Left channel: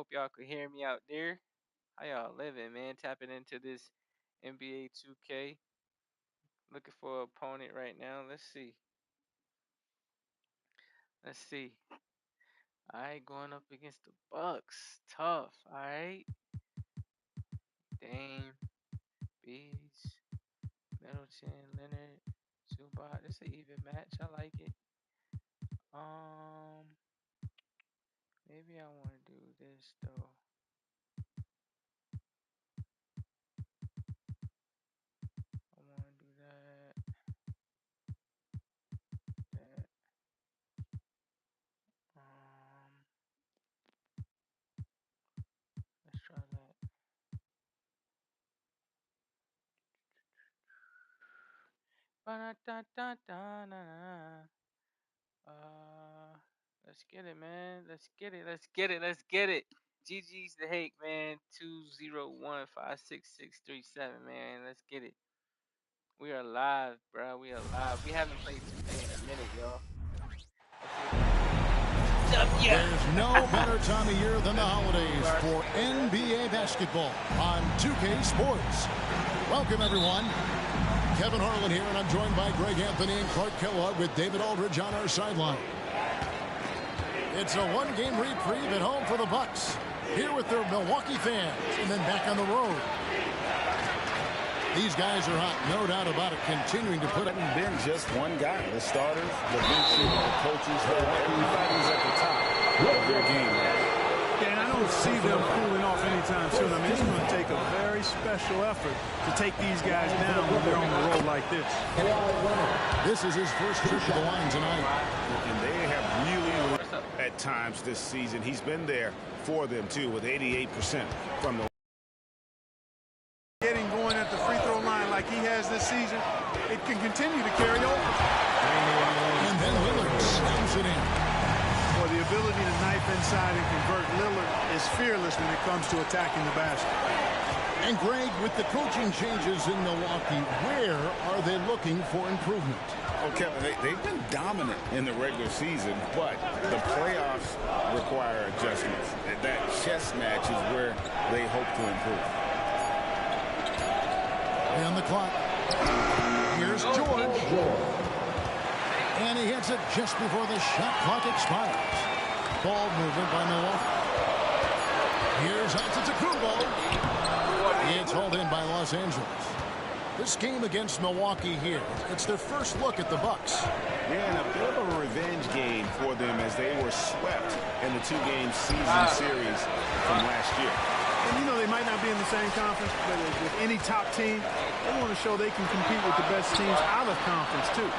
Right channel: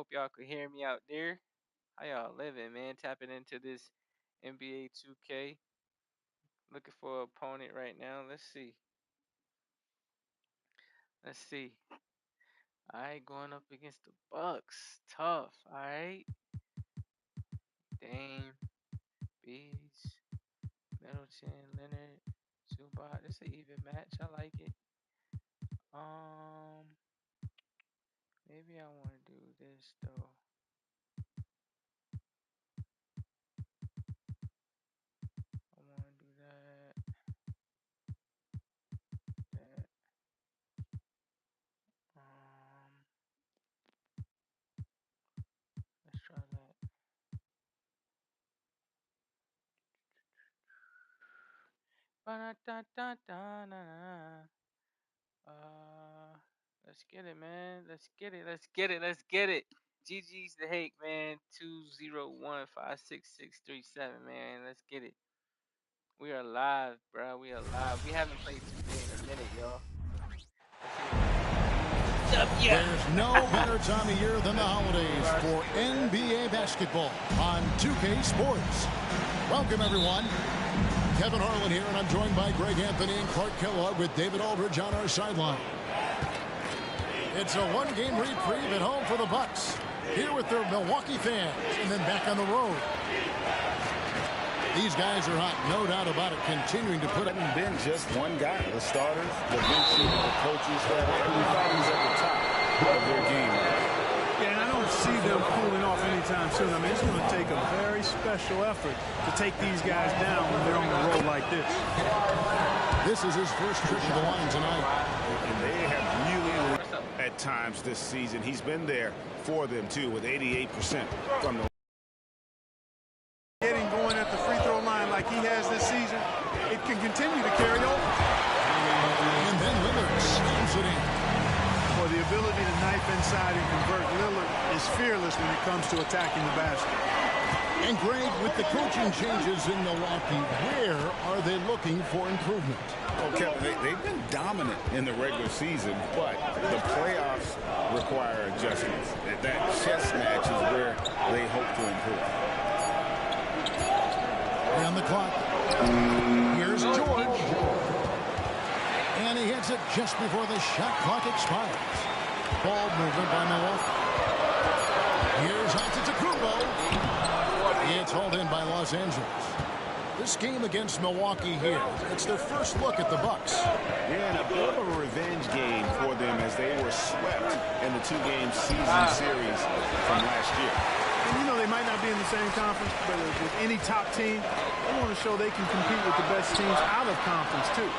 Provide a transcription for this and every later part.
hope y'all could hear me out there. How y'all living, man? Tapping into this NBA 2K. Looking for an opponent right now. Let's see. Let's see. All right, going up against the Bucks. Tough. All right. Dame, Bees, Middleton, Leonard, Zubac. This an even match. I like it. Um, maybe I want to do this though. I want to do that. That. Let's try that. Ba-da-da-da-da-da-da. Let's get it, man. Let's get it. Let's get it. Let's get it. GG's the hate, man. 2015667, man. Let's get it. We are live, bro. We are live. We haven't played 2K in a minute, y'all. There's no better time of year than the holidays for NBA basketball on 2K Sports. Welcome, everyone. Kevin Harlan here, and I'm joined by Greg Anthony and Clark Kellogg with David Aldridge on our sideline. It's a one-game reprieve at home for the Bucks. Here with their Milwaukee fans, and then back on the road. These guys are hot, no doubt about it, continuing to put it. It hasn't been just one guy. The starters, the bench, the coaches, everybody's at the top of their game. Yeah, and I don't see them cooling off anytime soon. I mean, it's going to take a very special effort to take these guys down when they're on the road like this. This is his first trip to the line tonight. And they have really, at times this season, he's been there for them, too, with 88% from the Getting going at the free throw line like he has this season, it can continue to carry over. And then Lillard slams it in. For the ability to knife inside and convert, Lillard is fearless when it comes to attacking the basket. And Greg, with the coaching changes in Milwaukee, where are they looking for improvement? Oh, Kevin, they've been dominant in the regular season, but the playoffs require adjustments. That chess match is where they hope to improve. On the clock. Here's George. And he hits it just before the shot clock expires. Ball movement by Milwaukee. Here's Antetokounmpo. It's hauled in by Los Angeles. This game against Milwaukee here, it's their first look at the Bucks. Yeah, and a bit of a revenge game for them as they were swept in the two-game season series from last year. And, you know, they might not be in the same conference, but with any top team, they want to show they can compete with the best teams out of conference, too.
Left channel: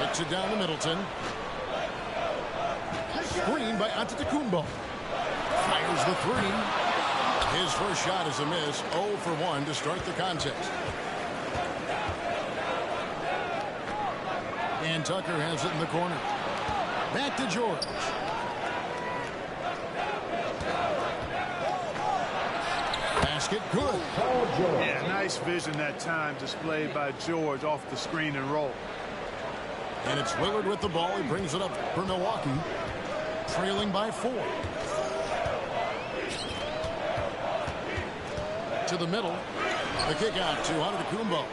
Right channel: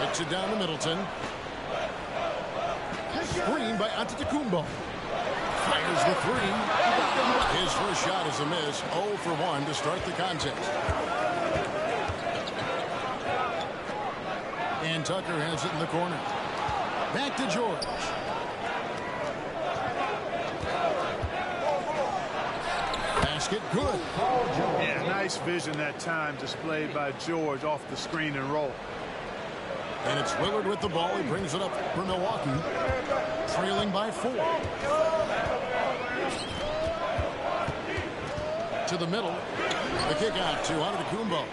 Hits it down to Middleton. Screen by Antetokounmpo. Fires the three. His first shot is a miss. 0 for 1 to start the contest. And Tucker has it in the corner. Back to George. Basket good. Yeah, nice vision that time displayed by George off the screen and roll. And it's Lillard with the ball. He brings it up for Milwaukee. Trailing by 4. To the middle. The kick out to Antetokounmpo.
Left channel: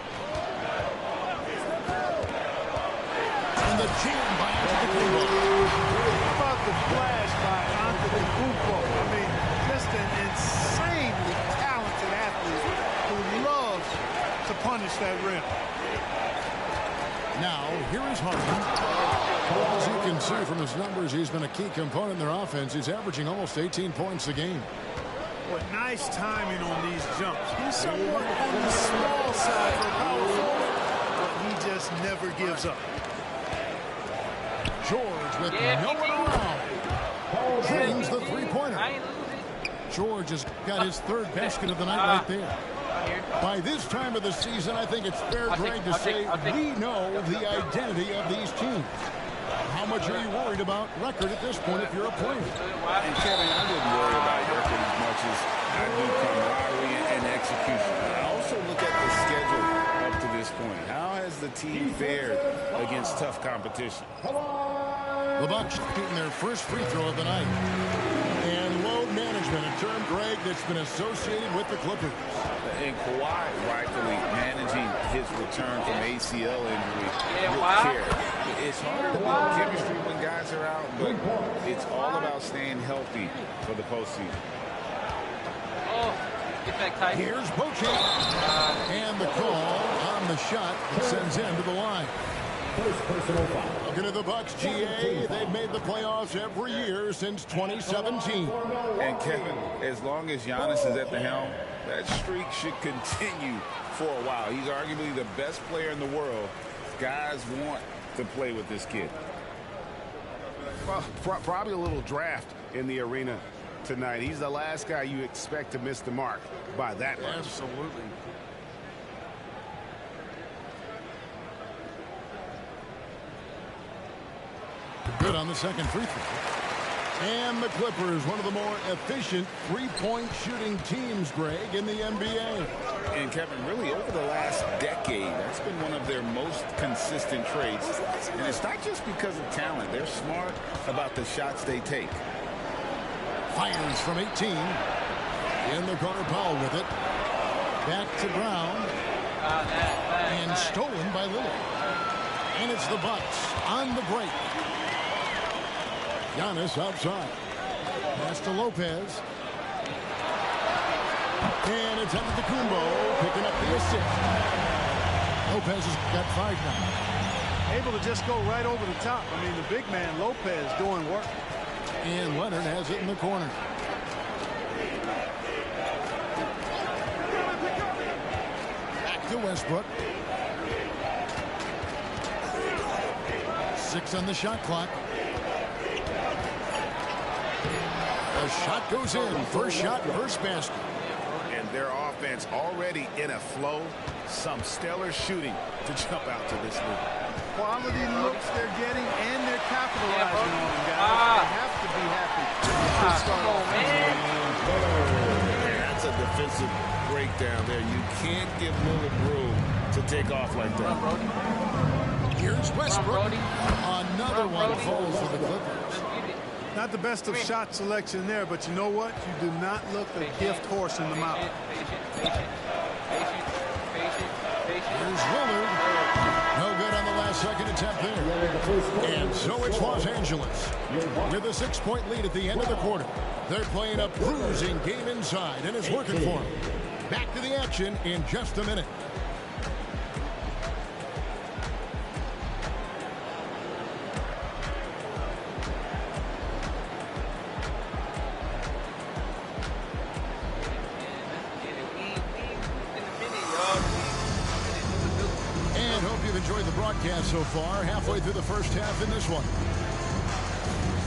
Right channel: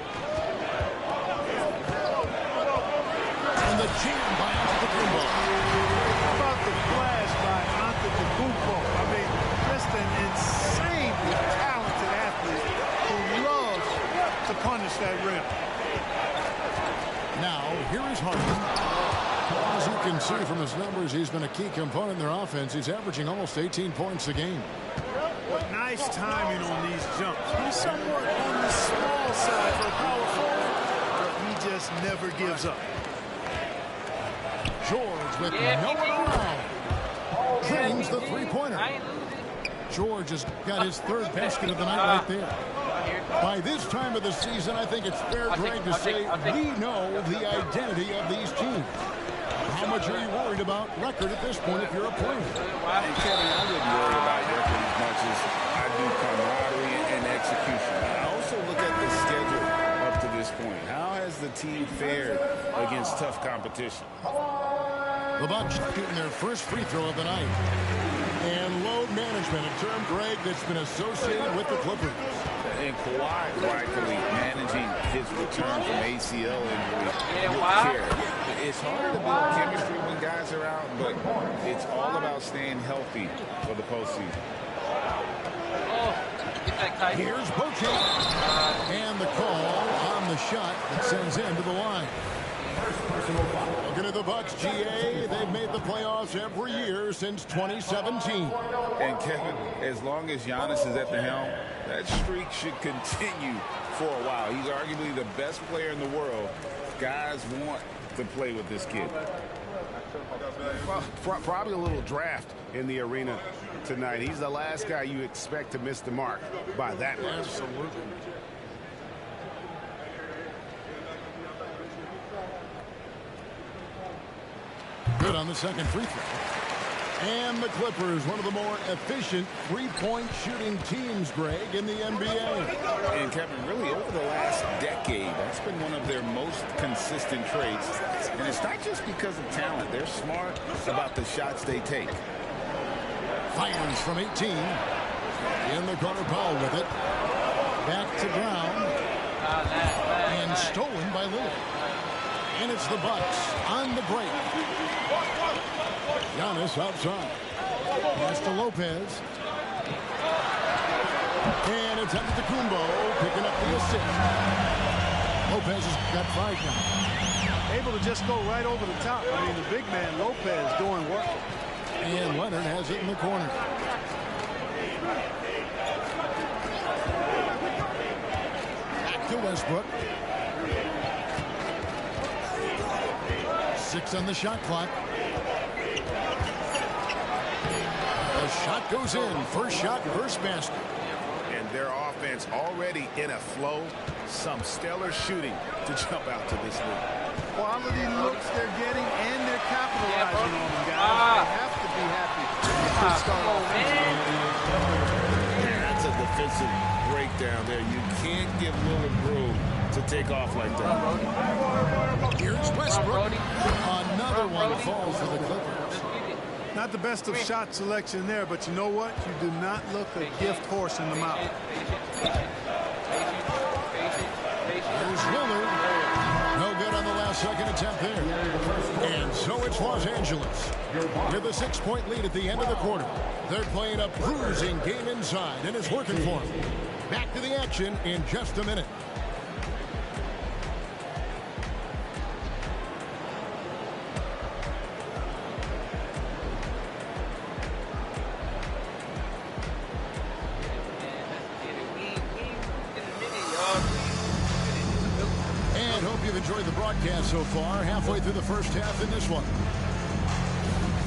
And the jam by Antetokounmpo. How about the flash by Antetokounmpo? I mean, just an insanely talented athlete who loves to punish that rim. Now, here is Harden. As you can see from his numbers, he's been a key component in their offense. He's averaging almost 18 points a game. What nice timing on these jumps. He's somewhat on the small side for a power forward, but he just never gives up. George with no one around. Drains the three-pointer. George has got his third basket of the night right there. By this time of the season, I think it's fair, Greg, to say we know the identity of these teams. How much are you worried about record at this point if you're a player? And Kevin, I wouldn't worry about record as much as I do camaraderie and execution. I also look at the schedule up to this point. How has the team fared against tough competition? The Bucks shooting their first free throw of the night. And load management, a term, Greg, that's been associated with the Clippers. And Kawhi rightfully managing his return from ACL injury with care. It's harder to build chemistry when guys are out, but it's all about staying healthy for the postseason. Oh, get that kite. Here's Boche. And the call on the shot that sends him to the line. First personal foul. Looking at the Bucks, GA, they've made the playoffs every year since 2017. And Kevin, as long as Giannis is at the helm, that streak should continue for a while. He's arguably the best player in the world. Guys want to play with this kid. Probably a little draft in the arena tonight. He's the last guy you expect to miss the mark by that much. Absolutely. Good on the second free throw. And the Clippers, one of the more efficient three-point shooting teams, Greg, in the NBA. And Kevin, really over the last decade, that's been one of their most consistent traits. And it's not just because of talent. They're smart about the shots they take. Fires from 18. In the corner, Powell with it. Back to Brown. And stolen by Lillard. And it's the Bucks on the break. Giannis outside. Pass to Lopez. And it's Antetokounmpo picking up the assist. Lopez has got 5 now. Able to just go right over the top. I mean, the big man, Lopez, doing work. And Leonard has it in the corner. Back to Westbrook. 6 on the shot clock. The shot goes in. First shot, first basket. And their offense already in a flow. Some stellar shooting to jump out to this league. Quality looks they're getting, and they're capitalizing on them, guys. They have to be happy with this start offensively. Man, that's a defensive breakdown there. You can't give Lillard room to take off like that. Here's Westbrook. Another one falls for the Clippers. Not the best of shot selection there, but you know what? You do not look a gift horse in the mouth. Here's Lillard. No good on the last second attempt there. And so it's Los Angeles with a 6-point lead at the end of the quarter. They're playing a bruising game inside, and it's working for them. Back to the action in just a minute. And hope you've enjoyed the broadcast so far. Halfway through the first half in this one.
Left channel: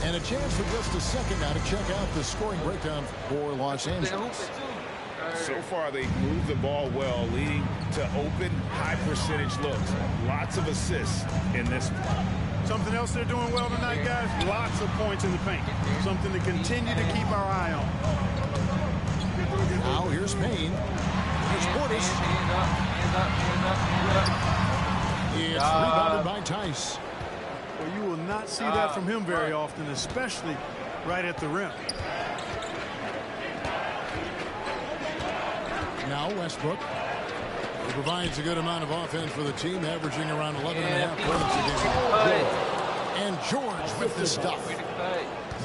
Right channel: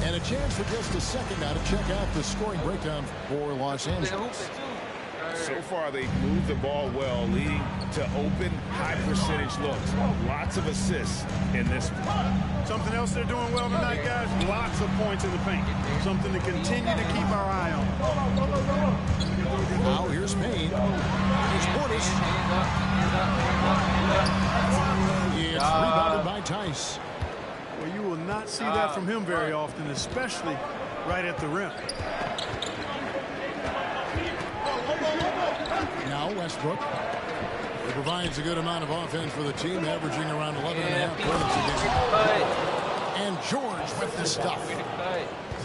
And a chance for just a second now to check out the scoring breakdown for Los Angeles. So far, they've moved the ball well, leading to open, high-percentage looks. Lots of assists in this one. Something else they're doing well tonight, guys. Lots of points in the paint. Something to continue to keep our eye on. Now here's Payne. Here's Portis. Hands up. It's rebounded by Tice. Well, you will not see that from him very often, especially right at the rim. Now Westbrook. He provides a good amount of offense for the team, averaging around 11.5 points a game. And George with the stuff.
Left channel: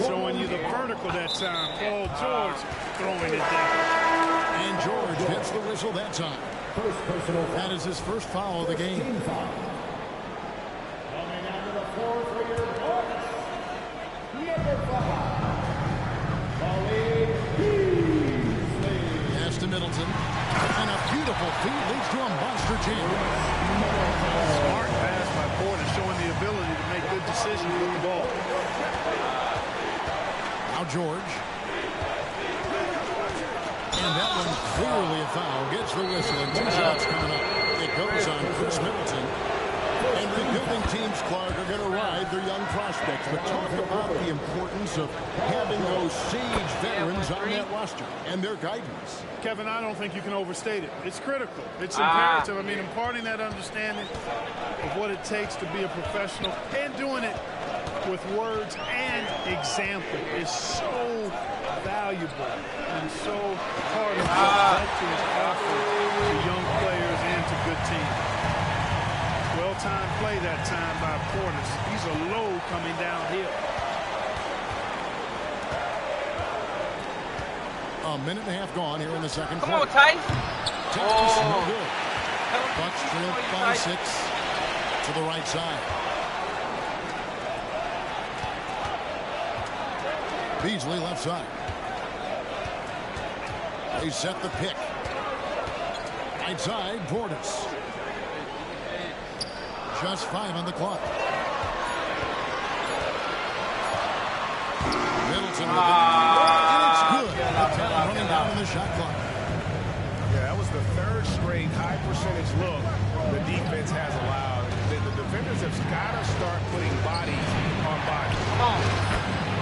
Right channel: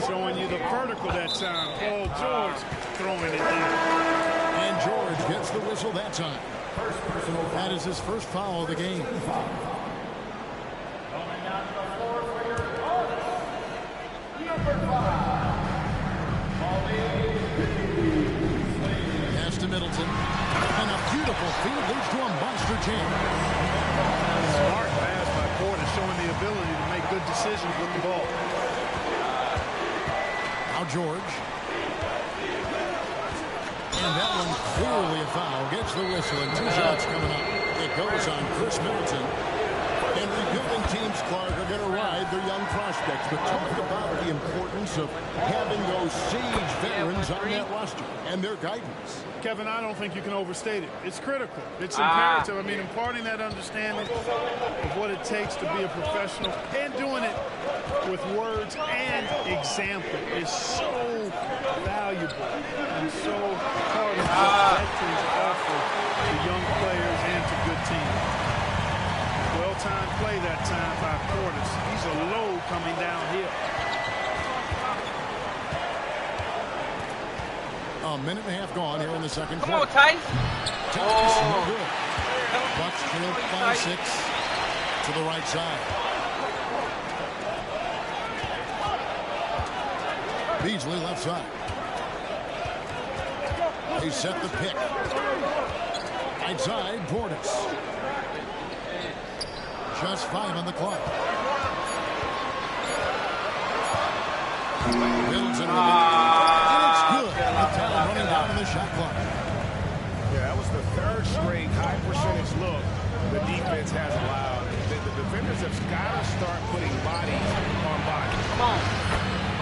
Showing you the vertical that time. Paul George throwing it down. And George gets the whistle that time. That is his first foul of the game. Pass to Middleton. And a beautiful feed leads to a monster jam. Smart pass by Porter, showing the ability to make good decisions with the ball. Now George. And that one clearly a foul. Gets the whistle, and 2 shots coming up. It goes on Chris Middleton. And rebuilding teams, Clark, are going to ride their young prospects. But talk about the importance of having those sage veterans on that roster and their guidance. Kevin, I don't think you can overstate it. It's critical. It's imperative. I mean, imparting that understanding of what it takes to be a professional and doing it with words and example is so valuable and so part of what veterans offer to young players and to good teams. Well-timed play that time by Portis. He's a load coming downhill. A minute and a half gone here in the second quarter. Come on, Tice. No good. Bucks trail by 6 to the right side. Beasley left side. They set the pick. Right side, Portis. Just 5 on the clock. Middleton with it. And it's good. The time running down in the shot clock. Yeah, that was the third straight high percentage look the defense has allowed. The defenders have got to start putting bodies on bodies. Come on.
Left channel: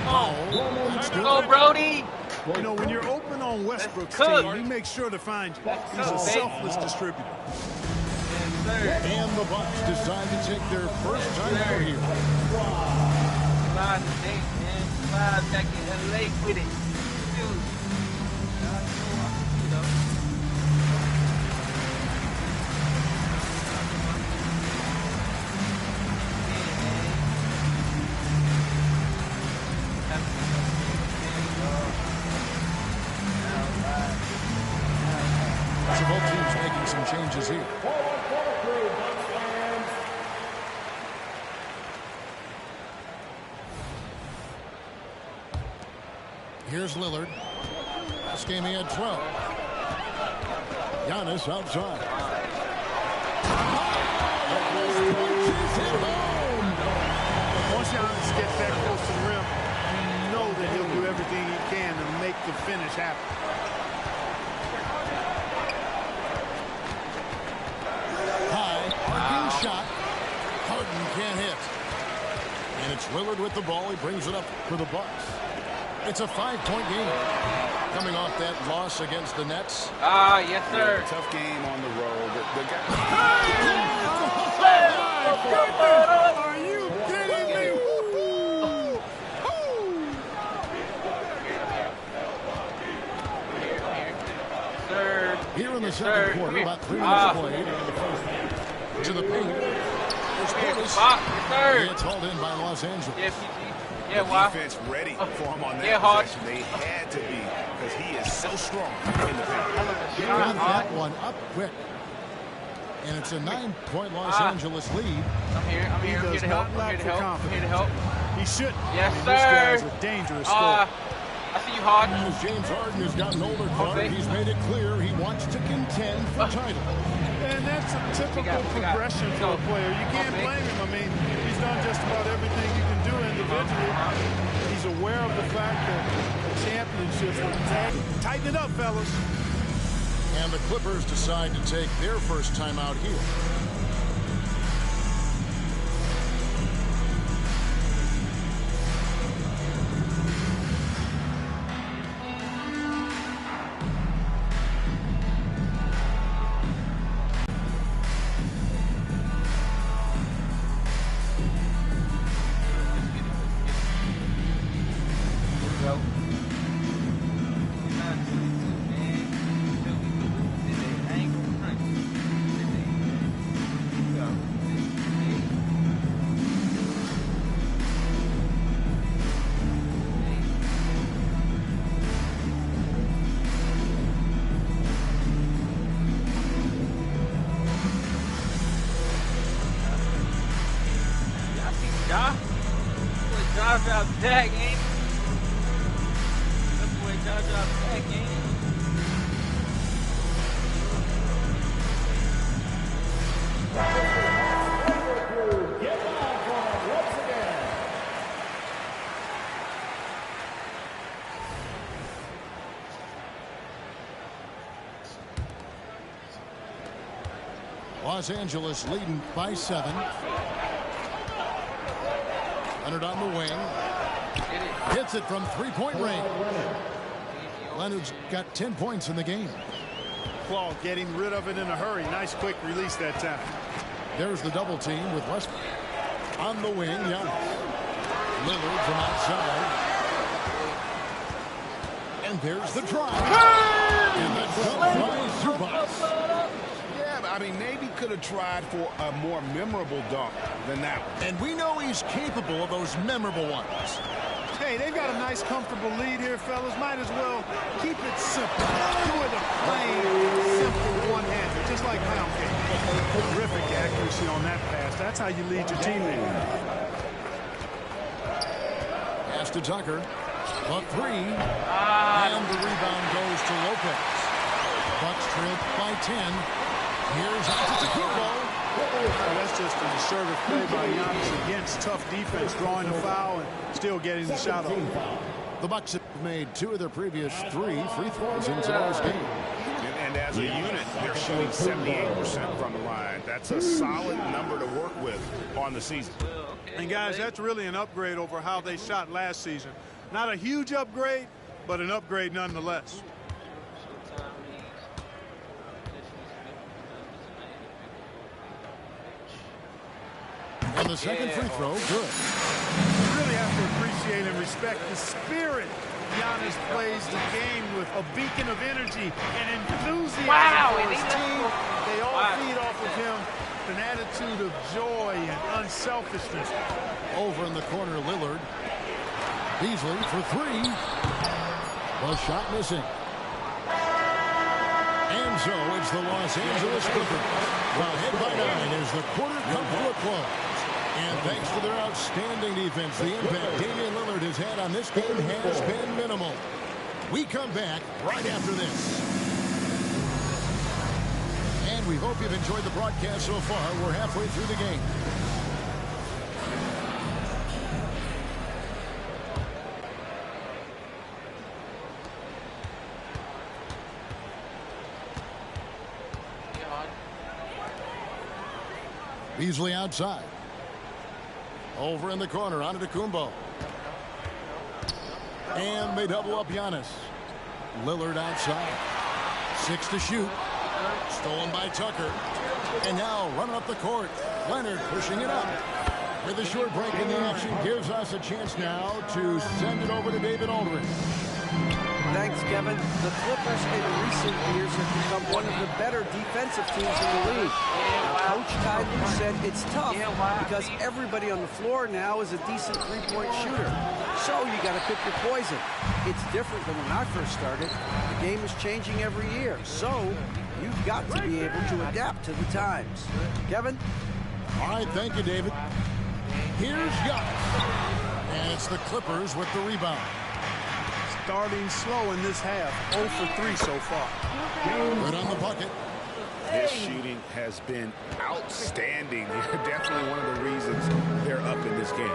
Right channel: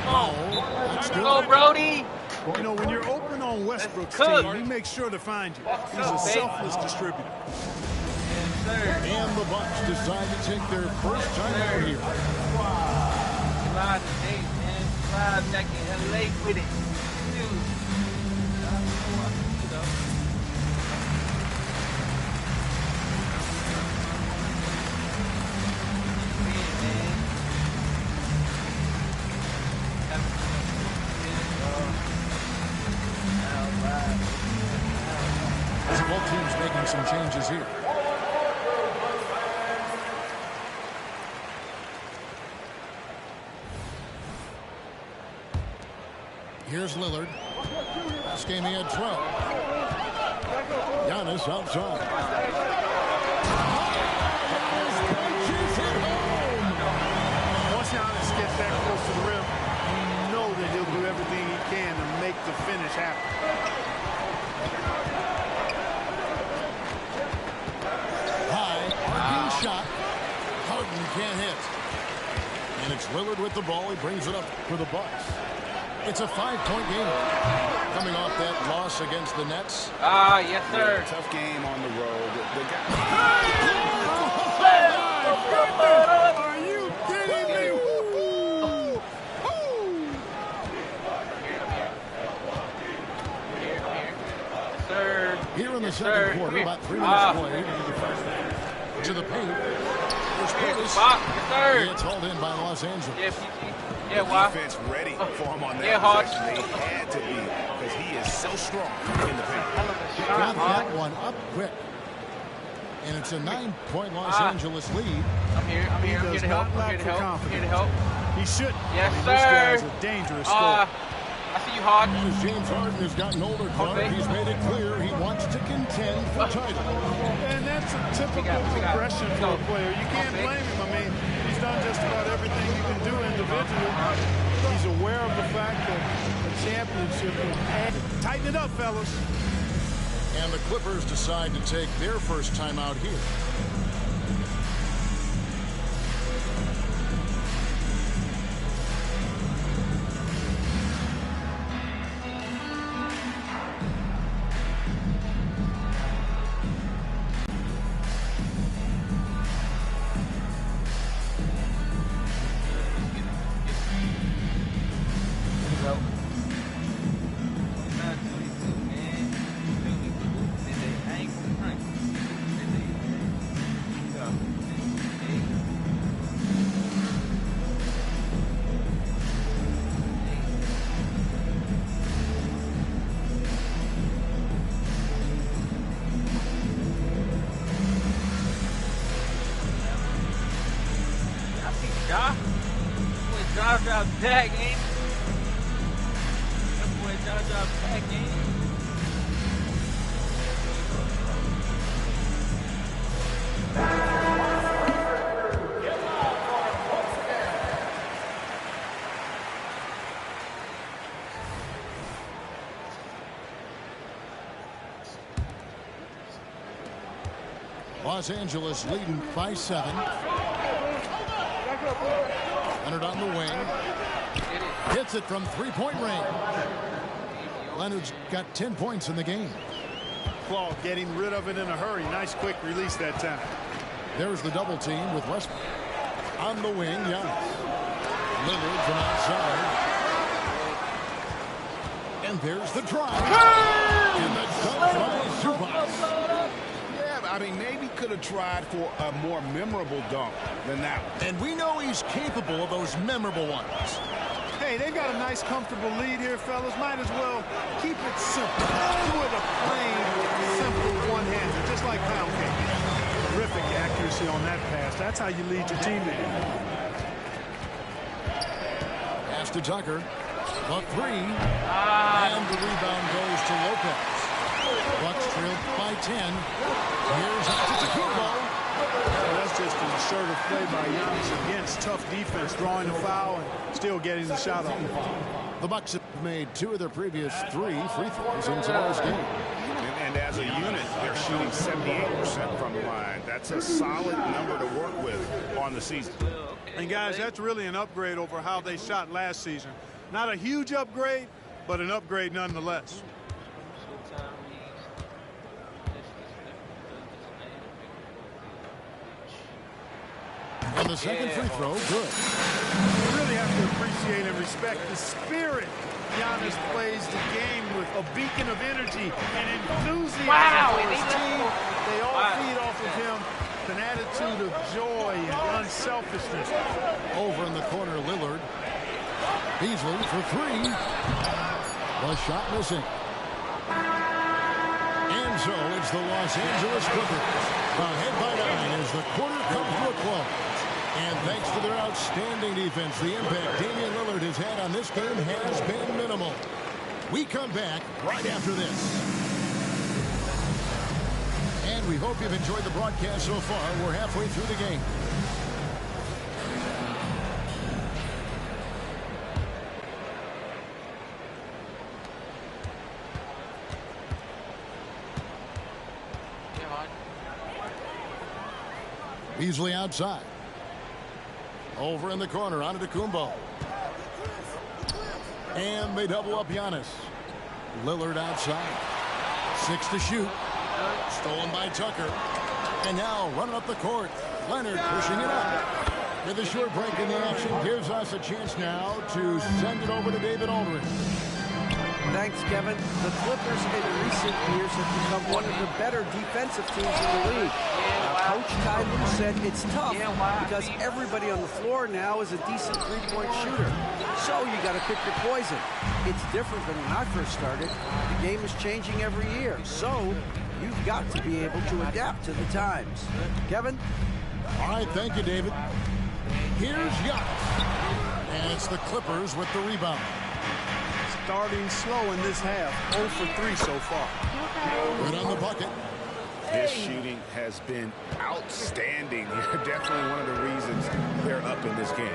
Come on. That's good. Go, Brody. You know, when you're open on Westbrook's team, he makes sure to find you. He's a selfless distributor. Yes, sir. And the Bucks decide to take their first time out here. Live today, man. Live back in LA with it. Dude. I know I can do though. So both teams making some changes here. Here's Lillard. Last game he had 12. Giannis outside. Giannis punches it home. Once Giannis gets that close to the rim, you know that he'll do everything he can to make the finish happen. High, arcing shot. Harden can't hit. And it's Lillard with the ball. He brings it up for the Bucks. It's a 5-point game. Coming off that loss against the Nets. Yes, sir. Yeah, tough game on the road. The guy. Are you kidding me? Yes, sir. Here in the second quarter, about 3 minutes played. To the paint. There's Portis. Yes, sir. It's hauled in by Los Angeles. Yeah, PG. The Yeah, why? defense ready for him on that Hard. possession. They had to be because he is so strong in the paint. Got that one up quick. And it's a 9-point Los Angeles lead. I'm here. I'm He here. I'm here does to help. not I'm here lack to for help. I'm confidence. here to help. He should. Yes, This sir. guy's a dangerous scorer. I see you, Hard. As James Harden has gotten older, Clark, Okay. he's made it clear he wants to contend for title. And that's a typical We got progression it. for a Go. player. You can't Okay. blame him. I mean, he's done just about everything you can do individually. He's aware of the fact that a championship would add. Tighten it up, fellas. And the Clippers decide to take their first time out here. Here we go. 29-22, man. Dude, we can do this today. I ain't gonna front today, man. Here we go. Hey. Hey. Y'all see Ja? Boy, Ja dropped back, ain't it? That boy Ja dropped back, ain't it? Los Angeles leading by 7. Leonard on the wing. Hits it from 3-point range. Leonard's got 10 points in the game. Claw getting rid of it in a hurry. Nice quick release that time. There's the double team with Westbrook. On the wing, Giannis. Lillard from outside. And there's the drive. And the dunk by Zubac. Yeah, I mean, maybe could have tried for a more memorable dunk than that one. And we know he's capable of those memorable ones. Hey, they've got a nice, comfortable lead here, fellas. Might as well keep it simple. Do it a plain, simple one-hander, just like pound cake. Terrific accuracy on that pass. That's how you lead your teammate. Pass to Tucker. The three. And the rebound goes to Lopez. Bucks trail by 10. Here's Antetokounmpo. Well, that's just an assertive play by Giannis against tough defense, drawing a foul and still getting the shot off. The Bucks have made 2 of their previous 3 free throws in today's game. And as a unit, they're shooting 78% from the line. That's a solid number to work with on the season. And, guys, that's really an upgrade over how they shot last season. Not a huge upgrade, but an upgrade nonetheless. And the second free throw, good. You really have to appreciate and respect the spirit Giannis plays the game with, a beacon of energy and enthusiasm for his team. They all feed off of him, an attitude of joy and unselfishness. Over in the corner, Lillard. Beasley for 3. The shot missing. And so it's the Los Angeles Clippers ahead by 9 as the quarter comes to a close. And thanks to their outstanding defense, the impact Damian Lillard has had on this game has been minimal. We come back right after this. And we hope you've enjoyed the broadcast so far. We're halfway through the game. Beasley outside. Over in the corner, Antetokounmpo. And they double up Giannis. Lillard outside. 6 to shoot. Stolen by Tucker. And now running up the court. Leonard pushing it up. With a short break in the action, gives us a chance now to send it over to David Aldridge. Thanks, Kevin. The Clippers in recent years have become one of the better defensive teams in the league. Now, Coach Ty Lue said it's tough because everybody on the floor now is a decent three-point shooter. So you got to pick your poison. It's different than when I first started. The game is changing every year. So you've got to be able to adapt to the times. Kevin? All right, thank you, David. Here's Giannis. And it's the Clippers with the rebound. Starting slow in this half, 0 for 3 so far. Right on the bucket. His shooting has been outstanding. Definitely one of the reasons they're up in this game.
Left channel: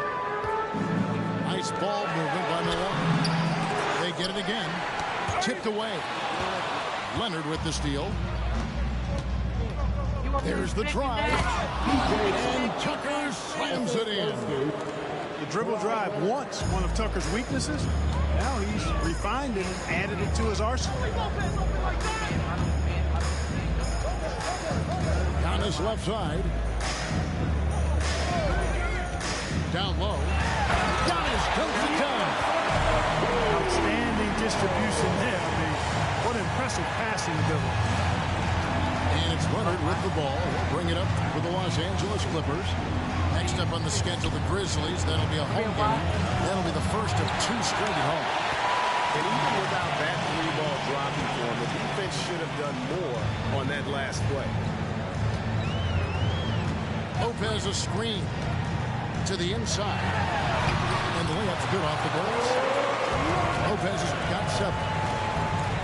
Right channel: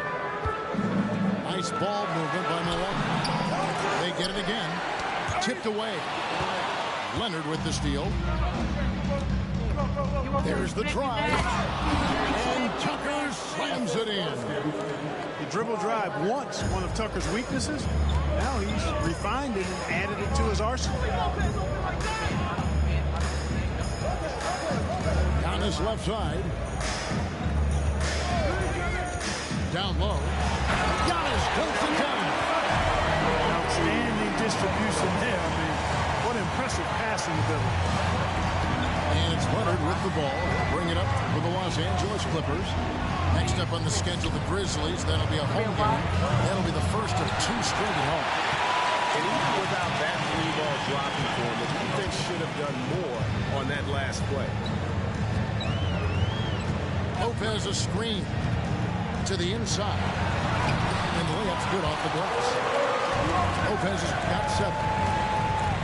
Nice ball movement by Milwaukee. They get it again. Tipped away. Leonard with the steal. There's the drive. And Tucker slams it in. The dribble drive once one of Tucker's weaknesses. Now he's refined it and added it to his arsenal. Giannis left side. Down low. Giannis dunks it down. Outstanding distribution there. I mean, what impressive passing ability. And it's Leonard with the ball. He'll bring it up for the Los Angeles Clippers. Next up on the schedule, the Grizzlies. That'll be a home game. That'll be the first of 2 straight at home. And even without that 3-ball dropping for him, the defense should have done more on that last play. Lopez a screen to the inside. And the layup's good off the glass. Lopez has got 7.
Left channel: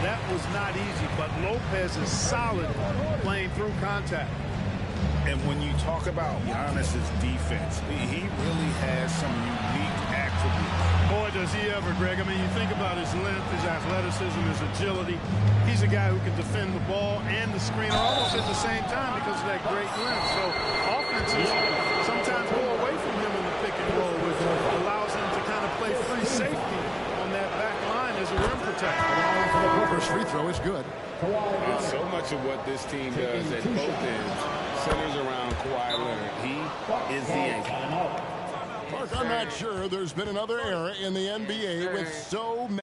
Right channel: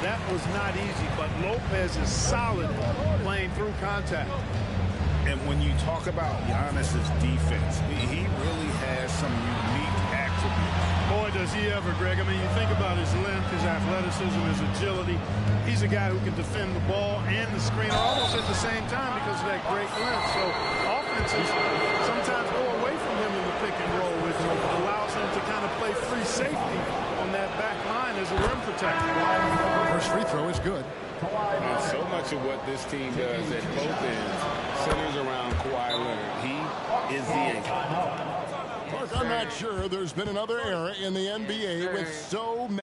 That was not easy, but Lopez is solid playing through contact. And when you talk about Giannis's defense, he really has some unique attributes. Boy, does he ever, Greg. I mean, you think about his length, his athleticism, his agility. He's a guy who can defend the ball and the screen almost at the same time because of that great length. So offenses sometimes go away from him in the pick and roll, which allows him to kind of play free safety on that back line as a rim protector. First free throw is good. And so much of what this team does at both ends centers around Kawhi Leonard. He is the anchor. Mark, I'm not sure there's been another era in the NBA with so many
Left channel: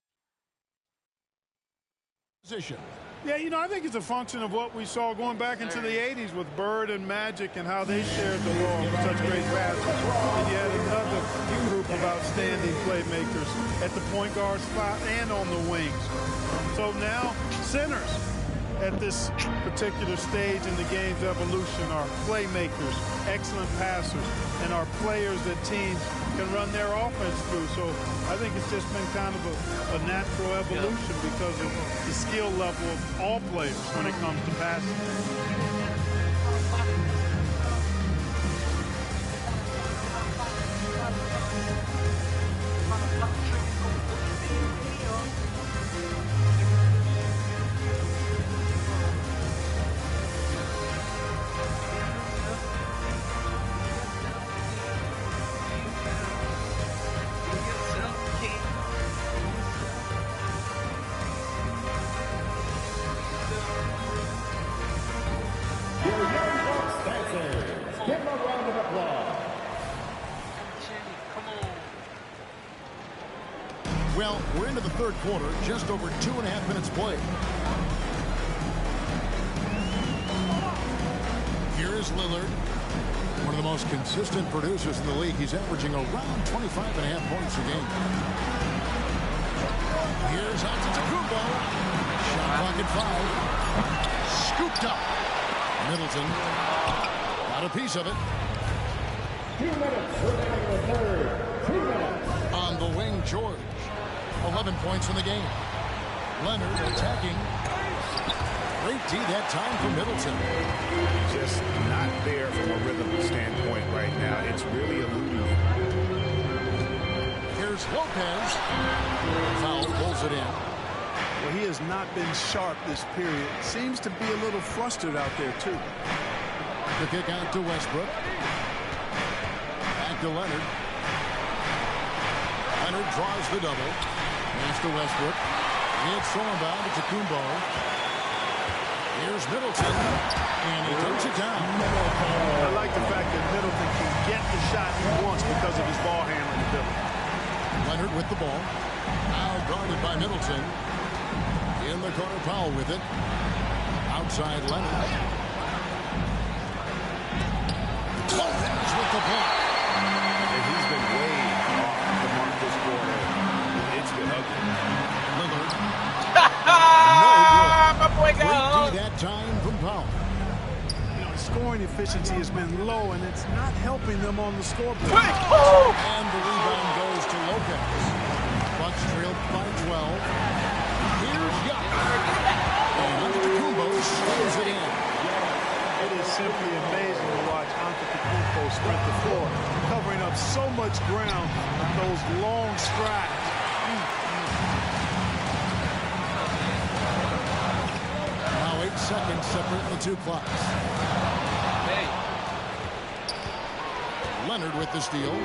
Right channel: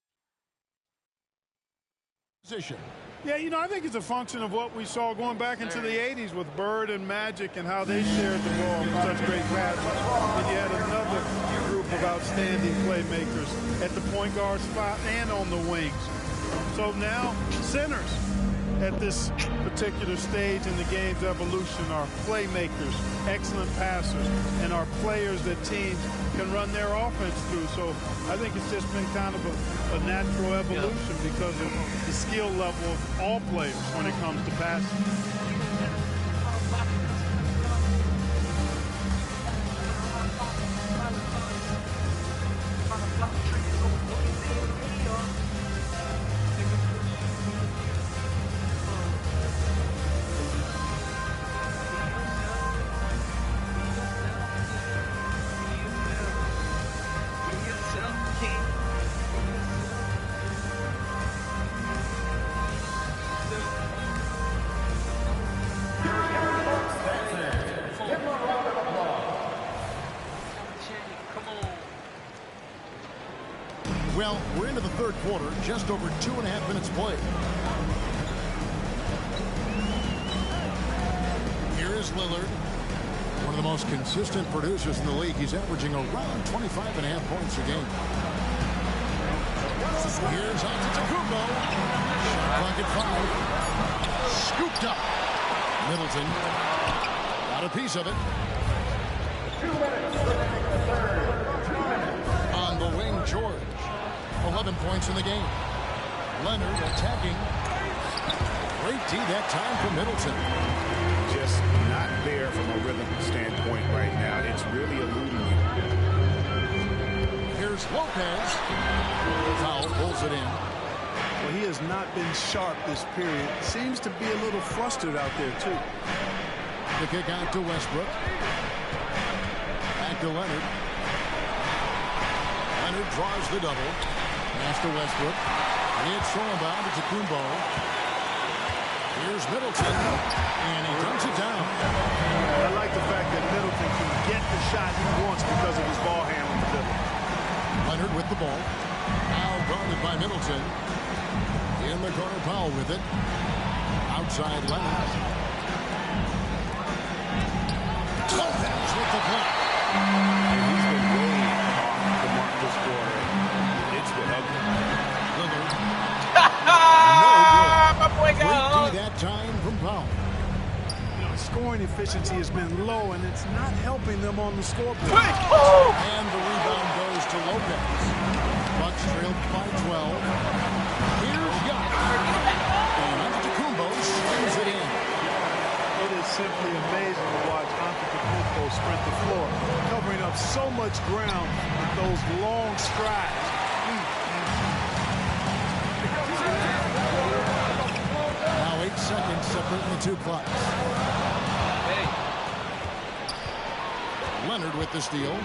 position. Yeah, you know, I think it's a function of what we saw going back into the 80s with Bird and Magic and how they shared the ball with such great passes. And you had another group of outstanding playmakers at the point guard spot and on the wings. So now, centers at this particular stage in the game's evolution are playmakers, excellent passers, and are players that teams can run their offense through. So I think it's just been kind of a natural evolution because of the skill level of all players when it comes to passing. Well, we're into the third quarter, just over 2.5 minutes played. Here is Lillard, one of the most consistent producers in the league. He's averaging around 25.5 points a game. Here's Antetokounmpo. Shot clock at 5. Scooped up. Middleton got a piece of it. 2 minutes. On the wing, George. 11 points in the game. Leonard attacking. Great D that time for Middleton. Just not there from a rhythm standpoint right now. It's really eluding him. Here's Lopez. Foul, pulls it in. Well, he has not been sharp this period. Seems to be a little flustered out there, too. The kick out to Westbrook. Back to Leonard. Leonard draws the double. Pass to Westbrook. It's thrown down to Tacumbo. Here's Middleton. And he dunks it down. I like the fact that Middleton can get the shot he wants because of his ball handling ability. Leonard with the ball. Now guarded by Middleton. In the corner, Powell with it. Outside Leonard. Lopez with the block. And he's been way off the mark this quarter. It's been ugly. Lillard. My boy got Great D that time from Powell. You know, his scoring efficiency has been low, and it's not helping them on the scoreboard. And the rebound goes to Lopez. Bucks trailed by 12. Here's Yuck. And Antetokounmpo slams it in. It is simply amazing to watch Antetokounmpo sprint the floor, covering up so much ground with those long strides. Now 8 seconds separating the two clocks. Hey. Leonard with the steal.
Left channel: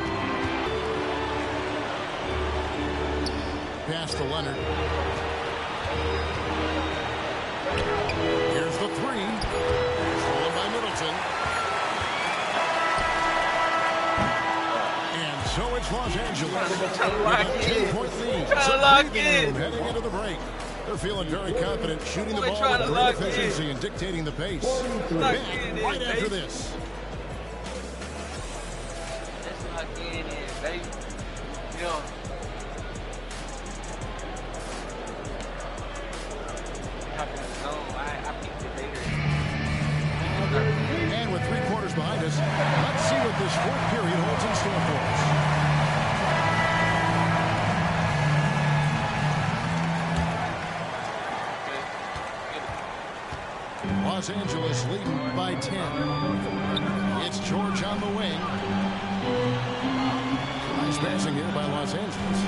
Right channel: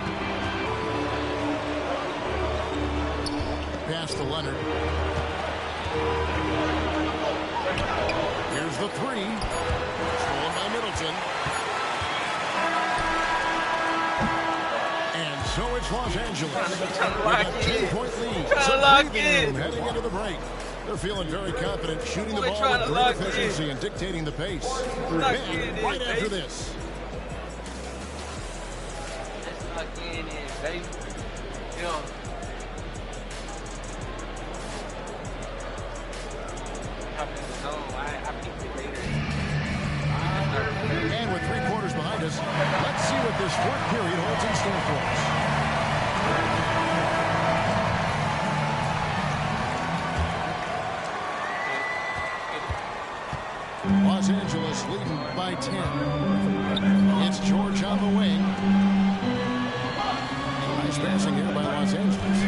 Pass to Leonard. Here's the three. Stolen by Middleton. And so it's Los Angeles with a 10-point lead. So heading into the break. They're feeling very confident, shooting the ball with great efficiency and dictating the pace. Back right after this. Let's lock in, baby. Yo. Hop in the zone. I peeked it later. And with 3 quarters behind us, let's see what this fourth period holds in store for us. Los Angeles leading by 10. It's George on the wing. Nice passing here by Los Angeles.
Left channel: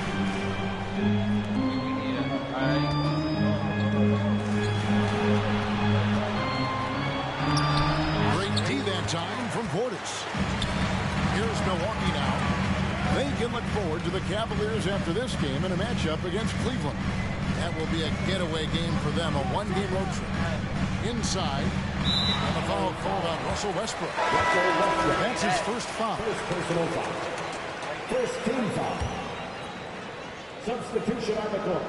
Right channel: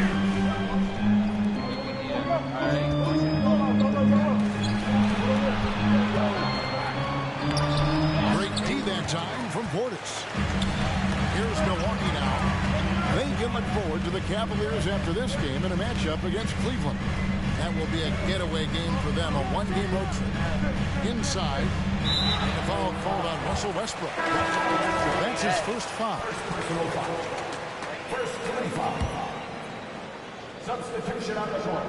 Great D that time from Portis. Here's Milwaukee now. They can look forward to the Cavaliers after this game in a matchup against Cleveland. That will be a getaway game for them, a one-game road trip. Inside, and the foul called on Russell Westbrook. That's his first foul. First team foul. Substitution on the court.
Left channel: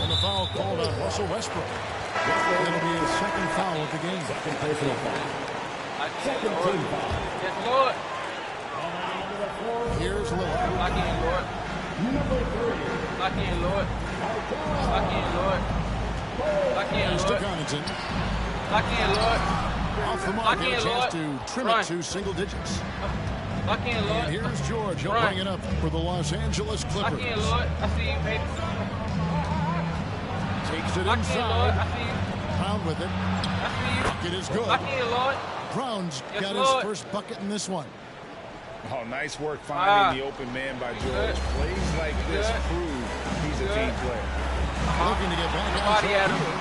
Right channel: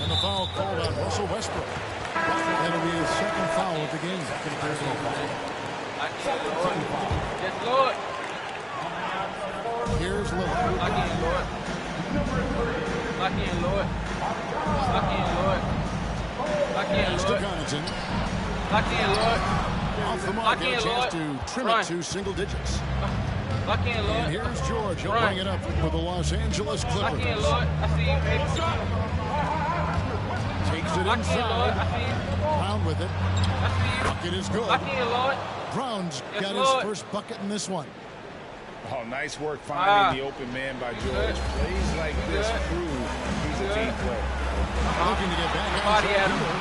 And the foul called on Russell Westbrook. That'll be his second foul of the game. Second personal foul. Second team foul. Yes, Lord. Here's Lillard. Lock in, Lord. Lock in, Lord. Lock in, Lord. Lock in, Pass to Lord. Connaughton. Lock in, Lord. Off the mark, Lock and a in, chance Lord. to trim Run. it to single digits. Lock in, Lord. And here's George. He'll Run. bring it up for the Los Angeles Lock in, Clippers. Lord. I see you, baby. Takes it Lock in, Lord. inside. I see you. Brown with it. I see you. Bucket is good. Lock in, Lord. Brown's Yes, got Lord. his first bucket in this one. Oh, nice work finding the open man by George. Good. Plays like this Good. prove he's a Good. team player. Looking to get back Body outside at him. here.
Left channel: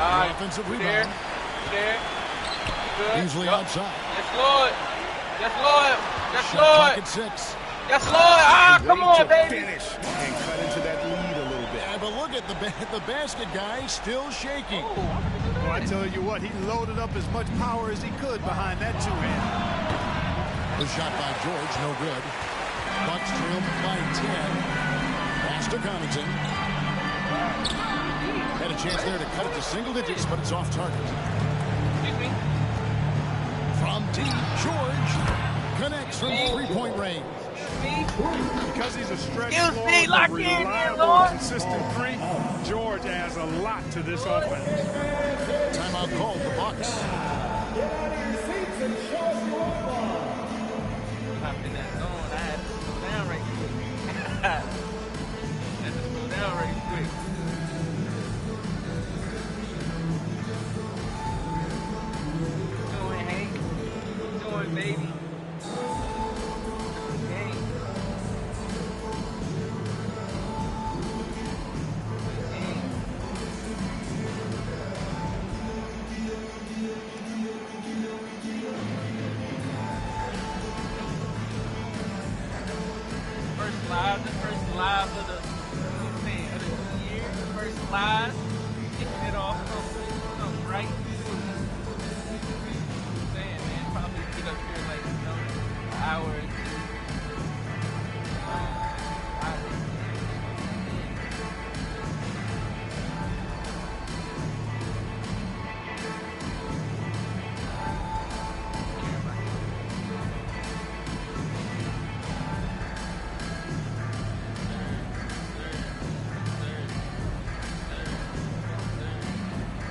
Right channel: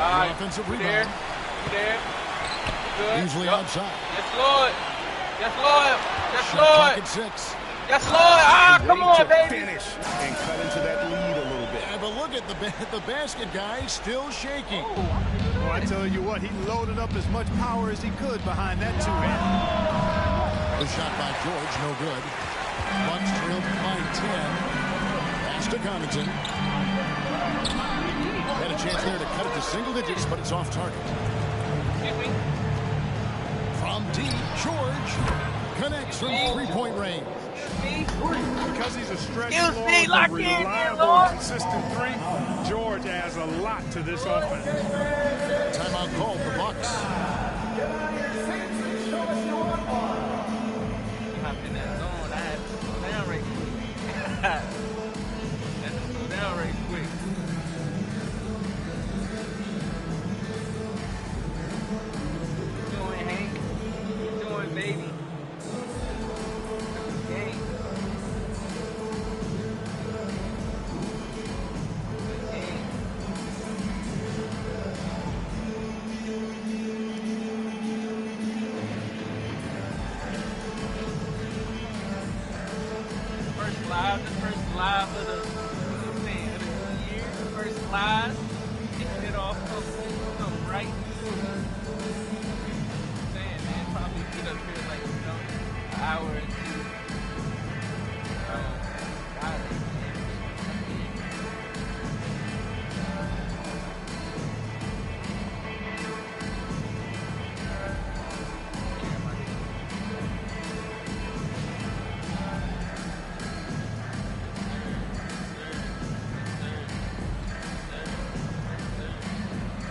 All right. Offensive You rebound. there? You there? You good? Usually Yup. outside. Yes, Lord. Yes, Lord. Yes, Shot clock Lord. at 6. Yes, Lord. Ah, come Way on, to baby. finish and cut into that lead a little bit. Yeah, but look at the basket guy still shaking. Oh, I'm gonna do Well, I that. tell you what, he loaded up as much power as he could behind that two-hand. The shot by George, no good. Bucks trailed by 10. Pass to Connaughton. Had a chance there to cut it to single digits, but it's off target. Excuse me. From deep, George connects from three-point range. Me? Because he's a stretch Excuse floor, me, lock a in here, reliable, Lord. consistent three, George adds a lot to this offense. Timeout called the Bucks. Hopped in that zone. I had to slow down right quick. Had to slow down right quick. What you doing, Hank? What you doing, baby? Good game. Good game. First live of the, you know what I'm saying, of the year, the first live, kicking it off, come right to me. I'm saying, man, probably get up here like, you know, an hour or two. God, they can't put that in. Care about you.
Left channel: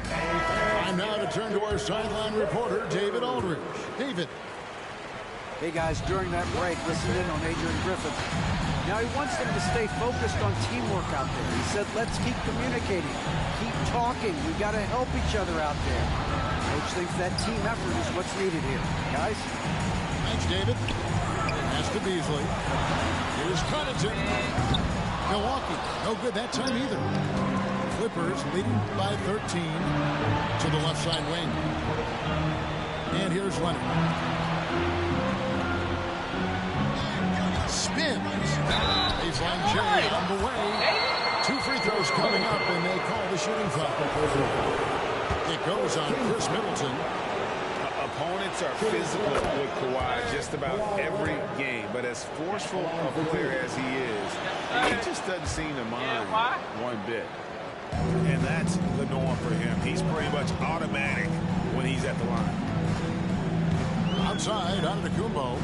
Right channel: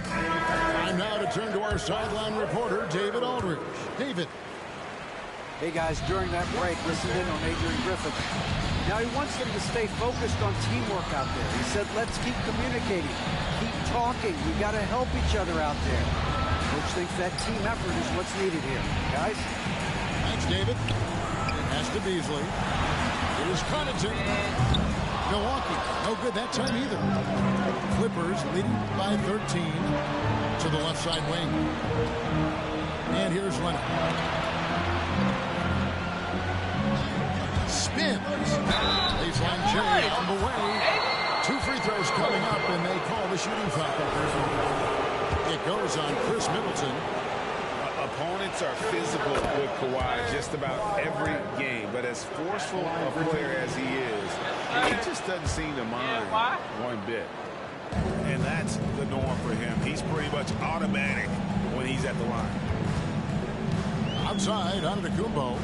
Time now to turn to our sideline reporter, David Aldridge. David. Hey guys, during that break, listen in on Adrian Griffin. Now he wants them to stay focused on teamwork out there. He said, let's keep communicating, keep talking. We got to help each other out there. Coach thinks that team effort is what's needed here. Guys? Thanks, David. Pass to Beasley. Here's Connaughton. Milwaukee, no good that time either. Clippers leading by 13 to the left side wing. And here's Leonard. Spins. Baseline J on the way. 2 free throws coming up, and they call the shooting foul. It goes on Chris Middleton. Opponents are physical with Kawhi just about every game, but as forceful a player as he is, he just doesn't seem to mind one bit. And that's the norm for him. He's pretty much automatic when he's at the line. Outside, Antetokounmpo.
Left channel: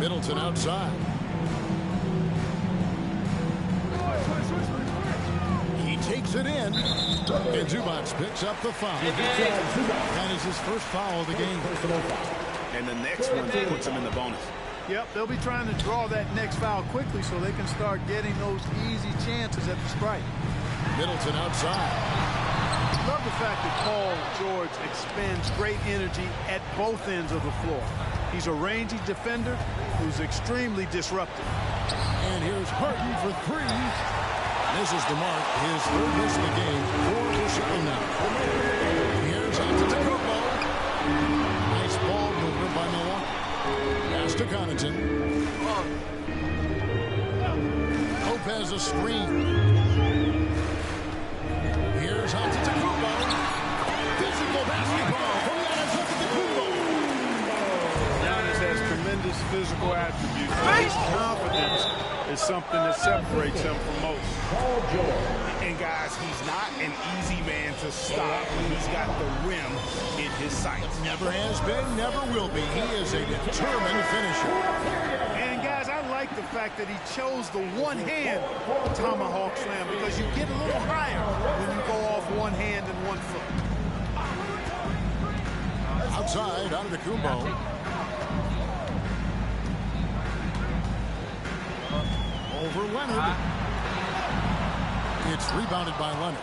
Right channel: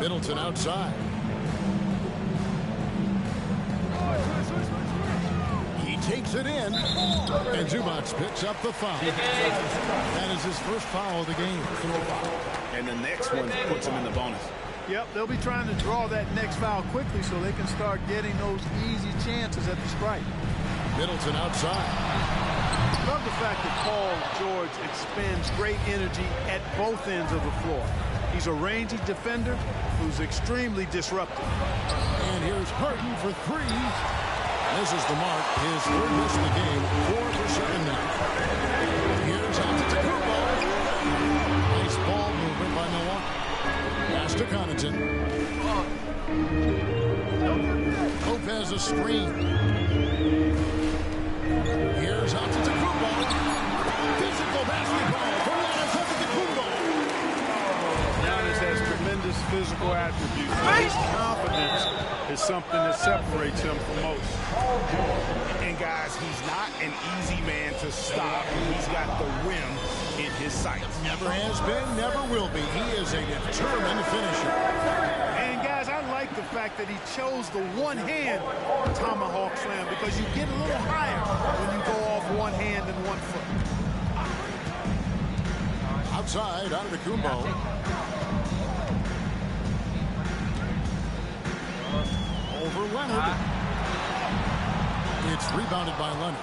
Middleton outside. He takes it in, and Zubac picks up the foul. That is his first foul of the game. And the next one puts him in the bonus. Yep, they'll be trying to draw that next foul quickly so they can start getting those easy chances at the stripe. Middleton outside. Love the fact that Paul George expends great energy at both ends of the floor. He's a rangy defender who's extremely disruptive. And here's Harden for 3. This is the mark, his third miss of the game, 4 for 7 now. Here's Antetokounmpo. Nice ball movement by Milwaukee. Pass to Connaughton. Lopez a screen. Here's Antetokounmpo. Physical basketball from Giannis Antetokounmpo. Giannis has tremendous physical attributes, but his confidence is something that separates him from most. And guys, he's not an easy man to stop when he's got the rim in his sights. Never has been, never will be. He is a determined finisher. And guys, I like the fact that he chose the one-hand tomahawk slam because you get a little higher when you go off one hand and 1 foot. Outside, Antetokounmpo. Over Leonard. It's rebounded by Leonard.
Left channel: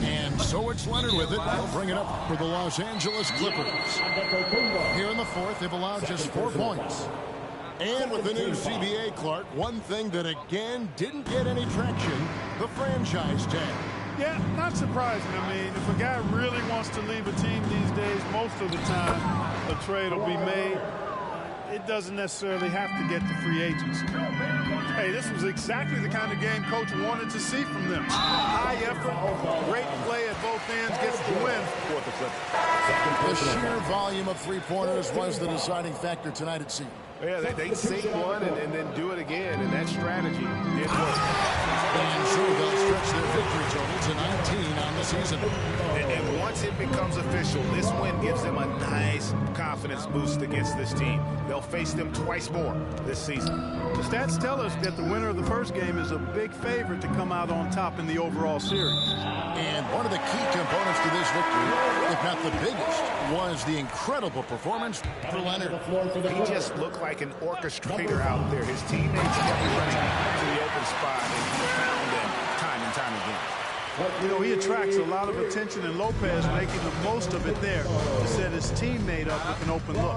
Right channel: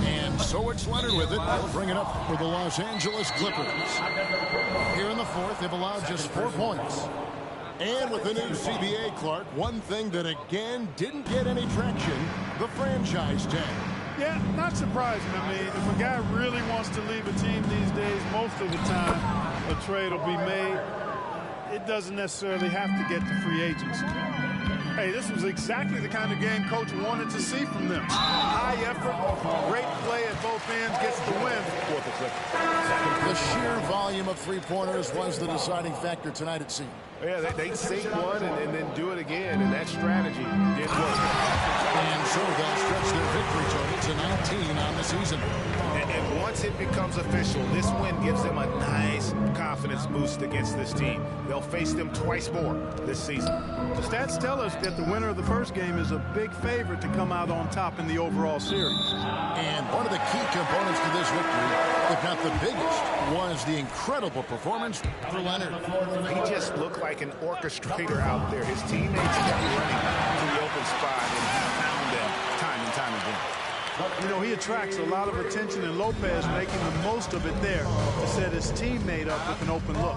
And so it's Leonard with it. They'll bring it up for the Los Angeles Clippers. Here in the fourth, they've allowed just 4 points. And with the new CBA, Clark, one thing that again didn't get any traction, the franchise tag. Yeah, not surprising. I mean, if a guy really wants to leave a team these days, most of the time a trade will be made. It doesn't necessarily have to get to free agency. Hey, this was exactly the kind of game Coach wanted to see from them. High effort, great play at both ends, gets the win for the Clippers. The sheer volume of three-pointers was the deciding factor tonight, it seemed. Yeah, they sink one and then do it again, and that strategy did work. And so they'll stretch their victory total to 19 on the season. And once it becomes official, this win gives them a nice confidence boost against this team. They'll face them twice more this season. The stats tell us that the winner of the first game is a big favorite to come out on top in the overall series. And one of the key components to this victory, if not the biggest, was the incredible performance for Leonard. He just looked like an orchestrator out there. His teammates kept running to the open spot, and he found them time and time again. You know, he attracts a lot of attention, and Lopez making the most of it there to set his teammate up with an open look.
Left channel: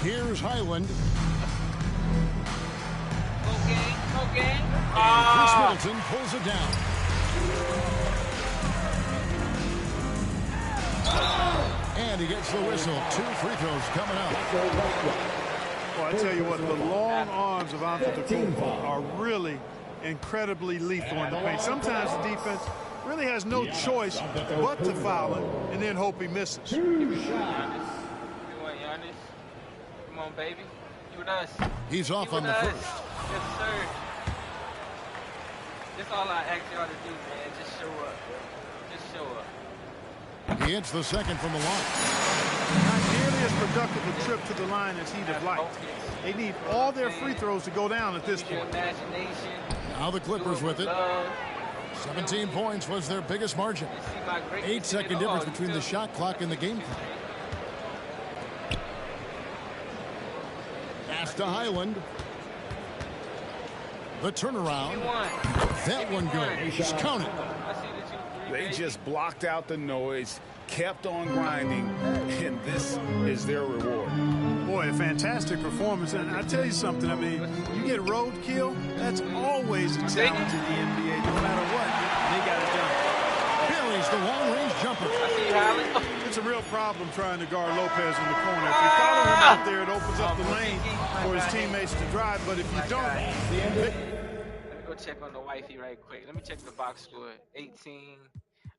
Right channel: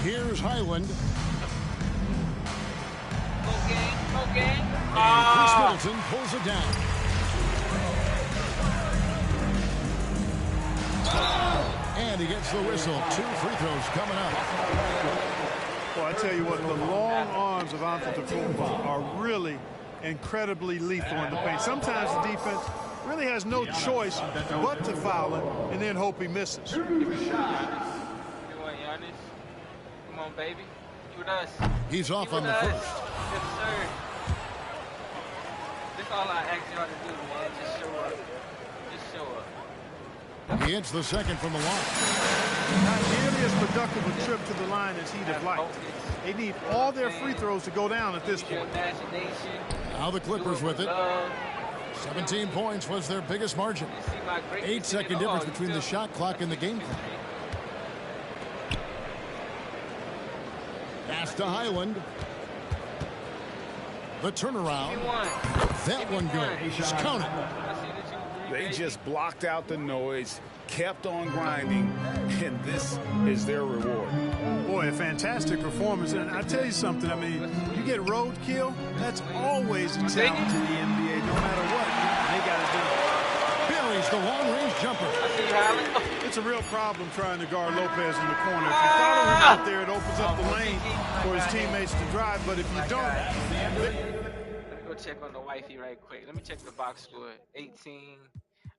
Here's Highland. Go gang, go gang. And Chris Middleton pulls it down. And he gets the whistle. 2 free throws coming up. Well, I tell you what, the long arms of Antetokounmpo are really incredibly lethal in the paint. Sometimes the defense really has no choice but to foul him and then hope he misses. You want Giannis? Come on, baby. You with us. He's off You on the with us. first. Yes, sir. That's all I ask y'all to do, man. Just show up. Just show up. He hits the second from the line. Not nearly as productive a trip to the line as he'd have liked. They need all their free throws to go down at this point. Now the Clippers with it. 17 points was their biggest margin. 8-second difference between the shot clock and the game clock. Pass to Highland. The turnaround. That one goes. Just count it. They just blocked out the noise, kept on grinding, and this is their reward. Boy, a fantastic performance. And I tell you something, I mean, you get roadkill, that's always a challenge in the NBA, no matter what. And they got it done. Buries the long-range jumper. I see you, Highland. It's a real problem trying to guard Lopez in the corner. If you follow him out there, it opens up the lane for his teammates to drive. But if you don't, Let me go check on the wifey right quick. Let me check the box score. 18.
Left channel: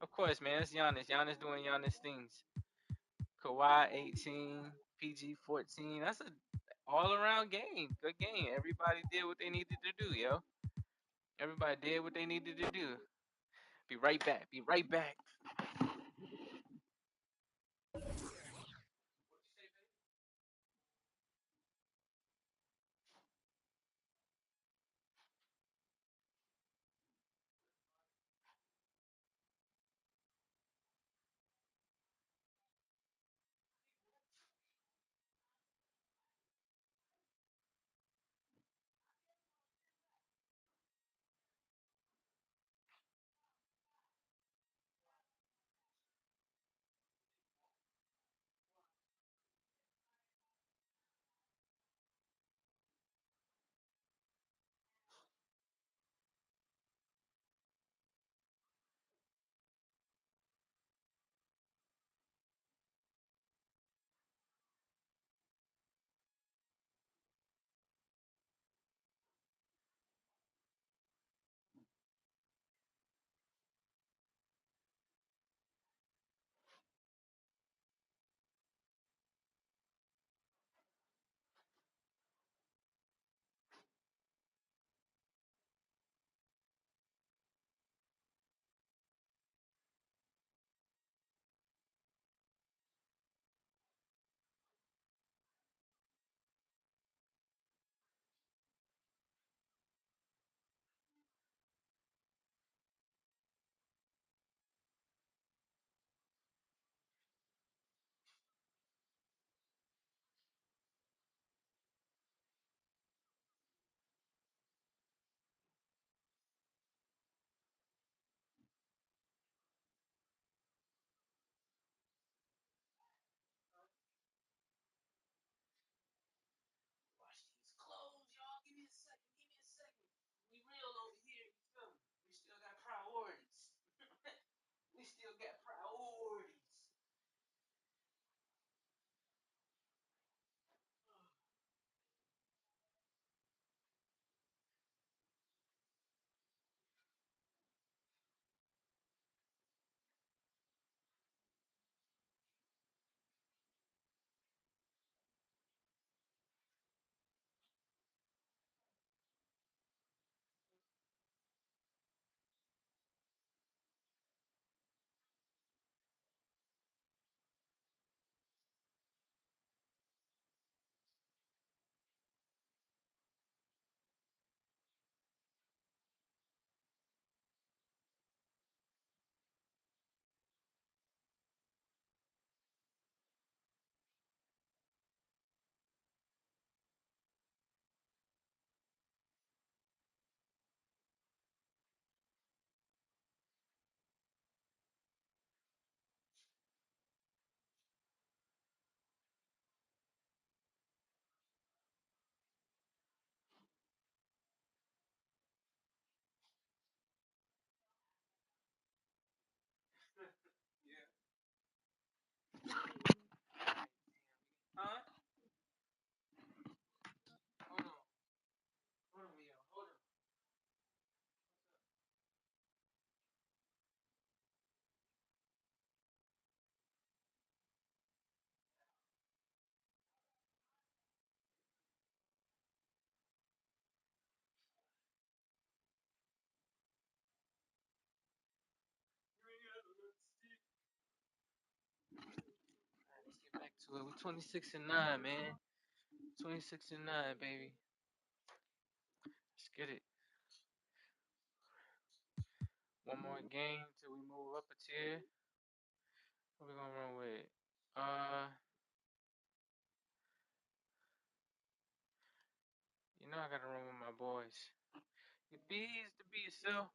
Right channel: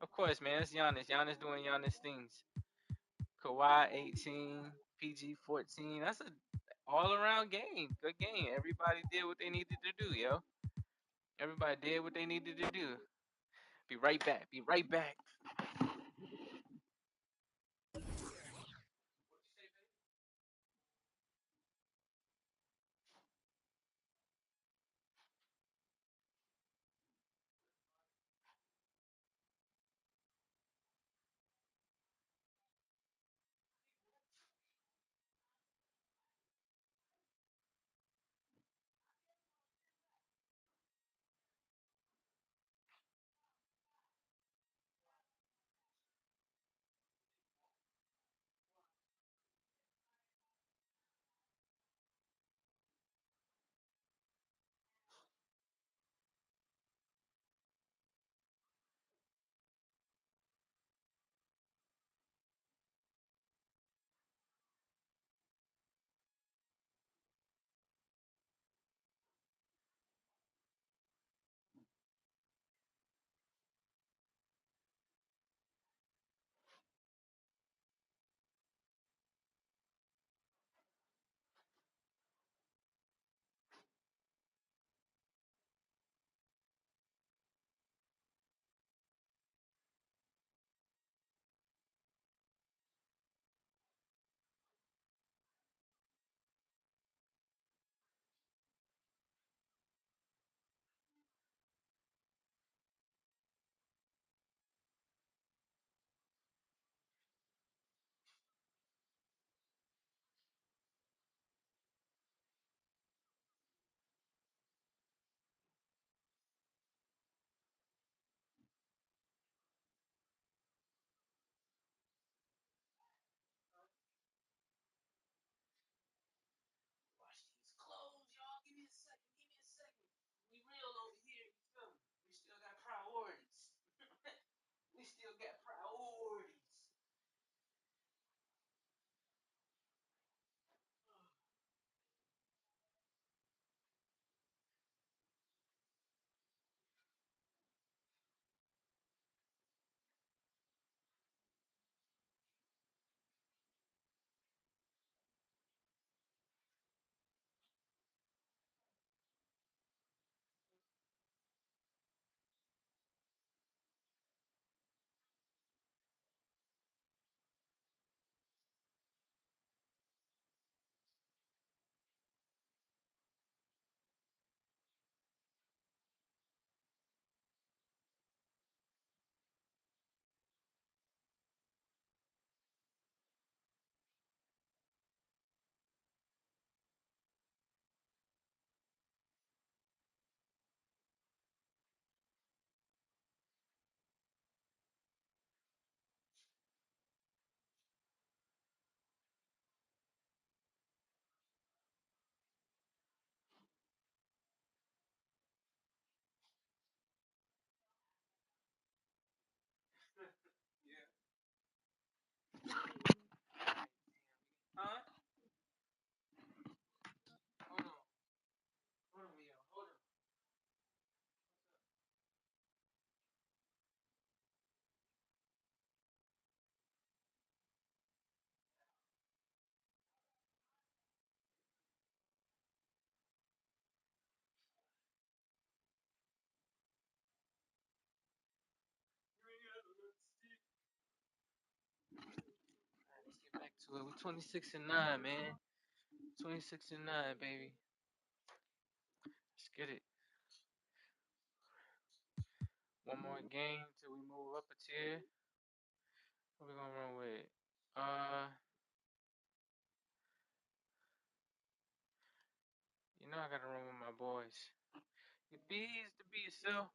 Of course, man. It's Giannis. Giannis doing Giannis things. Kawhi 18. PG 14. That's an all-around game. Good game. Everybody did what they needed to do, yo. Everybody did what they needed to do. Be right back. Be right back. to it. We're 26-9, man. 26-9, baby. Let's get it. One more game till we move up a tier. What we gonna run with? You know I gotta run with my boys. You bees to be yourself.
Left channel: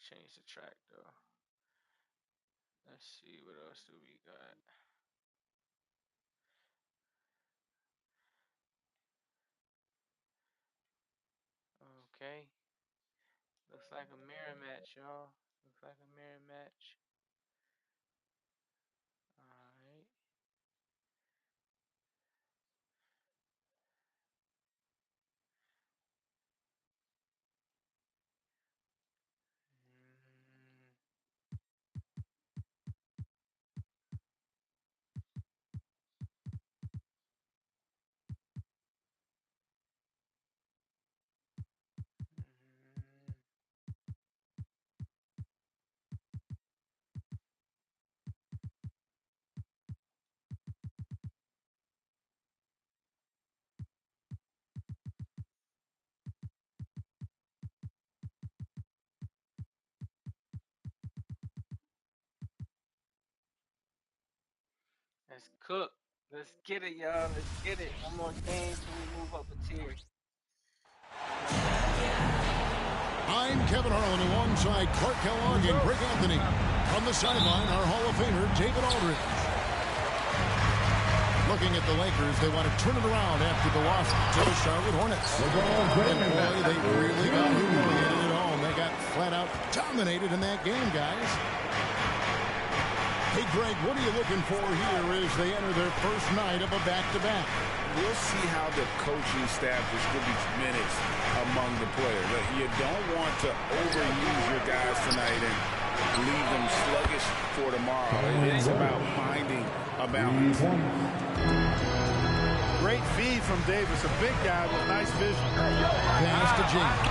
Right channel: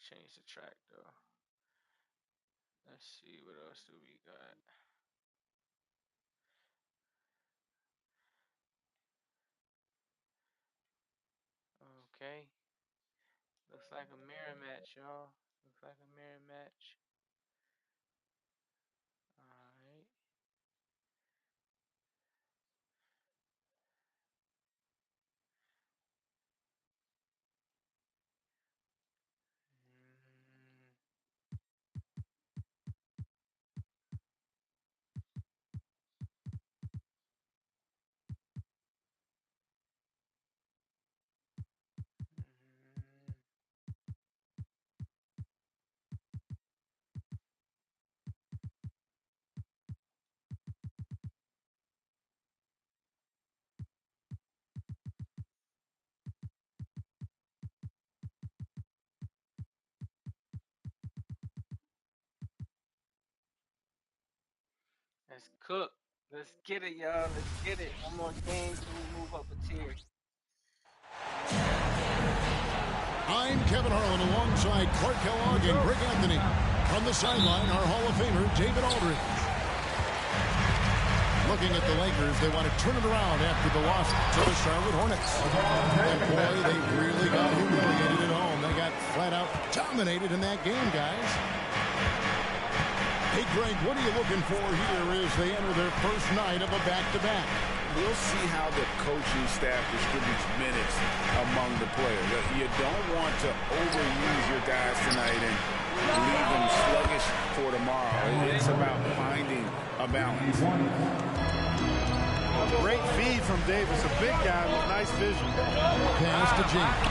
Change the track though. Let's see what else do we got. Okay. Looks like a mirror match, y'all. Looks like a mirror match. Alright. Let's cook. Let's get it, y'all. Let's get it. One more game till we move up a tier. I'm Kevin Harlan alongside Clark Kellogg and Greg Anthony. From the sideline, our Hall of Famer, David Aldridge. Looking at the Lakers, they want to turn it around after the loss to the Charlotte Hornets. And boy, they really got humiliated at home. They got flat out dominated in that game, guys. Hey, Greg, what are you looking for here as they enter their first night of a back-to-back? We'll see how the coaching staff distributes minutes among the players. You don't want to overuse your guys tonight and leave them sluggish for tomorrow. It's about finding a balance. Great feed from Davis, a big guy with nice vision. Pass to James.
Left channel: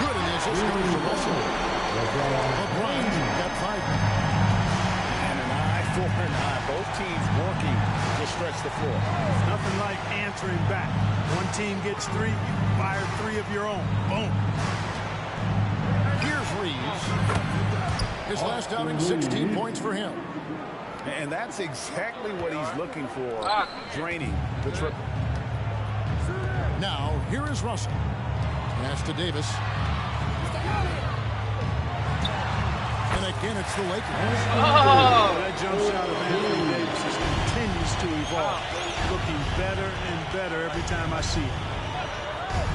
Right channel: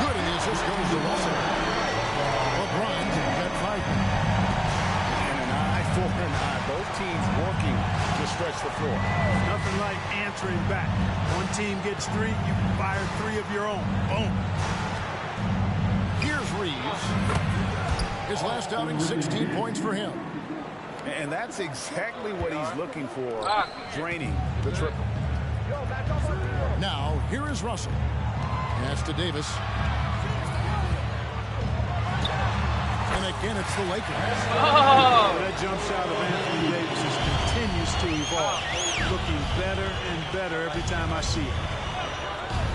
Good, and the assist goes to Russell. LeBron's got 5 minutes. And an eye for an eye. Both teams working to stretch the floor. Nothing like answering back. One team gets 3, you fire 3 of your own. Boom. Here's Reeves. His last outing, 16 points for him. And that's exactly what he's looking for, draining the triple. Now, here is Russell. Pass to Davis. And again, it's the Lakers. That jump shot of Anthony Davis just continues to evolve. Looking better and better every time I see it.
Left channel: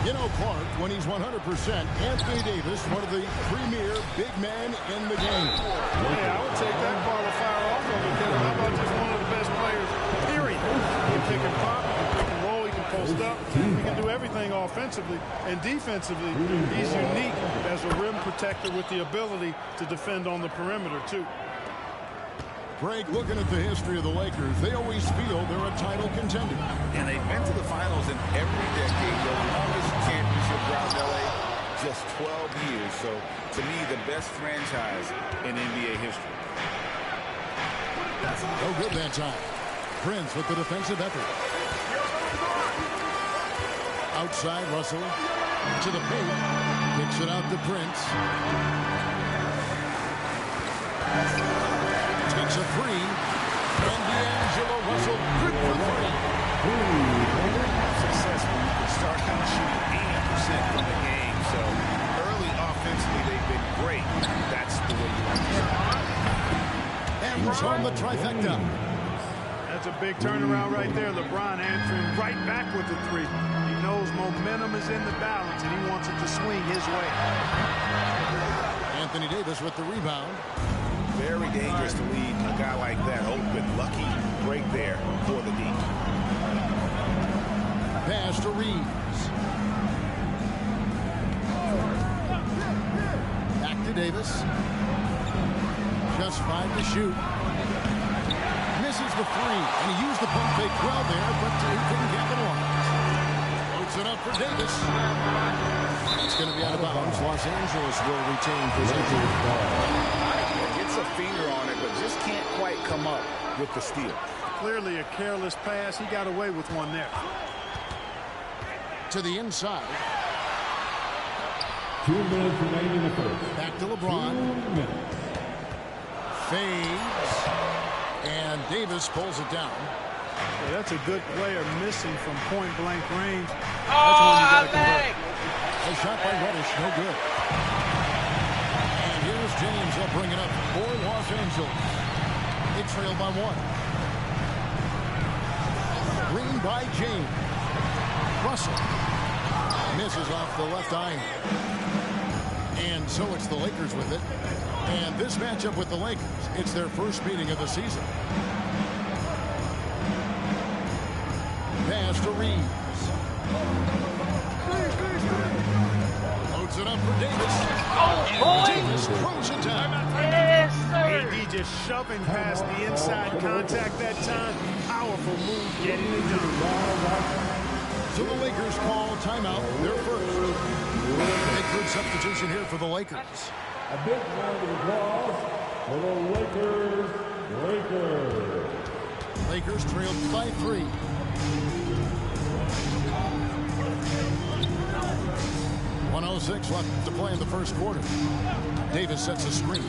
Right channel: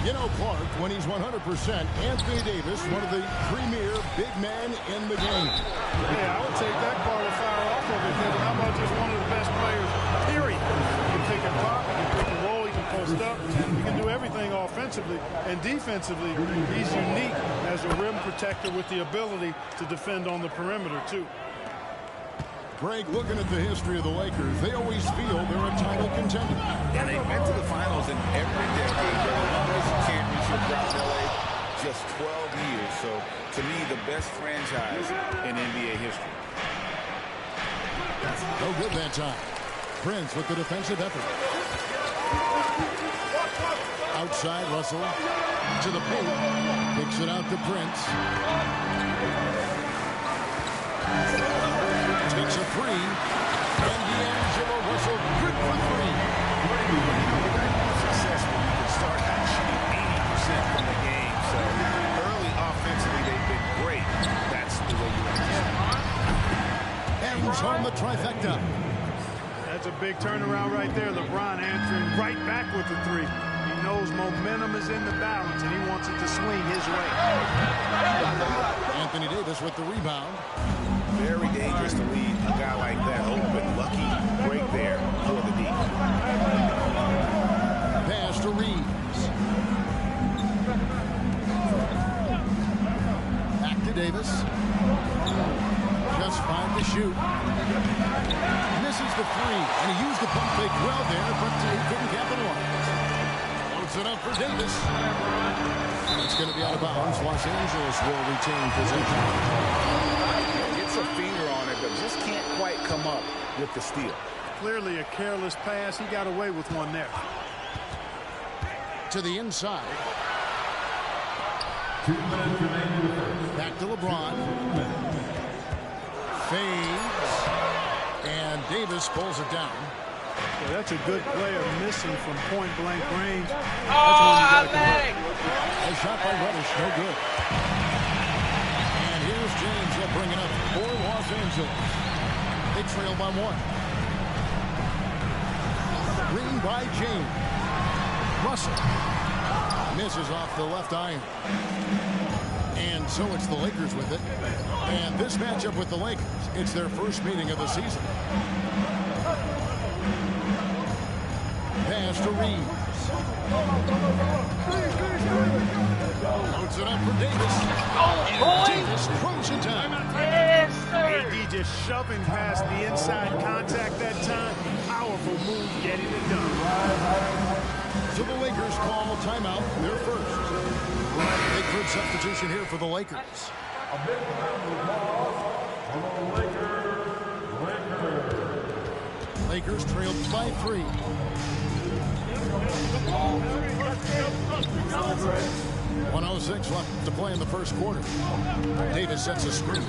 You know, Clark, when he's 100%, Anthony Davis, one of the premier big men in the game. Yeah, I would take that qualifier off of it, Kevin. How about just one of the best players, period? He can pick and pop, he can pick and roll, he can post up, he can do everything offensively. And defensively, he's unique as a rim protector with the ability to defend on the perimeter, too. Greg, looking at the history of the Lakers, they always feel they're a title contender. And they've been to the finals in every decade. Their longest championship drought in L.A., just 12 years. So, to me, the best franchise in NBA history. No good that time. Prince with the defensive effort. Outside, Russell to the paint. Kicks it out to Prince. Takes a 3, and D'Angelo Russell good for 3. You know, you're going to have success when you can start out shooting 80% from the game. So early offensively, they've been great. That's the way you like to start. Hangs on the trifecta. That's a big turnaround right there. LeBron answering right back with the 3. He knows momentum is in the balance, and he wants it to swing his way. Anthony Davis with the rebound. Very dangerous to leave a guy like that open. Lucky break there for the D. Pass to Reeves. Back to Davis. Just 5 to shoot. Misses the 3, and he used the pump fake well there, but he couldn't capitalize. Loads it up for Davis. It's going to be out of bounds. Los Angeles will retain possession. Gets a finger on it, but just can't quite come up with the steal. Clearly a careless pass. He got away with one there. To the inside. 2 minutes remaining in the first. Back to LeBron. Fades. And Davis pulls it down. Well, that's a good player missing from point-blank range. That's one you gotta convert. A shot by Reddish, no good. And here's James. They'll bring it up for Los Angeles. They trail by 1. Green by James. Russell misses off the left iron. And so it's the Lakers with it. And this matchup with the Lakers, it's their first meeting of the season. Pass to Reeves. Loads it up for Davis. Oh, Davis throws it down. yes, sir. AD just shoving past the inside contact that time. Powerful move getting it done. So the Lakers call timeout, their first. Big good substitution here for the Lakers. A big round of applause for the Lakers. Lakers trailed by 3. 1:06 left to play in the first quarter. Davis sets a screen.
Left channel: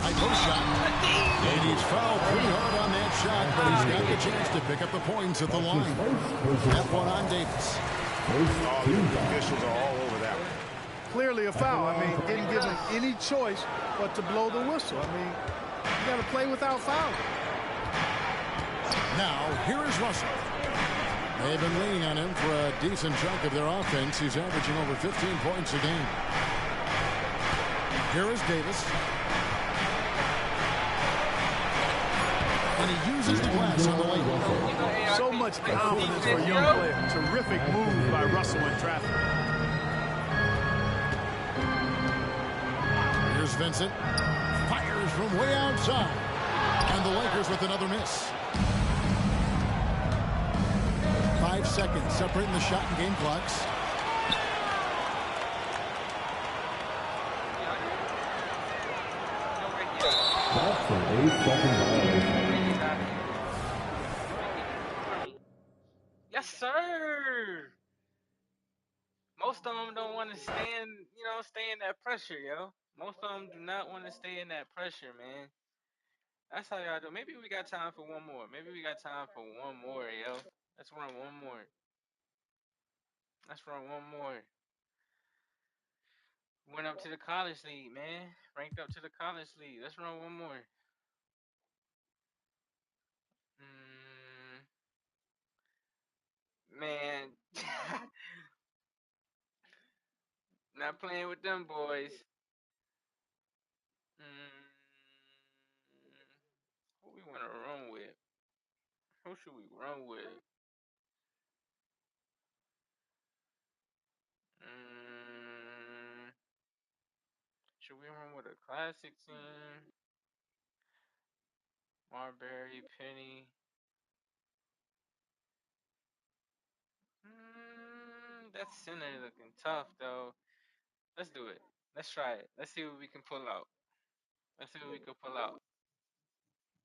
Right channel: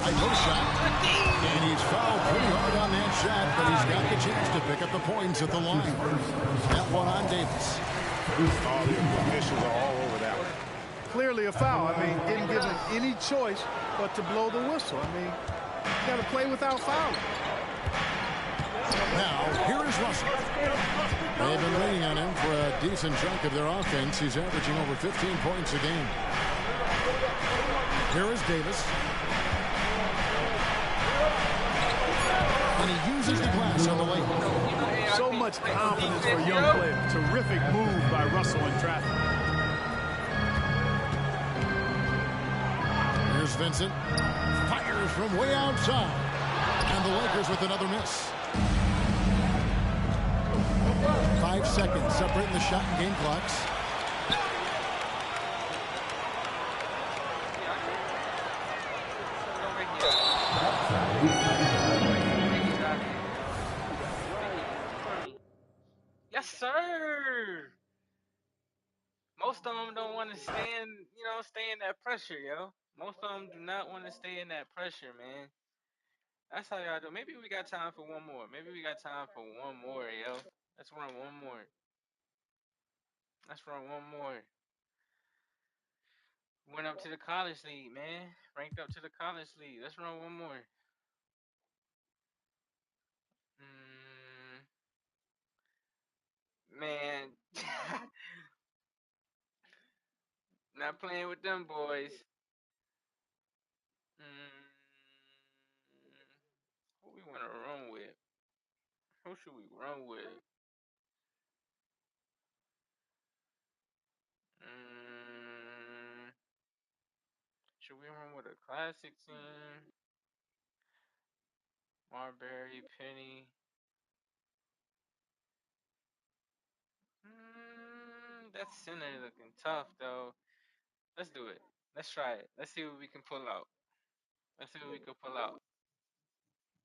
High post shot. And he's fouled pretty hard on that shot, but he's got the chance to pick up the points at the line. That one on Davis. Oh, the officials are all over that one. Clearly a foul. I mean, didn't give him any choice but to blow the whistle. I mean, you got to play without fouling. Now, here is Russell. They've been leaning on him for a decent chunk of their offense. He's averaging over 15 points a game. Here is Davis. And he uses the glass on the lane. So much confidence for a young player. Terrific move by Russell in traffic. Here's Vincent. Fires from way outside. And the Lakers with another miss. 5 seconds separating the shot and game clocks. That's an 8-second violation. Yes, sir. Most of them don't want to stand, stay in that pressure, yo. Most of them do not want to stay in that pressure, man. That's how y'all do. Maybe we got time for one more. Yo. Let's run one more. Went up to the college league, man. Ranked up to the college league. Let's run one more. Man. Not playing with them boys. Who we want to run with? Who should we run with? Should we run with a classic team? Marbury, Penny. That center looking tough, though. Let's do it. Let's try it. Let's see what we can pull out.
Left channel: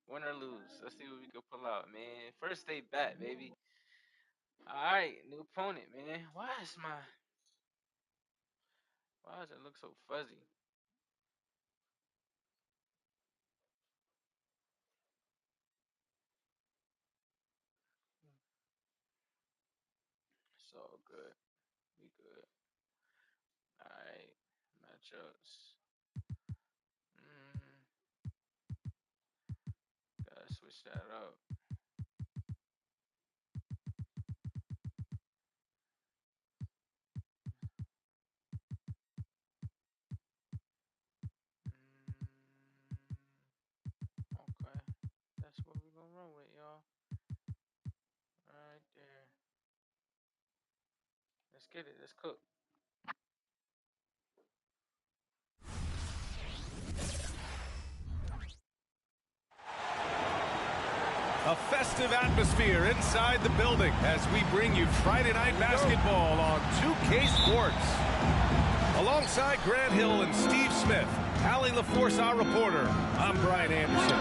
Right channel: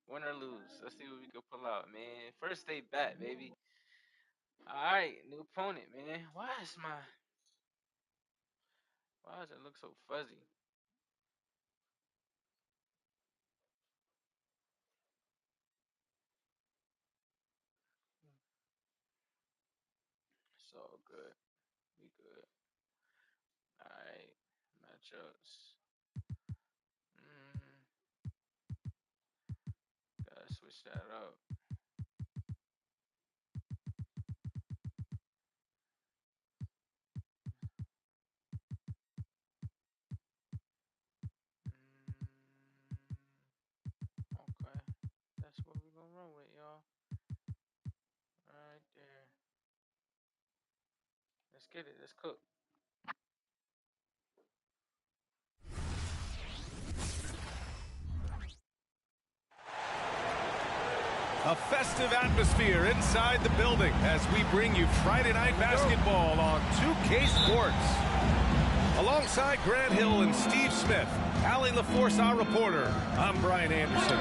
Win or lose. Let's see what we can pull out, man. First day back, baby. All right, new opponent, man. Why does it look so fuzzy? So good. We good. All right, matchups. Gotta switch that up. Okay, that's what we're gonna run with, y'all. Right there. Let's get it. Let's cook. A festive atmosphere inside the building as we bring you Friday Night Basketball on 2K Sports. Alongside Grant Hill and Steve Smith, Allie LaForce, our reporter. I'm Brian Anderson.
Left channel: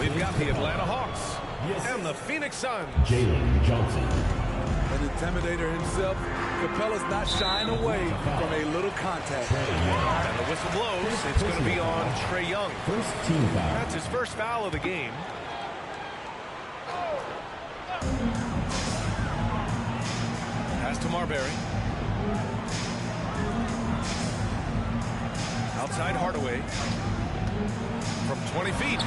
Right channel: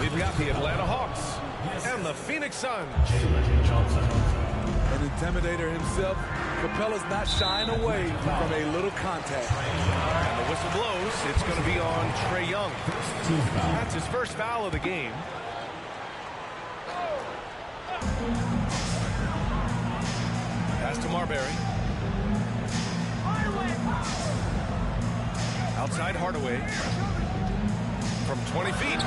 We've got the Atlanta Hawks and the Phoenix Suns. Jalen Johnson. An intimidator himself, Capella's not shying away from a little contact. And the whistle blows. It's going to be on Trae Young. First team foul. That's his first foul of the game. Pass to Marbury. Outside Hardaway. From 20 feet.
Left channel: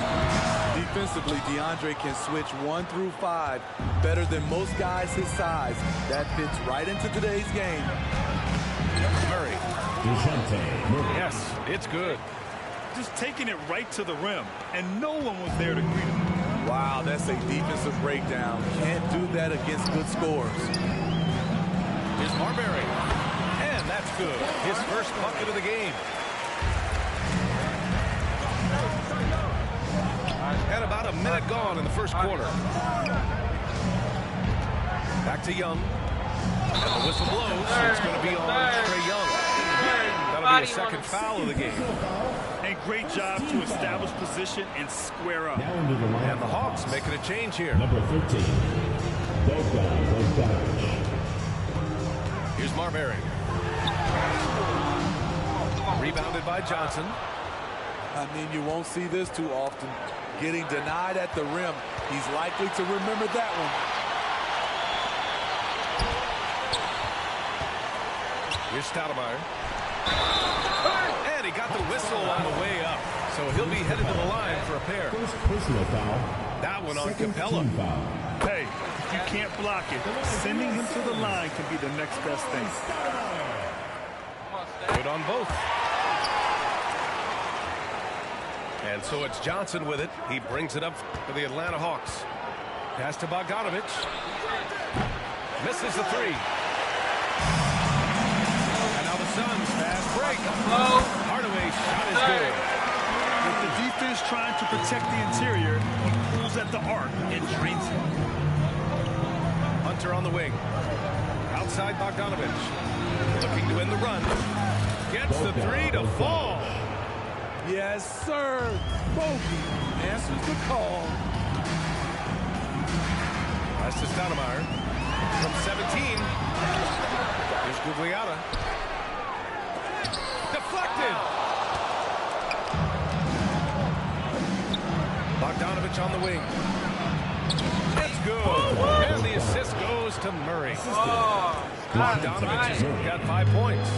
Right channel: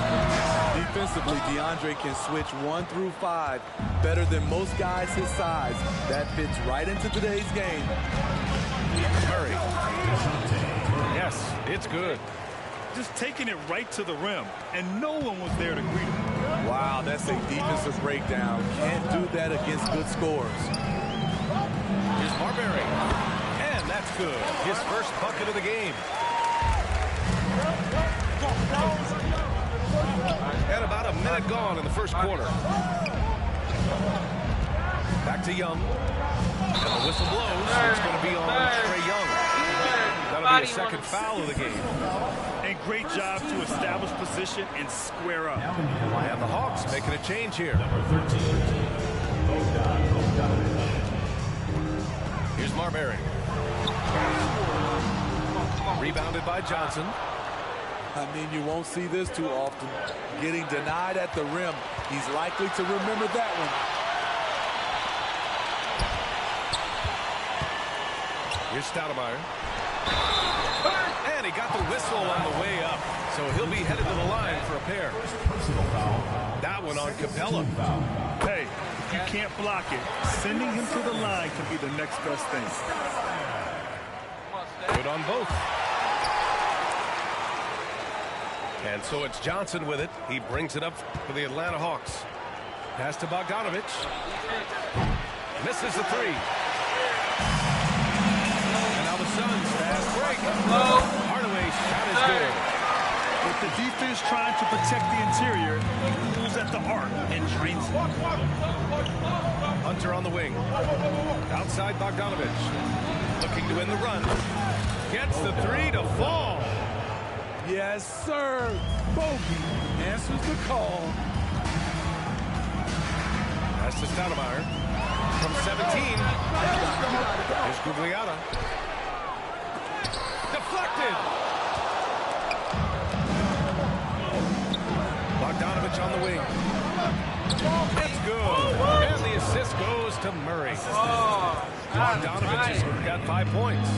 Defensively, DeAndre can switch 1 through 5 better than most guys his size. That fits right into today's game. Murray. Yes, it's good. Just taking it right to the rim, and no one was there to greet him. Wow, that's a defensive breakdown. Can't do that against good scores. Here's Marbury. And that's good. His first bucket of the game. And about a minute gone in the first quarter. Back to Young. And the whistle blows. It's going to be on Trae Young. That'll be a second foul of the game. And great job to establish position and square up. And the Hawks making a change here. Number 13. Bogdanovich. Here's Marbury. Rebounded by Johnson. I mean, you won't see this too often. Getting denied at the rim. He's likely to remember that one. Here's Stoudemire. And he got the whistle on the way up. So he'll be headed to the line for a pair. First personal foul. That one on Capella. Hey, if you can't block it, sending him to the line can be the next best thing. Good on both. And so it's Johnson with it. He brings it up for the Atlanta Hawks. Pass to Bogdanovich. Misses the three. And now the Suns fast break. Hardaway's shot is good. With the defense trying to protect the interior, he pulls at the arc and drains it. Hunter on the wing. Outside Bogdanovich. Looking to win the run. Gets the three to fall. Yes, sir. Bogey answers the call. Pass to Stoudemire. From 17. Here's Gugliotta. Deflected. Bogdanovich on the wing. It's good. And the assist goes to Murray. Bogdanovich has got 5 points.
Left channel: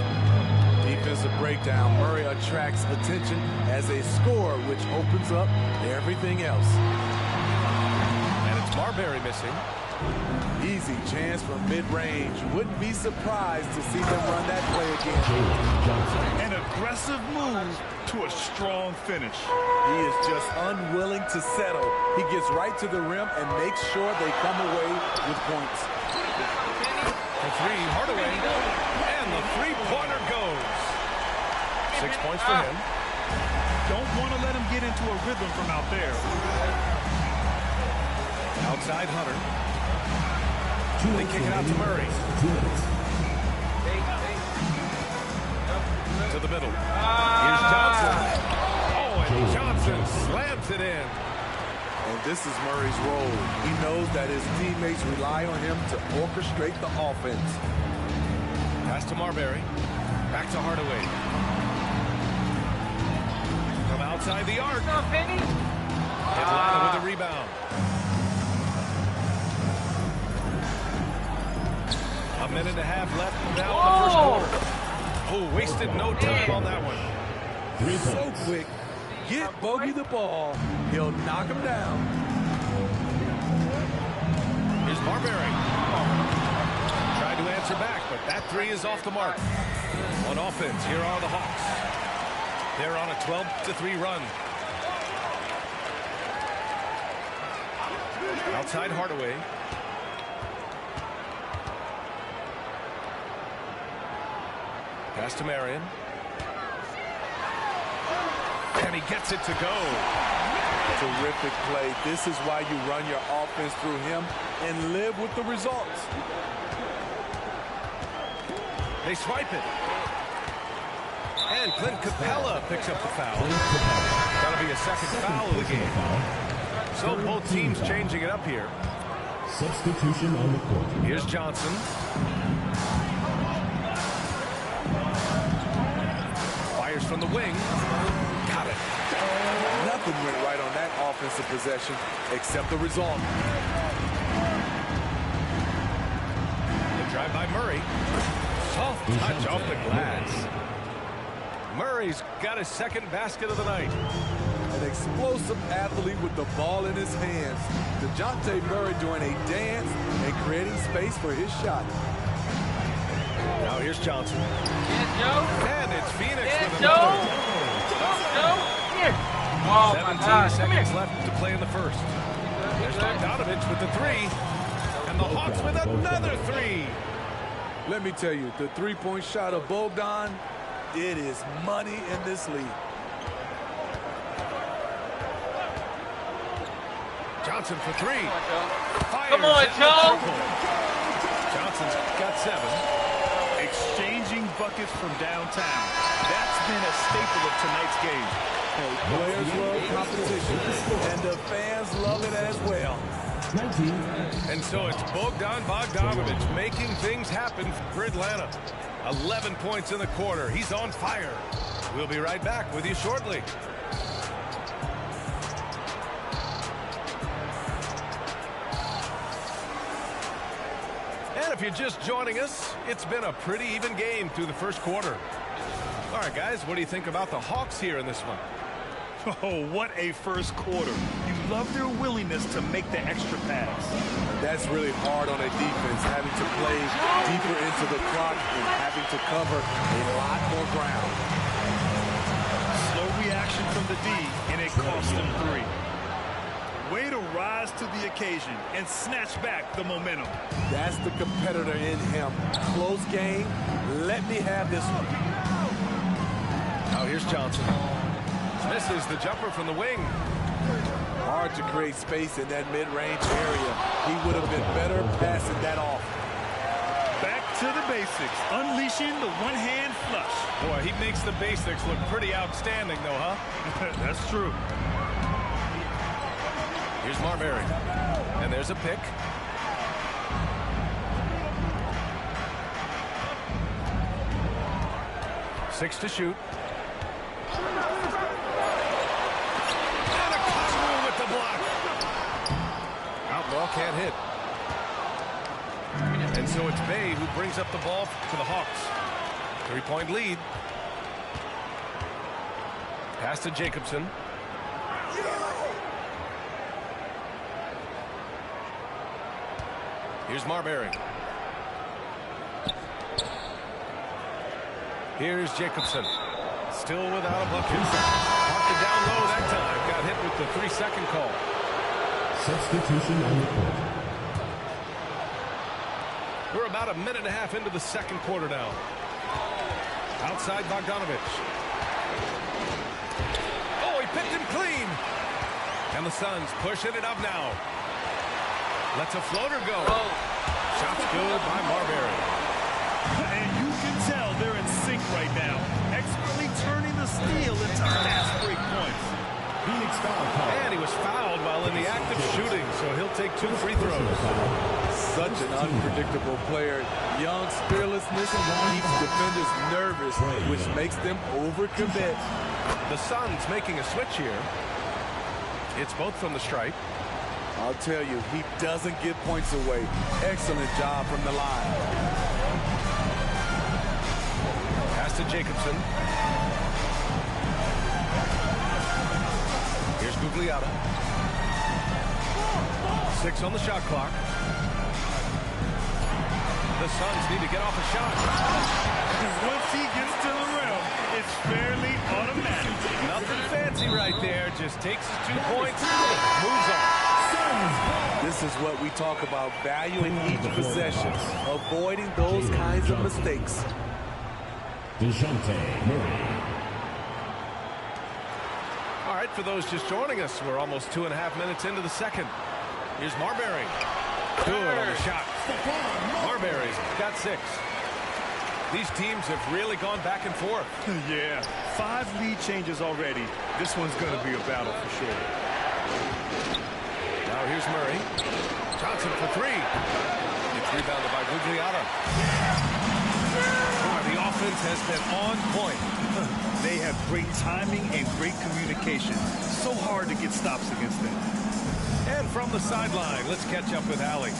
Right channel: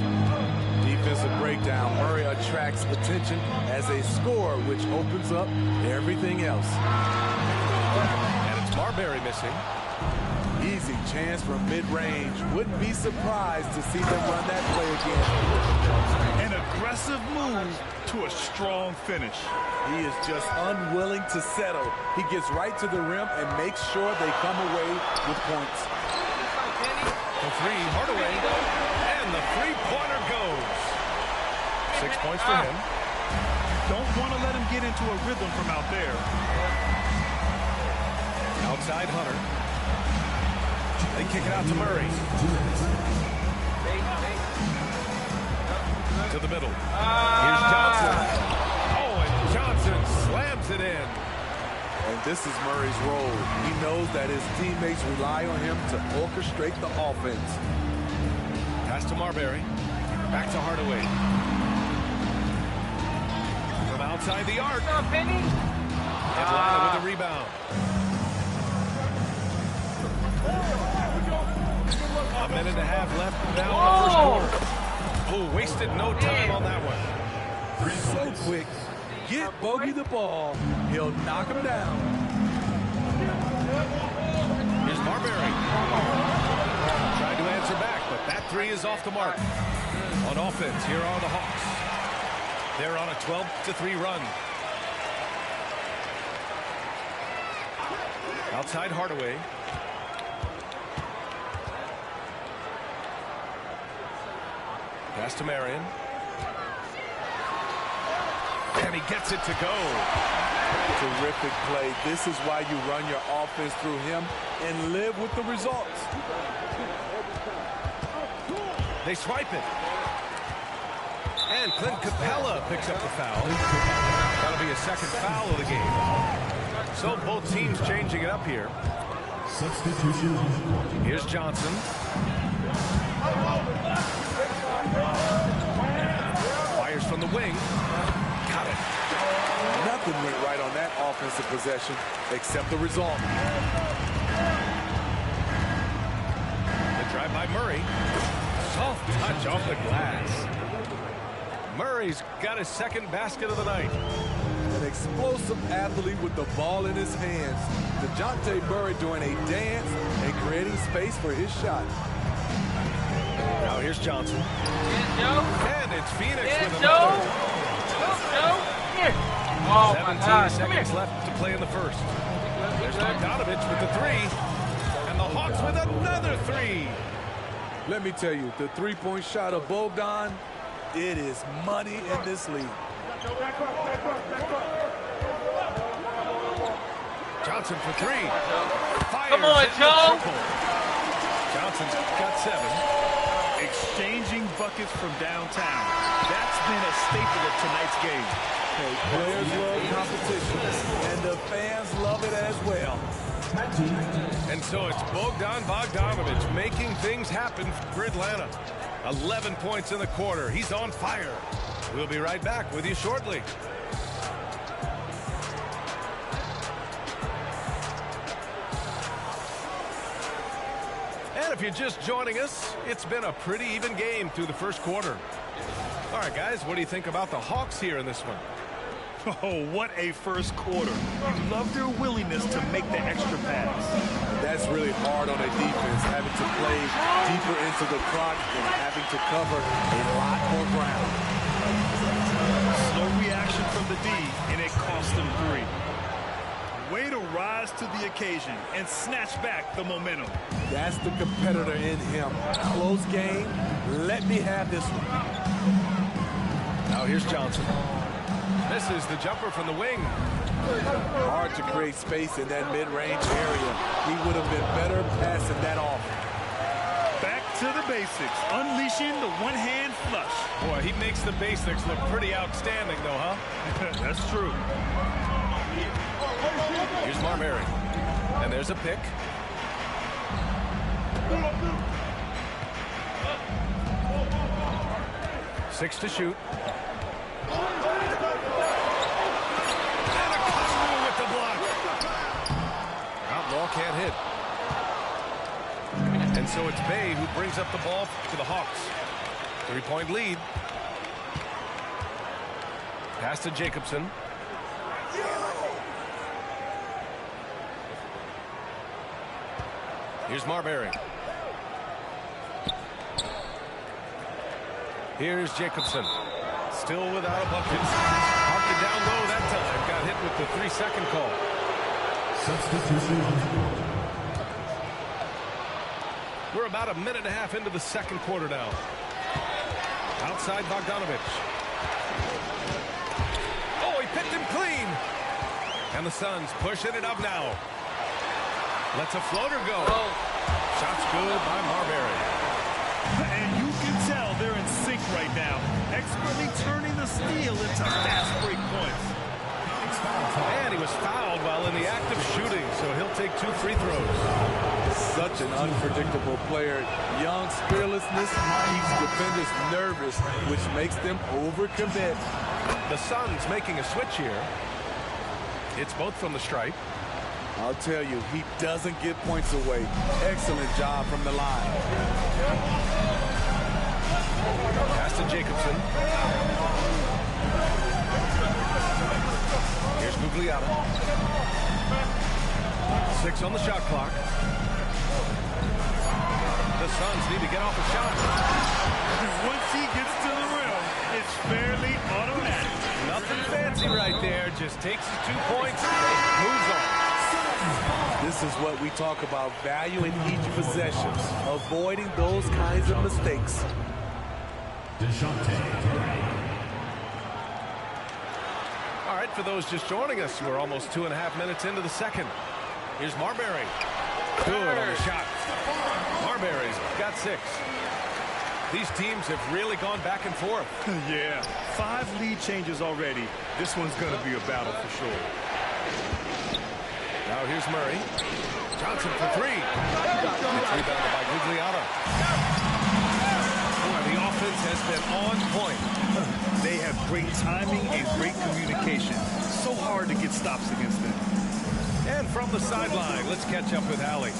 Defensive breakdown. Murray attracts attention as a scorer, which opens up everything else. And it's Marbury missing. Easy chance from mid-range. Wouldn't be surprised to see them run that play again. An aggressive move to a strong finish. He is just unwilling to settle. He gets right to the rim and makes sure they come away with points. The three, Hardaway, and the three-pointer goes. 6 points for him. Don't want to let him get into a rhythm from out there. Outside Hunter. They kick it out to Murray. To the middle. Here's Johnson. Oh, and Johnson slams it in. And this is Murray's role. He knows that his teammates rely on him to orchestrate the offense. Pass to Marbury. Back to Hardaway. From outside the arc. Atlanta with the rebound. A minute and a half left now in the first quarter. Oh, wasted no time on that one. So quick. Get Bogey the ball. He'll knock him down. Here's Marbury. Trying to answer back, but that three is off the mark. On offense, here are the Hawks. They're on a 12-3 run. Outside Hardaway. Pass to Marion. And he gets it to go. Terrific play. This is why you run your offense through him and live with the results. They swipe it. And Clint Capella picks up the foul. That'll be a second foul of the game. So both teams changing it up here. Substitution on the court. Here's Johnson. Fires from the wing. Got it. Nothing went right on that offensive possession except the result. The drive by Murray. Soft touch off the glass. Murray's got his second basket of the night. An explosive athlete with the ball in his hands. DeJounte Murray doing a dance and creating space for his shot. Now here's Johnson. Yeah, Joe. And it's Phoenix Yeah, with Joe. another. Go, Joe. Here. Oh, 17 seconds left to play in the first. There's Bogdanovich with the three. And the Hawks with another three. Let me tell you, the three-point shot of Bogdan, it is money in this league. Johnson for three. Fires Come on, in the Joe. triple. Johnson's got 7. Exchanging buckets from downtown. That's been a staple of tonight's game. Hey, players love competition, and the fans love it as well. 19. And so it's Bogdan Bogdanovich making things happen for Atlanta. 11 points in the quarter. He's on fire. We'll be right back with you shortly. And if you're just joining us, it's been a pretty even game through the first quarter. All right, guys, what do you think about the Hawks here in this one? Oh, what a first quarter. You love their willingness to make the extra pass. That's really hard on a defense, having to play deeper into the clock and having to cover a lot more ground. Slow reaction from the D, and it cost them 3. Way to rise to the occasion and snatch back the momentum. That's the competitor in him. Close game. Let me have this one. Now here's Johnson. Misses the jumper from the wing. Hard to create space in that mid-range area. He would have been better passing that off. Back to the basics, unleashing the one-hand flush. Boy, he makes the basics look pretty outstanding, though, huh? That's true. Here's Marbury. And there's a pick. Six to shoot. And a Congu with the block. Outlaw can't hit. And so it's Bay who brings up the ball for the Hawks. 3-point lead. Pass to Jacobson. Here's Marbury. Here's Jacobson. Still without a bucket. Parked it down low that time. Got hit with the 3-second call. Substitution on the court. We're about a minute and a half into the second quarter now. Outside Bogdanovich. Oh, he picked him clean. And the Suns pushing it up now. Lets a floater go. Shot's good by Marbury. And you can tell they're in sync right now, expertly turning the steal into fast break points. And he was fouled while in the act of shooting, so he'll take 2 free throws. Such an unpredictable player. Young's fearlessness keeps defenders nervous, which makes them overcommit. The Suns making a switch here. It's both from the stripe. I'll tell you, he doesn't give points away. Excellent job from the line. Pass to Jacobson. Here's Gugliotta. 6 on the shot clock. The Suns need to get off a shot. Once he gets to the rim, it's fairly automatic. Nothing fancy right there. Just takes his 2 points, moves on. This is what we talk about, valuing each possession, avoiding those kinds of mistakes. DeJounte Murray. All right, for those just joining us, we're almost 2.5 minutes into the second. Here's Marbury. Good on the shot. Marbury's got 6. These teams have really gone back and forth. Yeah, 5 lead changes already. This one's going to be a battle for sure. Now here's Murray. Johnson for 3. It's rebounded by Gugliotta. Boy, the offense has been on point. They have great timing and great communication. So hard to get stops against them. And from the sideline, let's catch up with Allie.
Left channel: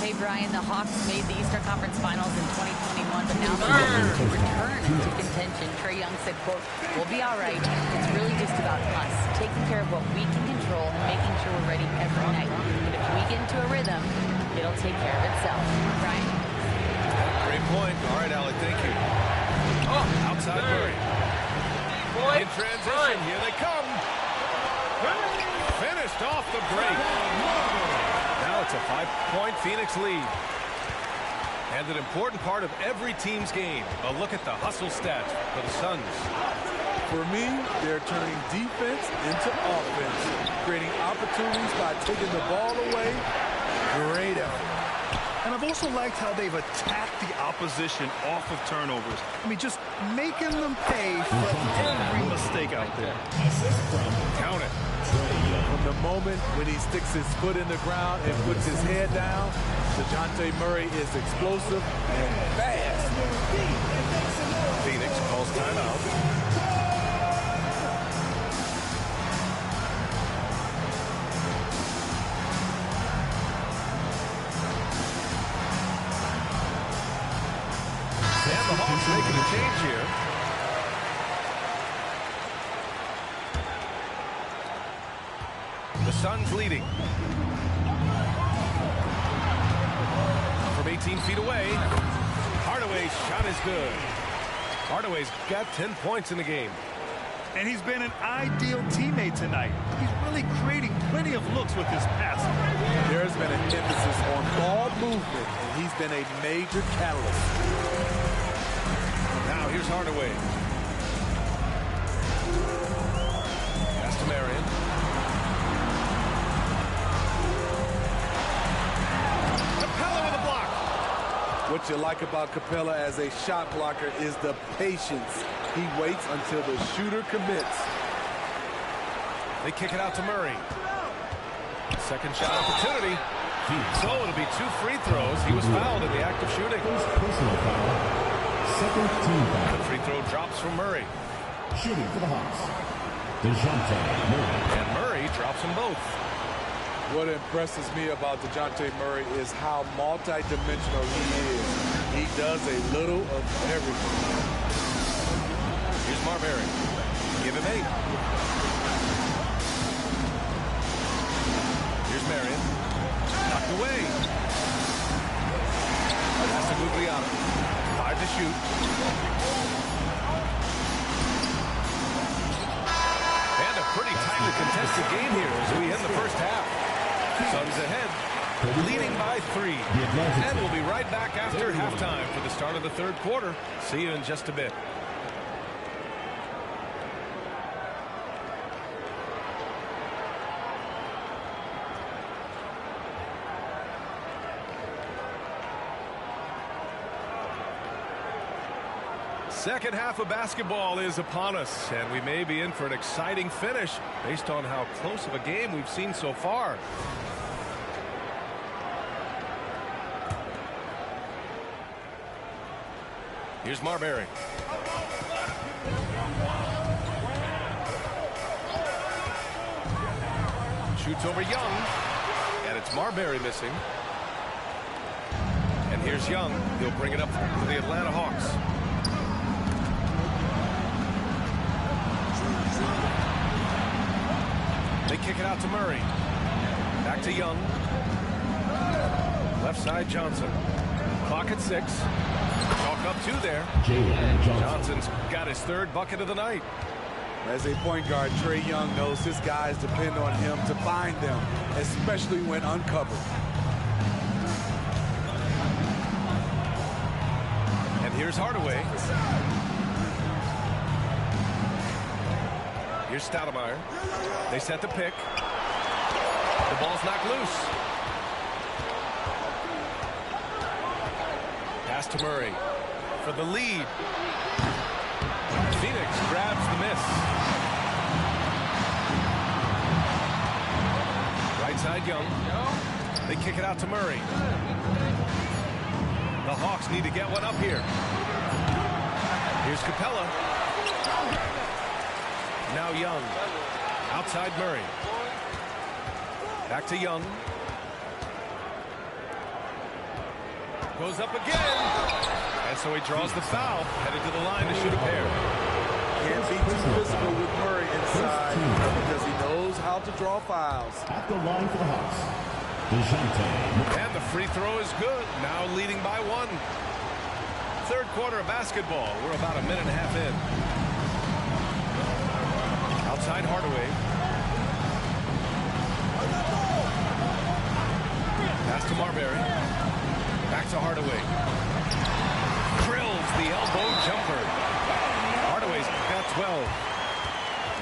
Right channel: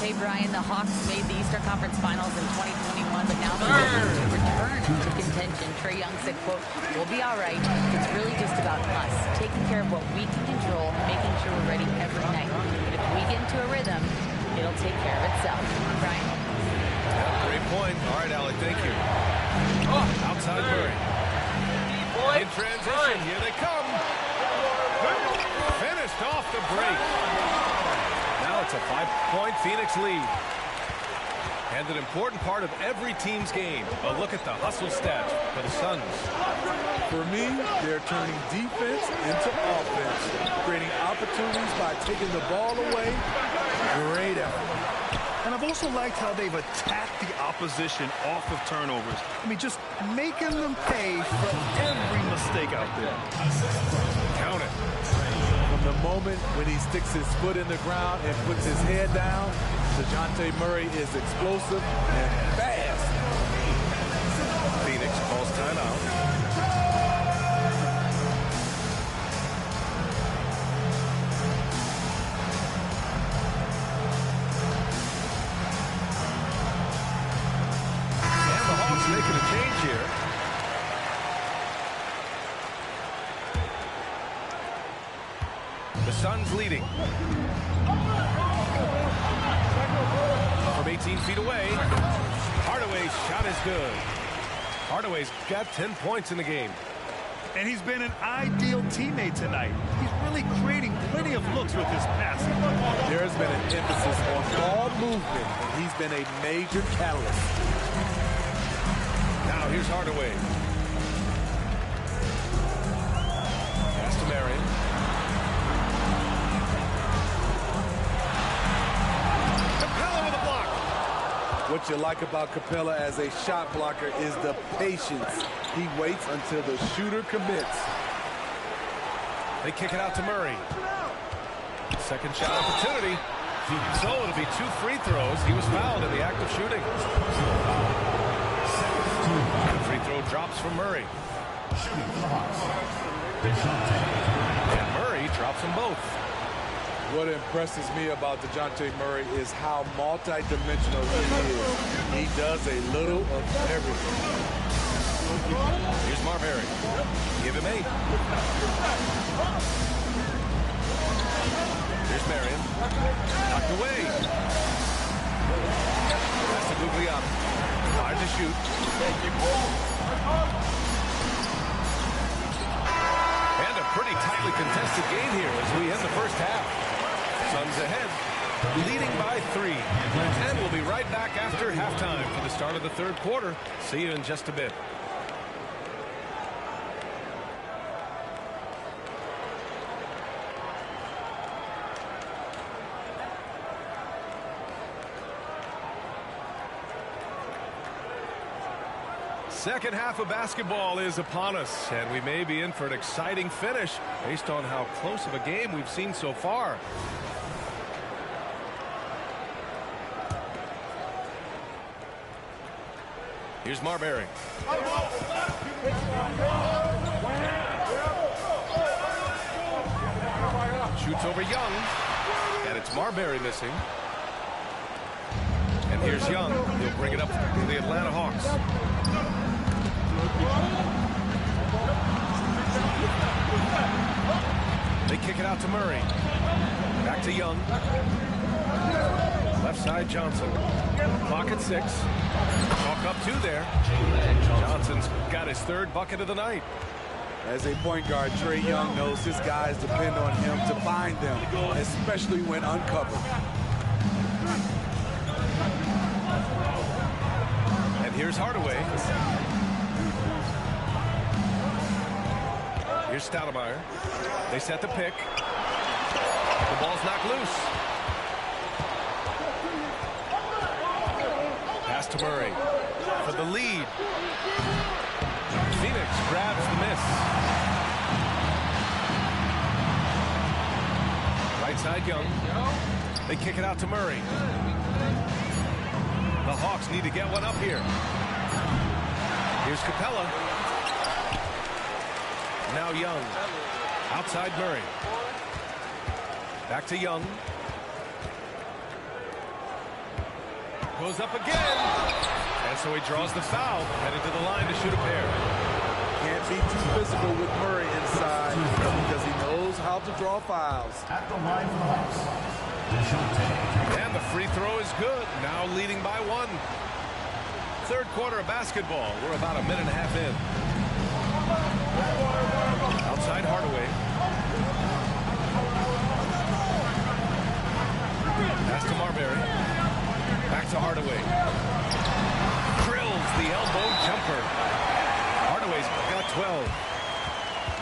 Hey, Brian, the Hawks made the Eastern Conference Finals in 2021, but now they're looking to return to contention. Trae Young said, quote, "We'll be all right. It's really just about us, taking care of what we can control and making sure we're ready every night. But if we get into a rhythm, it'll take care of itself." Brian? Yeah, great point. All right, Allie, thank you. Oh, outside Murray. In transition, here they come. Finished off the break. Now it's a 5-point Phoenix lead. And an important part of every team's game. A look at the hustle stats for the Suns. For me, they're turning defense into offense, creating opportunities by taking the ball away. Great effort. And I've also liked how they've attacked the opposition off of turnovers. I mean, just making them pay for every mistake out there. Count it. From the moment when he sticks his foot in the ground and puts his head down, DeJounte Murray is explosive and fast. Phoenix calls timeout. And the Hawks making a change here. The Suns leading. From 18 feet away, Hardaway's shot is good. Hardaway's got 10 points in the game. And he's been an ideal teammate tonight. He's really creating plenty of looks with his passing. There's been an emphasis on ball movement, and he's been a major catalyst. Now here's Hardaway. Pass to Marion. Capella with a block. What you like about Capella as a shot blocker is the patience. He waits until the shooter commits. They kick it out to Murray. Second shot opportunity. So it'll be 2 free throws. He was fouled in the act of shooting. Personal foul. Second team foul. The free throw drops from Murray. Shooting for the Hawks. DeJounte Murray. And Murray drops them both. What impresses me about DeJounte Murray is how multi-dimensional he is. He does a little of everything. Here's Marbury. Give him 8. Here's Marion. Knocked away. Pass to Gugliotta. 5 to shoot. And a pretty tightly contested game here as we end the first half. Suns ahead, leading by 3. And we'll be right back after halftime for the start of the third quarter. See you in just a bit. Second half of basketball is upon us, and we may be in for an exciting finish based on how close of a game we've seen so far. Here's Marbury. Shoots over Young, and it's Marbury missing. And here's Young. He'll bring it up to the Atlanta Hawks. They kick it out to Murray. Back to Young. Left side Johnson. Clock at 6. Chalk up 2 there. Johnson's got his 3rd bucket of the night. As a point guard, Trae Young knows his guys depend on him to find them, especially when uncovered. And here's Hardaway. Here's Stoudemire. They set the pick. The ball's knocked loose. Pass to Murray. for the lead. Phoenix grabs the miss. Right side, Young. They kick it out to Murray. The Hawks need to get one up here. Here's Capella. Now Young. Outside Murray. Back to Young. Goes up again. And so he draws the foul. Headed to the line to shoot a pair. Can't be too physical with Murray inside because he knows how to draw fouls. At the line for the Hawks, and the free throw is good. Now leading by 1. Third quarter of basketball. We're about a minute and a half in. Outside Hardaway. Pass to Marbury. Back to Hardaway. Drills the elbow jumper. Hardaway's got 12.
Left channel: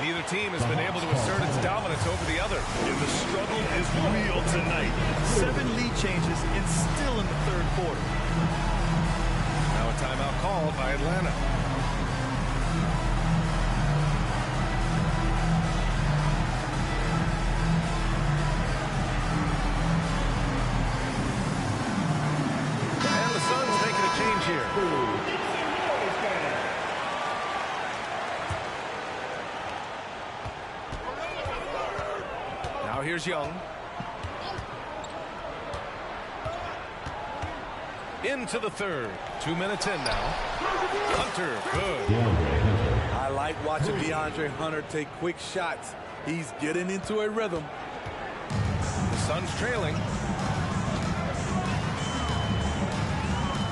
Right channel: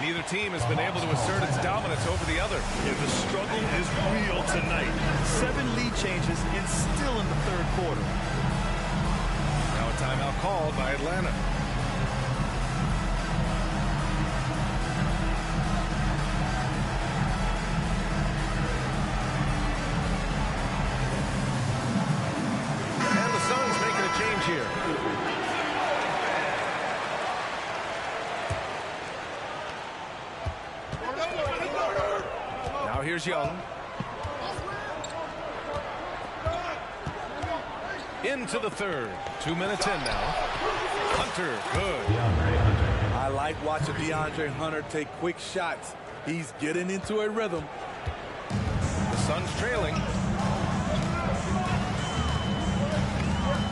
Neither team has been able to assert its dominance over the other. Yeah, the struggle is real tonight. 7 lead changes and still in the third quarter. Now a timeout called by Atlanta. And the Suns making a change here. Now here's Young. Into the third. 2 minutes in now. Hunter, good. I like watching DeAndre Hunter take quick shots. He's getting into a rhythm. The Suns trailing.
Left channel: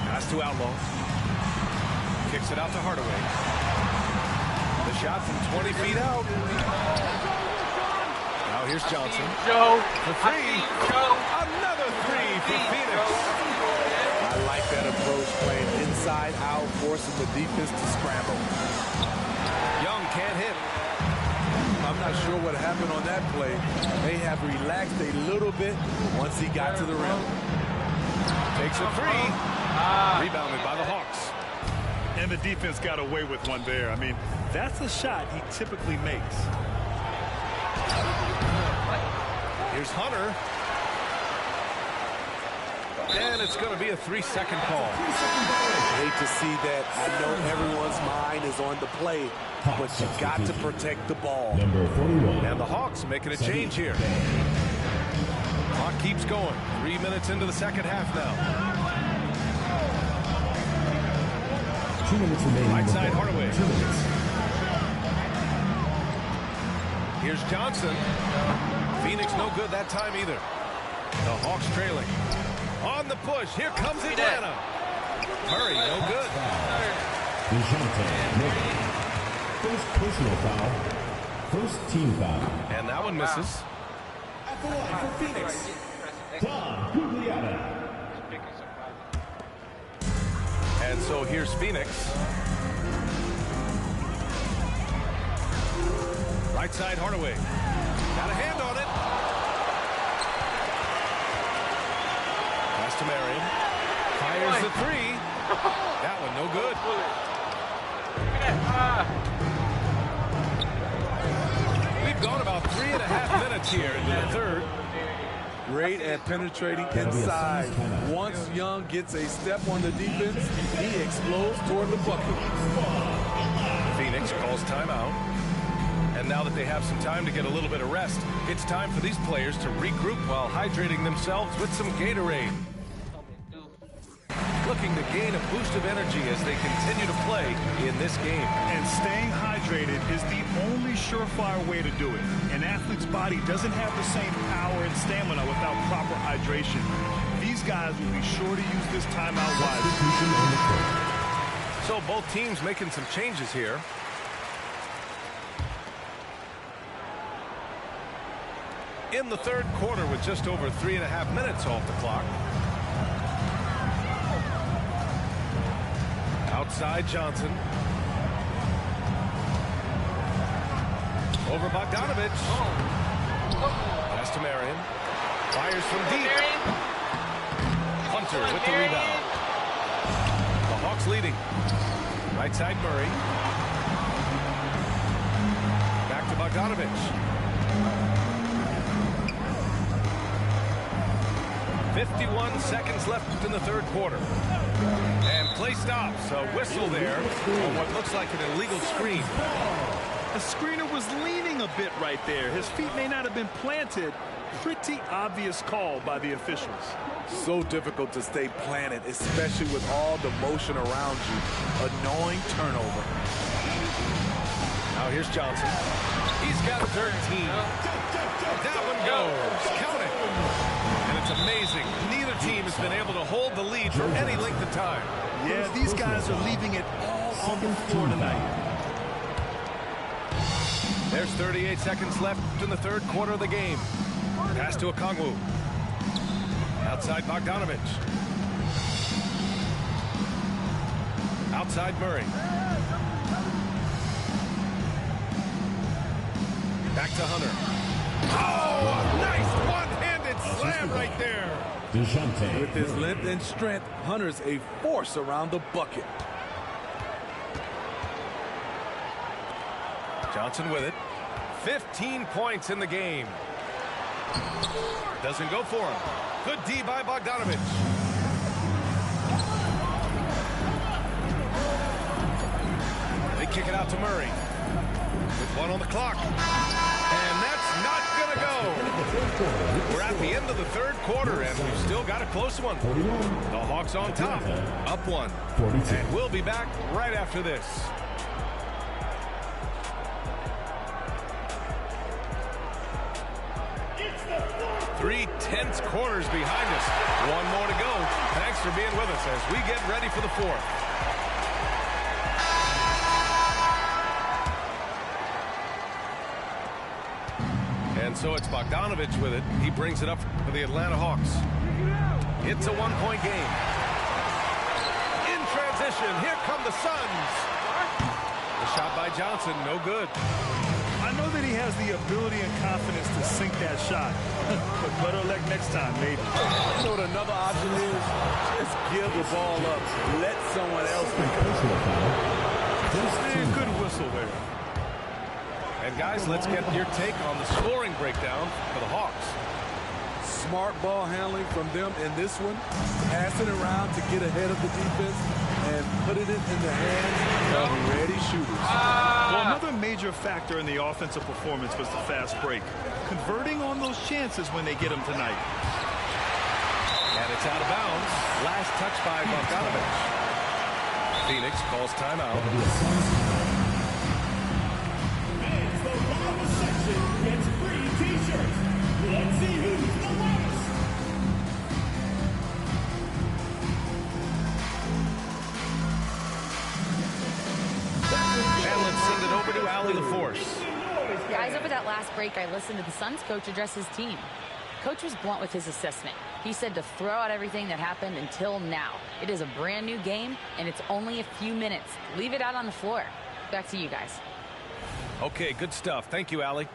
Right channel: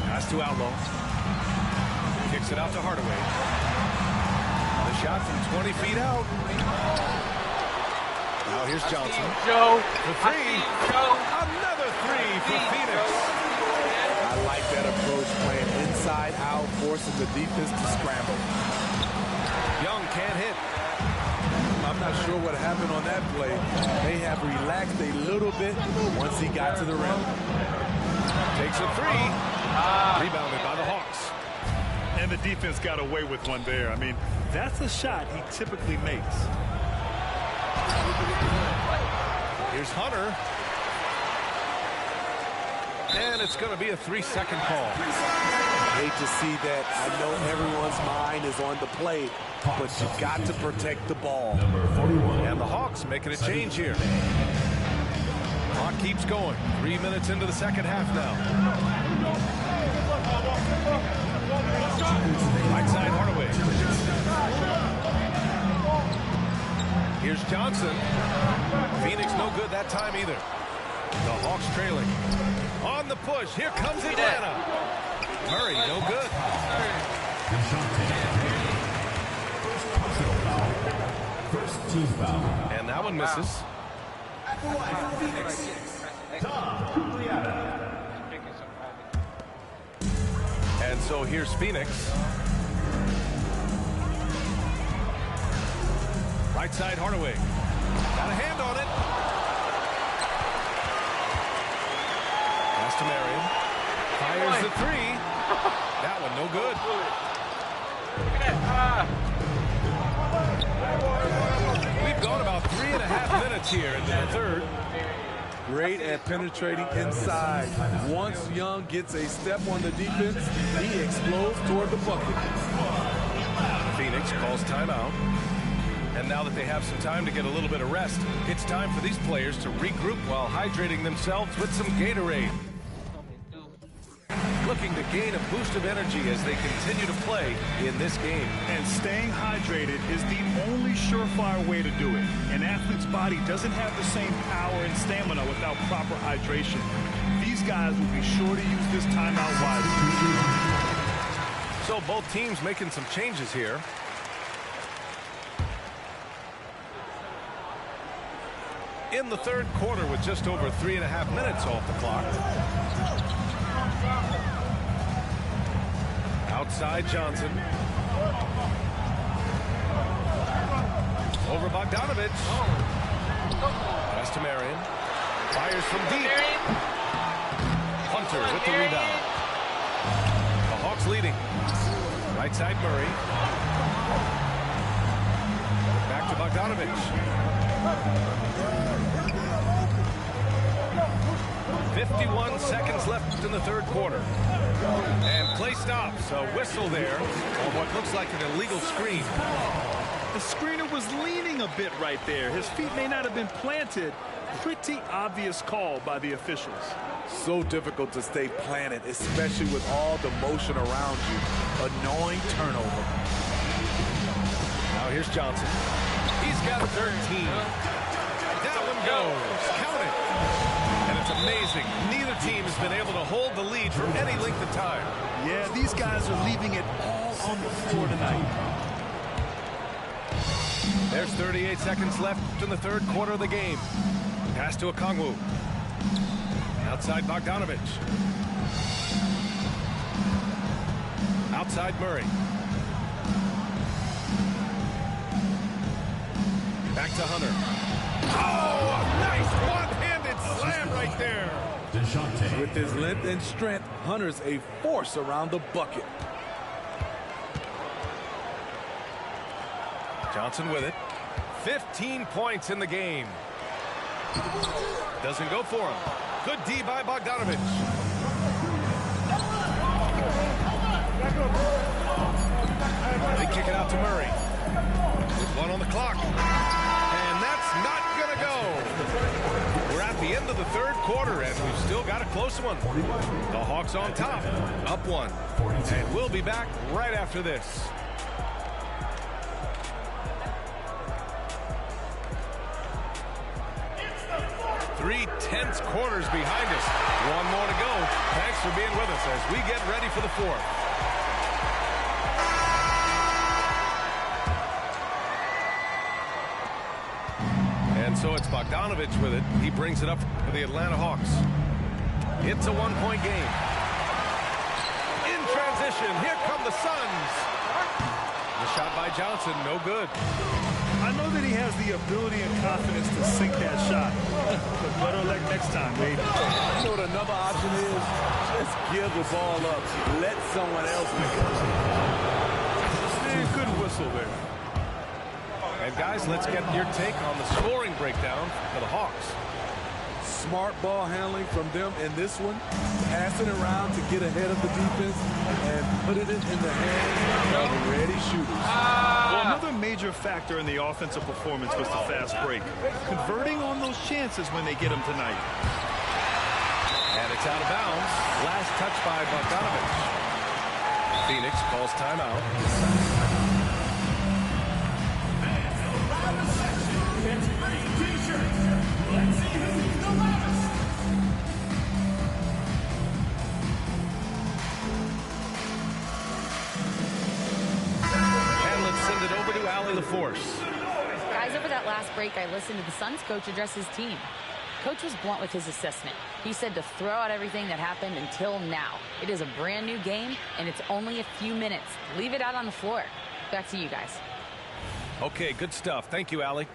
Pass to Outlaw. Kicks it out to Hardaway. The shot from 20 feet out. Now here's Johnson. Joe. For 3. Another 3 for Phoenix. I like that approach, playing inside out, forcing the defense to scramble. Young can't hit. I'm not sure what happened on that play. They have relaxed a little bit once he got to the rim. Takes a 3. Rebounded by the Hawks. And the defense got away with one there. I mean, that's a shot he typically makes. Here's Hunter. And it's going to be a 3-second call. Hate to see that. I know everyone's mind is on the play, but you got to protect the ball. Number 41. And the Hawks making a change here. Clock keeps going. 3 minutes into the second half now. Right side Hardaway. Here's Johnson. Phoenix no good that time either. The Hawks trailing. On the push. Here comes Atlanta. Murray no good. First personal foul. First team foul. And that one misses. At the line for Phoenix, Tom Gugliotta. And so here's Phoenix. Right side Hardaway. Got a hand on it. Pass to Marion. Fires the 3. That one no good. We've gone about 3.5 minutes here into the third. Great at penetrating inside. Once Young gets a step on the defense, he explodes toward the bucket. Phoenix calls timeout. And now that they have some time to get a little bit of rest, it's time for these players to regroup while hydrating themselves with some Gatorade. Looking to gain a boost of energy as they continue to play in this game. And staying hydrated is the only surefire way to do it. An athlete's body doesn't have the same power and stamina without proper hydration. These guys will be sure to use this timeout wisely. So both teams making some changes here. In the third quarter with just over 3.5 minutes off the clock. Outside Johnson. Over Bogdanovich. Pass to Marion. Fires from deep. Hunter with the rebound. The Hawks leading. Right side Murray. Back to Bogdanovich. 51 seconds left in the third quarter. And play stops. A whistle there on what looks like an illegal screen. The screener was leaning a bit right there. His feet may not have been planted. Pretty obvious call by the officials. So difficult to stay planted, especially with all the motion around you. Annoying turnover. Now here's Johnson. He's got 13. That one goes. Count it. And it's amazing. Neither team has been able to hold the lead for any length of time. Yeah, these guys are leaving it all on the floor tonight. There's 38 seconds left in the third quarter of the game. Pass to Okongwu. Outside Bogdanovich. Outside Murray. Back to Hunter. Oh, a nice one-handed slam right there. With his length and strength, Hunter's a force around the bucket. Johnson with it. 15 points in the game. Doesn't go for him. Good D by Bogdanovich. They kick it out to Murray. With one on the clock. And that's not going to go. We're at the end of the third quarter, and we've still got a close one. The Hawks on top, up one. And we'll be back right after this. 3/10 quarters behind us. One more to go. Thanks for being with us as we get ready for the fourth. And so it's Bogdanovich with it. He brings it up for the Atlanta Hawks. It's a one-point game. In transition, here come the Suns. The shot by Johnson, no good. I know that he has the ability and confidence to sink that shot, but better luck next time, maybe. You know what another option is? Just give the ball up. Let someone else make it. Good whistle there. And guys, let's get your take on the scoring breakdown for the Hawks. Smart ball handling from them in this one. Passing around to get ahead of the defense and putting it in the hands of ready shooters. Well, another major factor in the offensive performance was the fast break. Converting on those chances when they get them tonight. And it's out of bounds. Last touch by Bogdanovich. Phoenix calls timeout. Send it over to Allie LaForce. Guys, over that last break, I listened to the Suns coach address his team. Coach was blunt with his assessment. He said to throw out everything that happened until now. It is a brand new game, and it's only a few minutes. Leave it out on the floor. Back to you guys. Okay, good stuff. Thank you, Allie.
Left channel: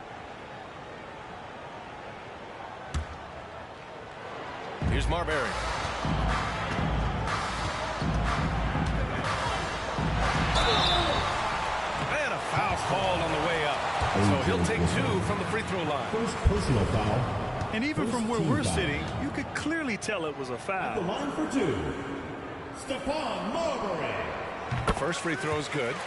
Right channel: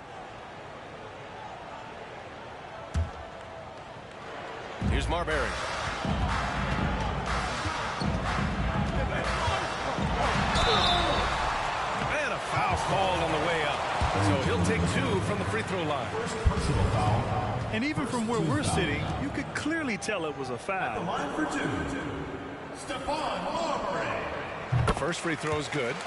Here's Marbury. And a foul called on the way up. So he'll take two from the free throw line. First personal foul. And even from where we're sitting, you could clearly tell it was a foul. The line for two. Stephon Marbury. The first free throw is good.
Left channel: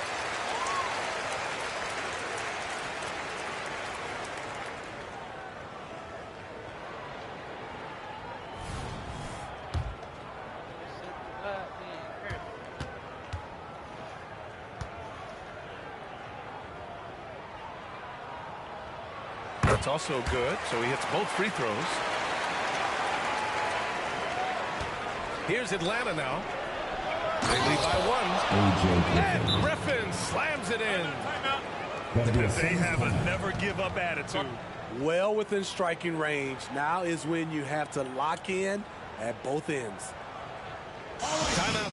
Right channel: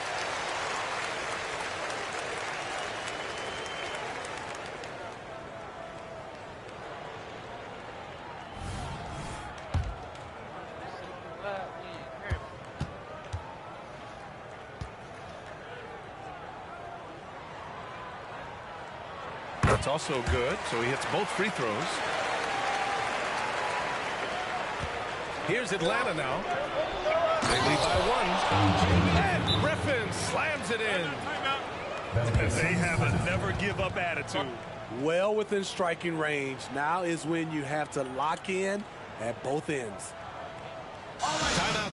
That's also good, so he hits both free throws. Here's Atlanta now. They lead by one. And Griffin slams it in. They have a never-give-up attitude. Well within striking range. Now is when you have to lock in at both ends. Timeout.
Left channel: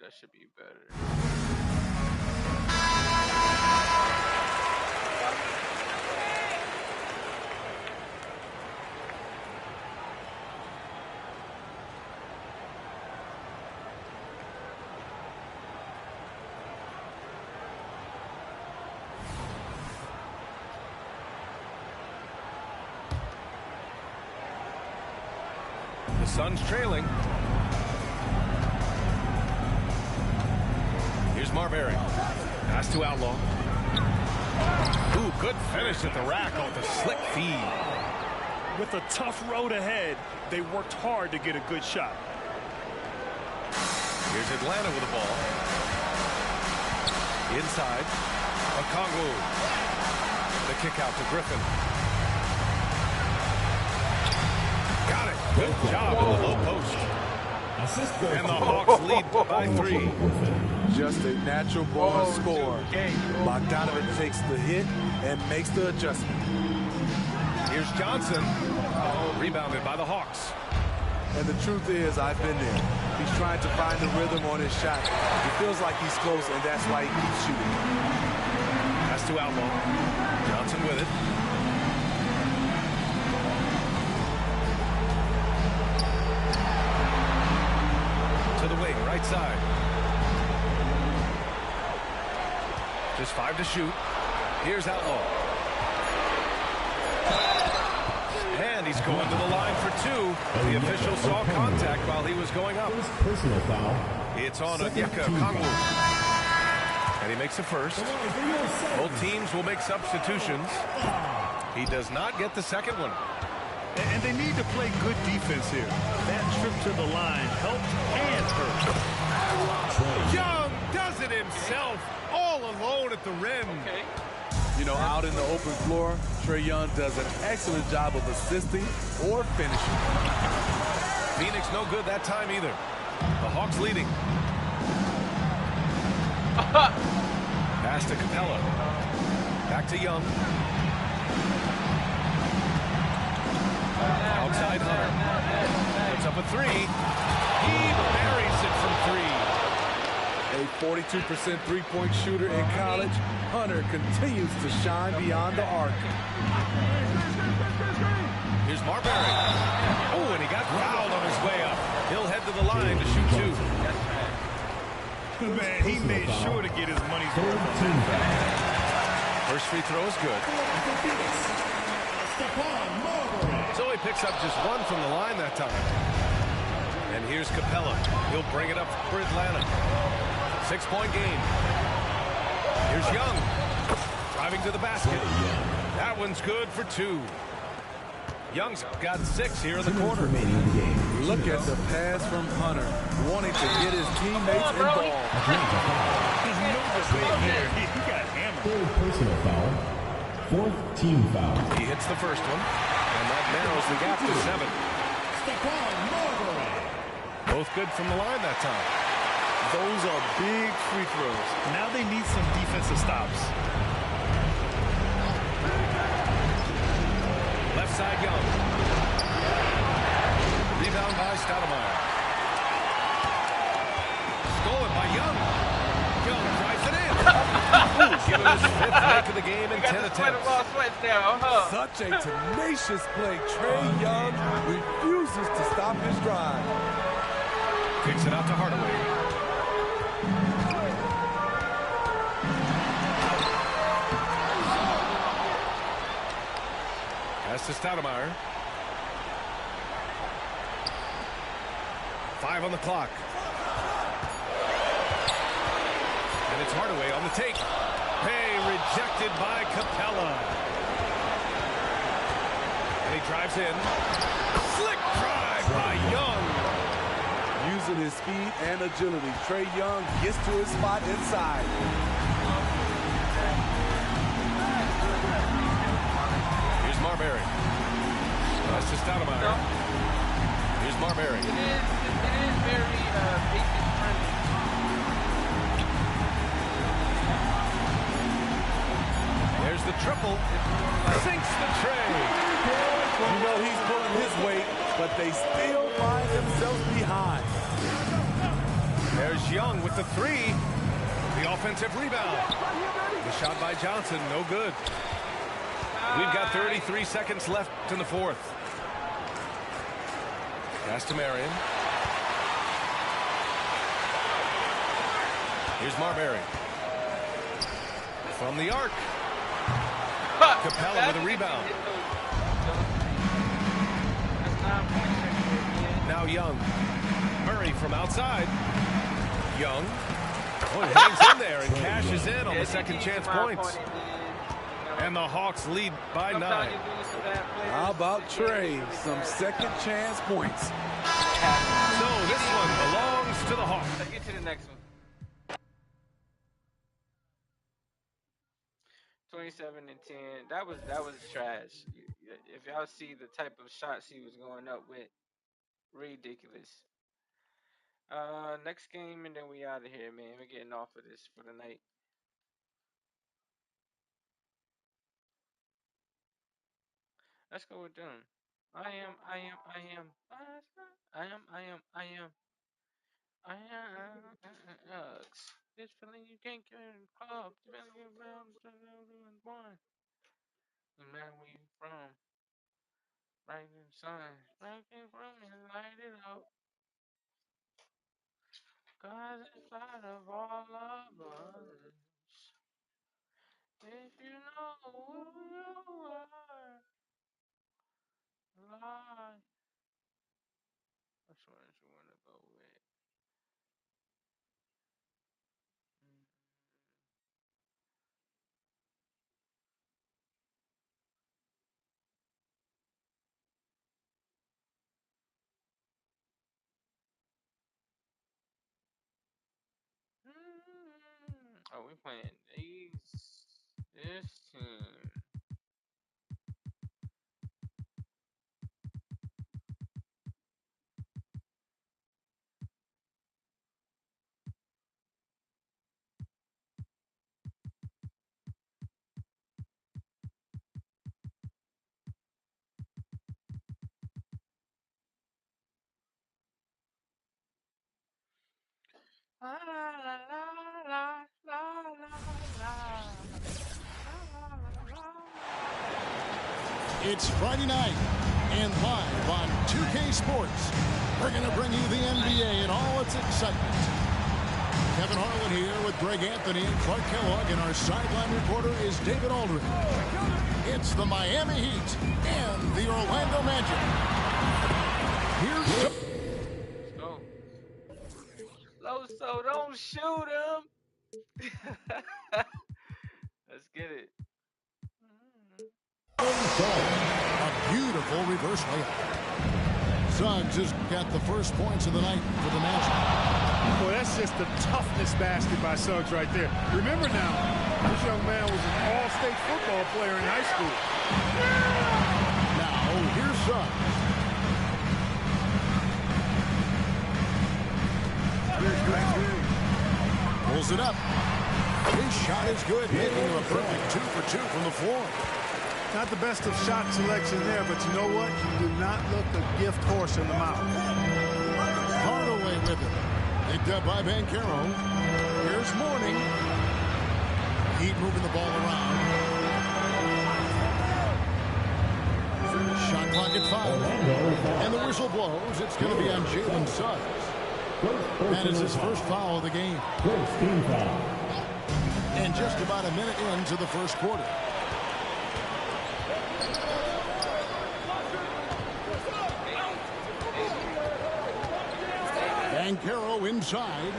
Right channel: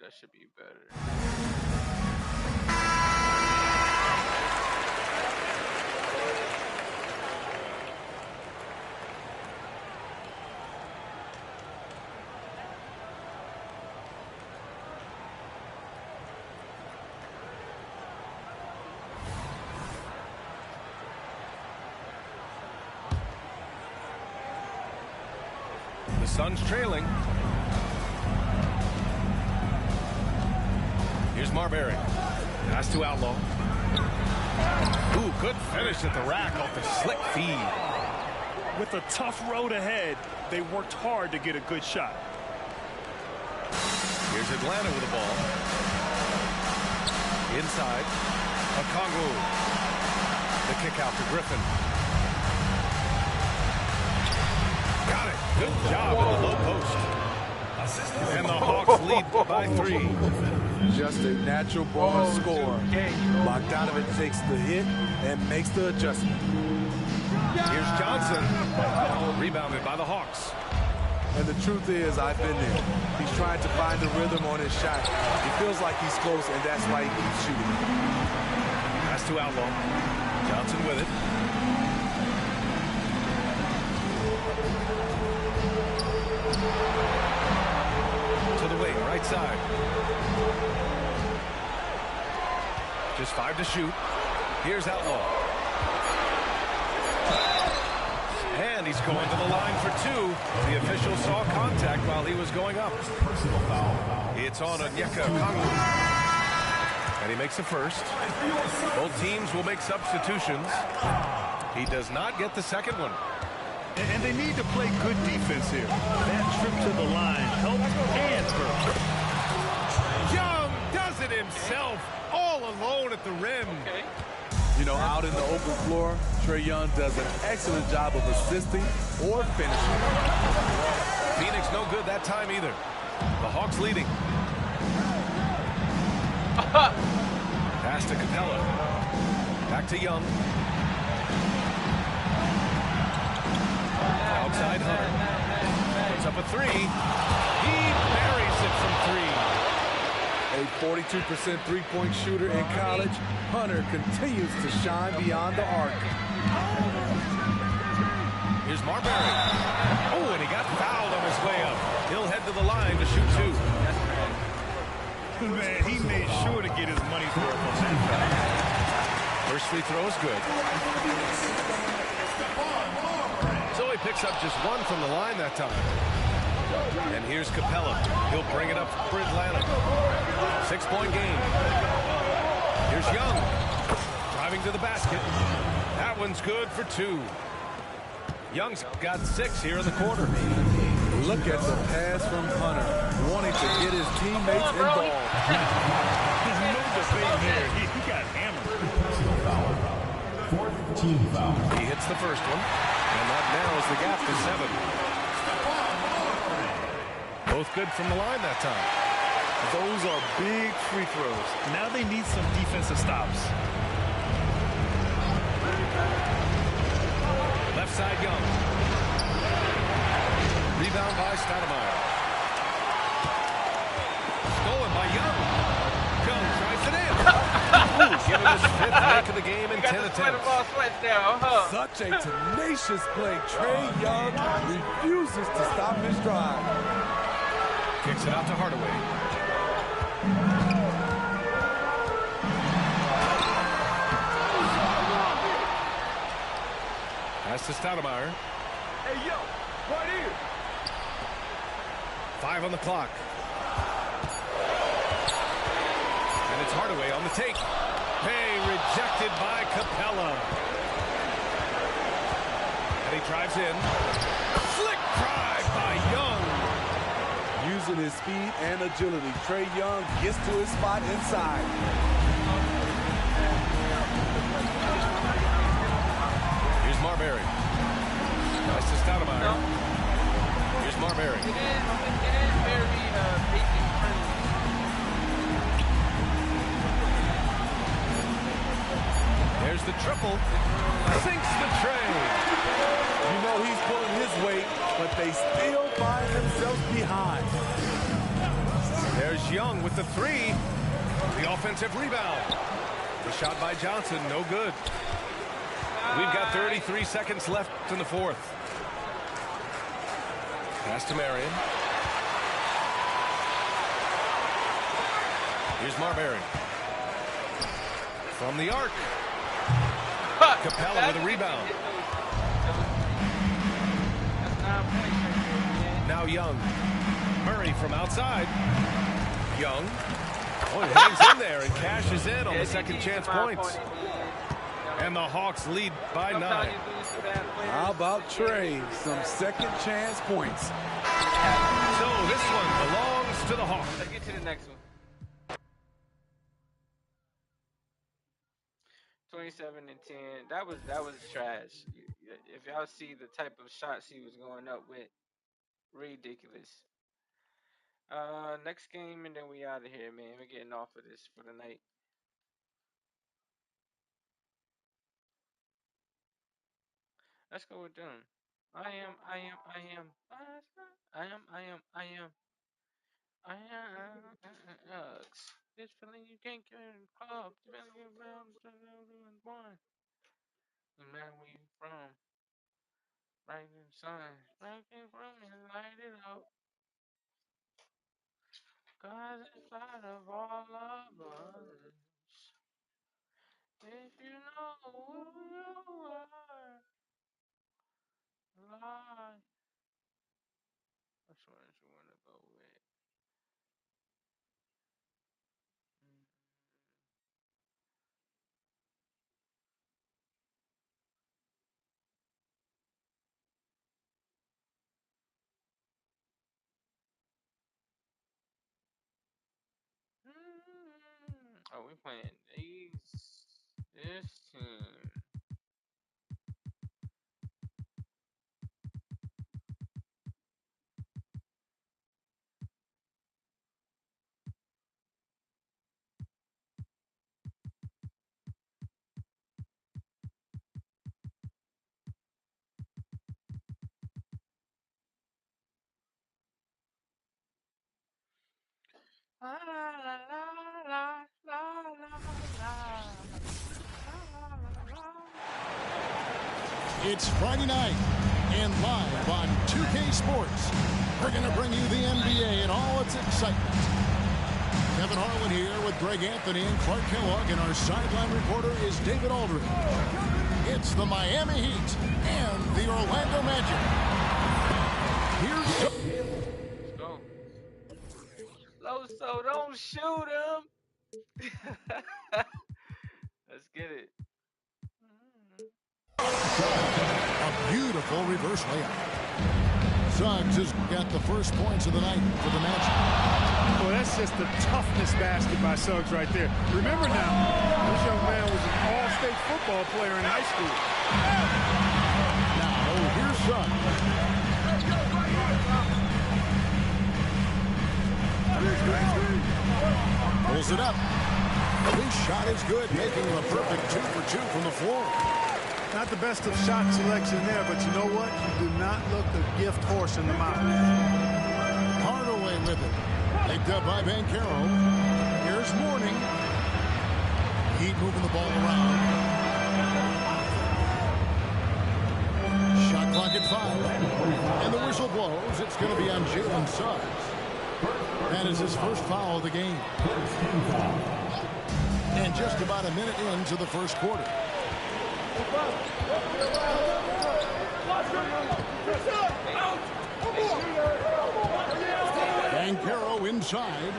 That should be better. The Suns trailing. Here's Marbury. Pass to Outlaw. Ooh, good finish at the rack off the slick feed. With a tough road ahead, they worked hard to get a good shot. Here's Atlanta with the ball. Inside. Okongwu. The kick out to Griffin. Got it. Good job in the low post. And the Hawks lead by 3. Just a natural born scorer. Bogdanovic takes the hit and makes the adjustment. Here's Johnson. Rebounded by the Hawks. And the truth is, I've been there. He's trying to find the rhythm on his shot. He feels like he's close, and that's why he keeps shooting. Pass to Outlaw. Johnson with it. To the wing, right side. Just 5 to shoot. Here's Outlaw. And he's going to the line for 2. The official saw contact while he was going up. Personal foul. It's on Onyeka Okongwu. And he makes a first. Both teams will make substitutions. He does not get the second one. And they need to play good defense here. That trip to the line helped and hurt. Young does it himself, all alone at the rim. Okay. You know, out in the open floor, Trae Young does an excellent job of assisting or finishing. Phoenix no good that time either. The Hawks leading. Pass to Capella. Back to Young. Outside Hunter. Puts up a 3. He buries it from 3. A 42% three-point shooter in college, Hunter continues to shine beyond the arc. Here's Marbury. Oh, and he got fouled on his way up. He'll head to the line to shoot 2. Man, he made sure to get his money's worth on that foul. First free throw is good. So he picks up just 1 from the line that time. And here's Capella. He'll bring it up for Atlanta. 6-point game. Here's Young. Driving to the basket. That one's good for 2. Young's got 6 here in the quarter. Look at the pass from Hunter, wanting to get his teammates involved. There's no debate there. He got hammered. Personal foul. 4th team foul. He hits the first one, and that narrows the gap to 7. Both good from the line that time. Those are big free throws. Now they need some defensive stops. Left side, Young. Rebound by Stoudemire. Stolen by Young. Young drives it in. Ooh, give him his 5th make of the game in 10 attempts. Such a tenacious play. Trae Young refuses to stop his drive. Kicks it out to Hardaway. Pass to Stoudemire. 5 on the clock. And it's Hardaway on the take. Hey, rejected by Capella. And he drives in. Slick drive by Young. Using his speed and agility, Trae Young gets to his spot inside. Here's Marbury. Pass to Stoudemire. Here's Marbury. It is very basic friendly. There's the triple. Sinks the tray. You know he's pulling his weight, but they still find themselves behind. There's Young with the three. The offensive rebound. The shot by Johnson, no good. We've got 33 seconds left in the fourth. Pass to Marion. Here's Marbury. From the arc. Capella with a rebound. That's 9 points right there, man. Now Young. Murray from outside. Young. Oh, he hangs in there and cashes in on the second chance points. And the Hawks lead by 9. How about Trey? Some second chance points. So this one belongs to the Hawks. Let's get to the next one. 27 and 10. That was trash. If y'all see the type of shots he was going up with, ridiculous. Next game and then we out of here, man. We're getting off of this for the night. Let's go with them. I am. This feeling you can't get in the club. You better get around one. No matter where you from. Right in the sun. Right in from and light it up. Cause inside of all of us. If you know who you are. Lie. Which one you want to go with? Oh, we playing this team. La la la la la la la. It's Friday night, and live on 2K Sports, we're going to bring you the NBA and all its excitement. Kevin Harlan here with Greg Anthony and Clark Kellogg, and our sideline reporter is David Aldridge. It's the Miami Heat and the Orlando Magic. Here's... Let's go. Loso, don't shoot him. Let's get it. A beautiful reverse layup. Suggs has got the first points of the night for the Magic. Well, that's just the toughness basket by Suggs right there. Remember now, this young man was an all-state football player in high school. Now, here's Suggs. Pulls it up. His shot is good, making him a perfect 2 for 2 from the floor. Not the best of shot selection there, but you know what? You do not look a gift horse in the mouth. Hardaway with it. Picked up by Banchero. Here's Mourning. Heat moving the ball around. Shot clock at 5. And the whistle blows. It's going to be on Jalen Suggs. That is his first foul of the game. And just about a minute into the first quarter. Banchero inside.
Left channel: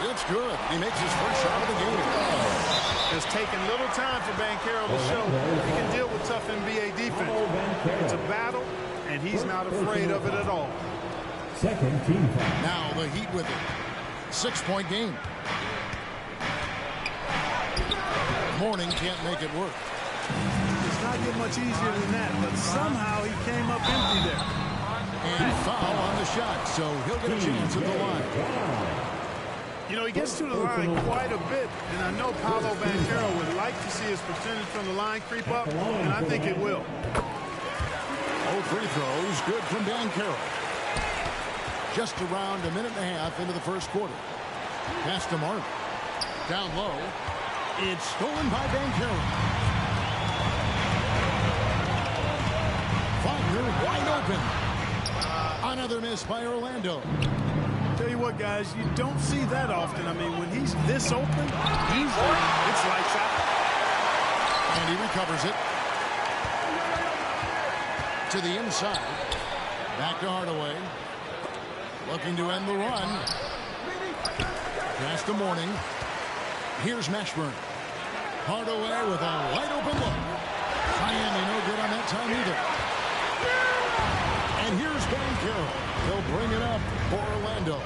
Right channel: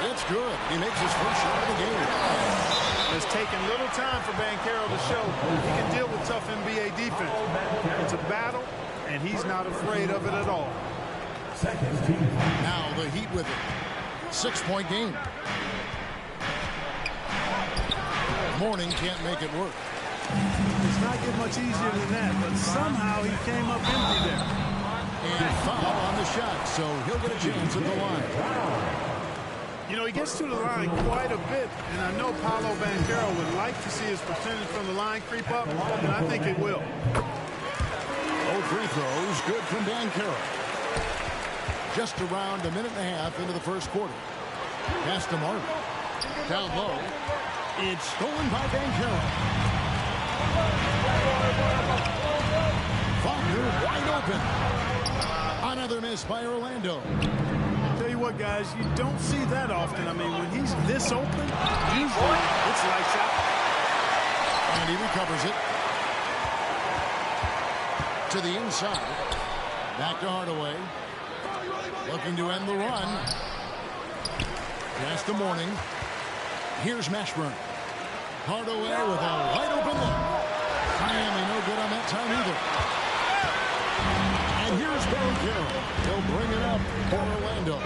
It's good. He makes his first shot of the game. It's taken little time for Banchero to show he can deal with tough NBA defense. It's a battle, and he's not afraid of it at all. Now the Heat with it. 6-point game. Mourning can't make it work. It's not get much easier than that, but somehow he came up empty there. And foul on the shot, so he'll get a chance at the line. You know, he gets to the line quite a bit, and I know Paolo Banchero would like to see his percentage from the line creep up, and I think it will. Both free throws good from Banchero. Just around a minute and a half into the first quarter. Pass to Martin. Down low. It's stolen by Banchero. Wagner wide open. Another miss by Orlando. Tell you what, guys, you don't see that often. I mean, when he's this open, usually it's lights out. And he recovers it. To the inside. Back to Hardaway. Looking to end the run. Pass to Morning. Here's Mashburn. Hardaway with a wide open look. Miami no good on that time either. And here's Banchero. He'll bring it up for Orlando.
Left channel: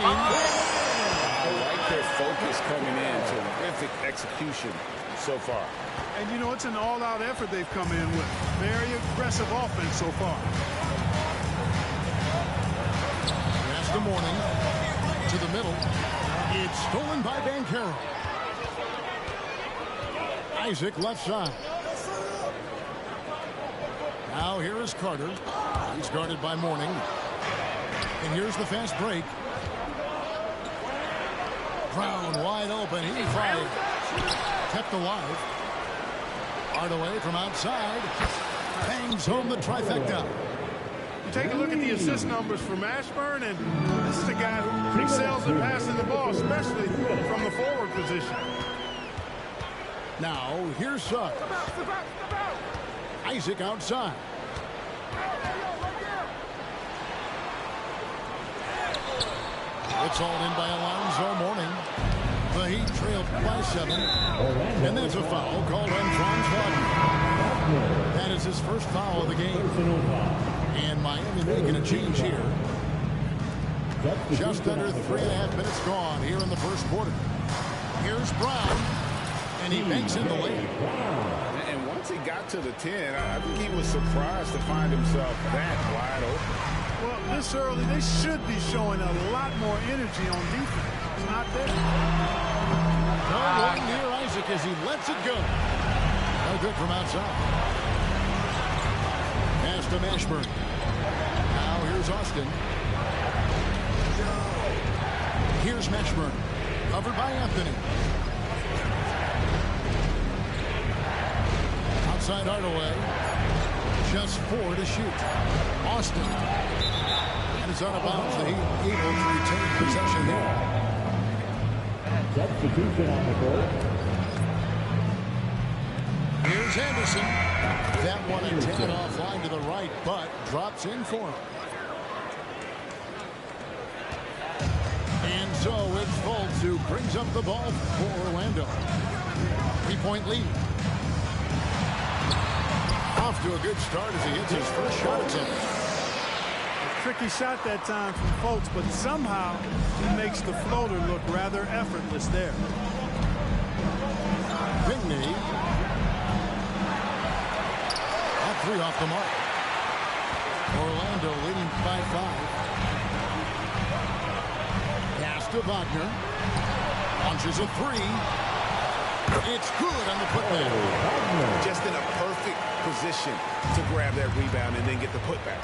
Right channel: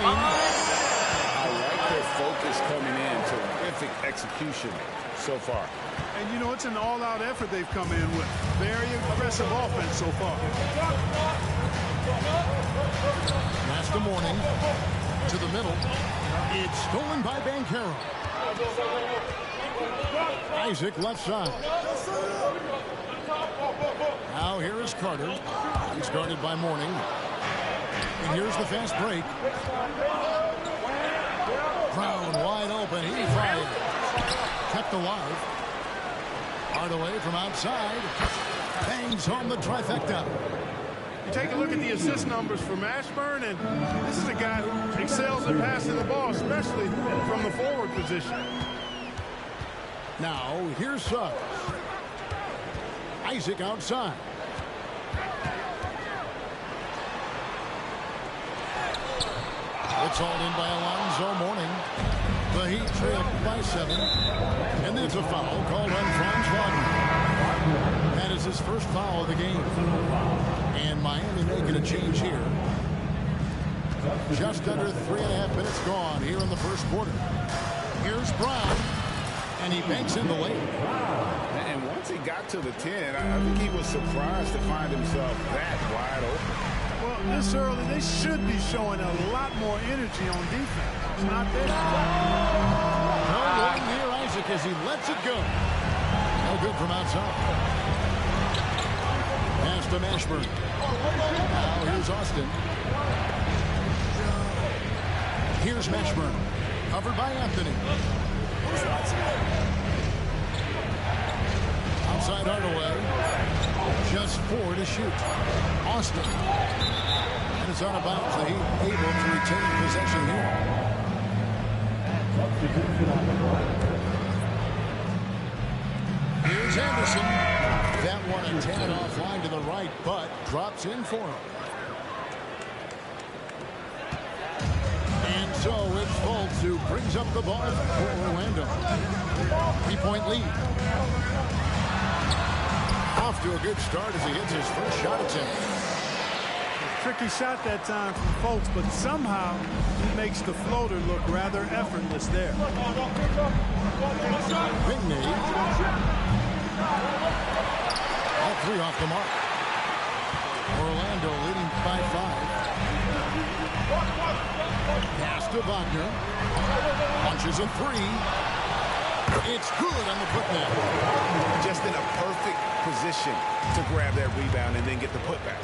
I like their focus coming in. Terrific execution so far. And, you know, it's an all-out effort they've come in with. Very aggressive offense so far. Pass to Morning. To the middle. It's stolen by Banchero. Isaac left side. Now here is Carter. He's guarded by Morning. And here's the fast break. Brown wide open. He fires. Kept alive. Hardaway from outside. Bangs home the trifecta. You take a look at the assist numbers for Mashburn, and this is a guy who excels at passing the ball, especially from the forward position. Now, here's Suggs. Isaac outside. It's hauled in by Alonzo Mourning. The Heat trailed by 7. And that's a foul called on Franz Wagner. That is his first foul of the game. And Miami making a change here. Just under 3.5 minutes gone here in the first quarter. Here's Brown. And he banks in the lane. And once he got to the 10, I think he was surprised to find himself that wide open. Well, this early, they should be showing a lot more energy on defense. It's not there. No one near Isaac as he lets it go. No good from outside. Pass to Mashburn. Now here's Austin. Here's Mashburn. Covered by Anthony. Outside Hardaway. Just 4 to shoot. Austin. And it's out of bounds. The Heat able to retain possession here. Here's Anderson. That one a tad offline to the right, but drops in for him. And so it's Fultz who brings up the ball for Orlando. 3-point lead. Off to a good start as he hits his first shot attempt. A tricky shot that time from Fultz, but somehow he makes the floater look rather effortless there. Pinkney. All 3 off the mark. Orlando leading by 5. Pass to Wagner. Launches a 3. It's good on the putback. Just in a perfect position to grab that rebound and then get the putback.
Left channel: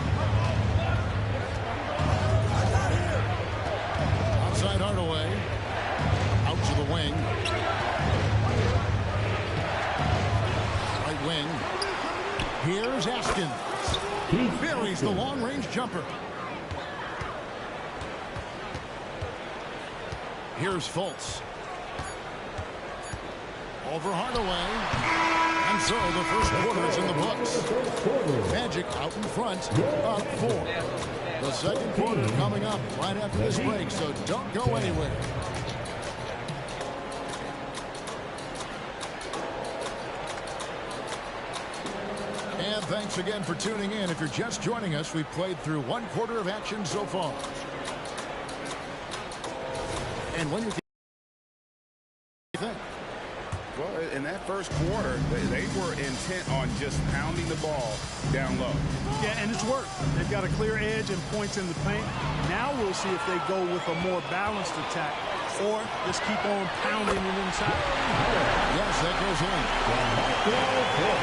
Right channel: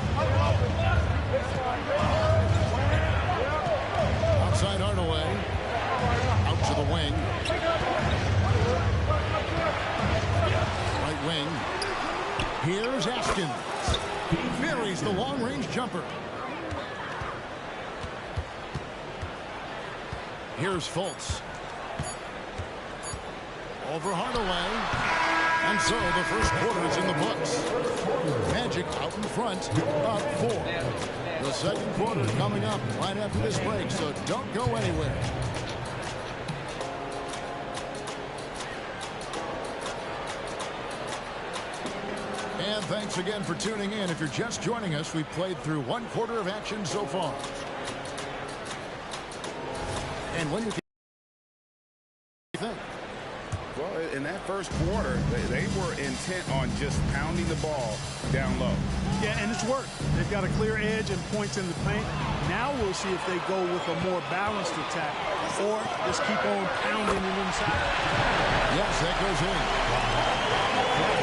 Outside Hardaway. Out to the wing. Right wing. Here's Askins. He buries the long-range jumper. Here's Fultz. Over Hardaway. And so the first quarter is in the books. Magic out in front, up 4. The second quarter coming up right after this break, so don't go anywhere. And thanks again for tuning in. If you're just joining us, we've played through 1 quarter of action so far. And when you think? Well, in that first quarter, they were intent on just pounding the ball down low. Yeah, and it's worked. They've got a clear edge and points in the paint. Now we'll see if they go with a more balanced attack or just keep on pounding it inside. Yes, that goes in.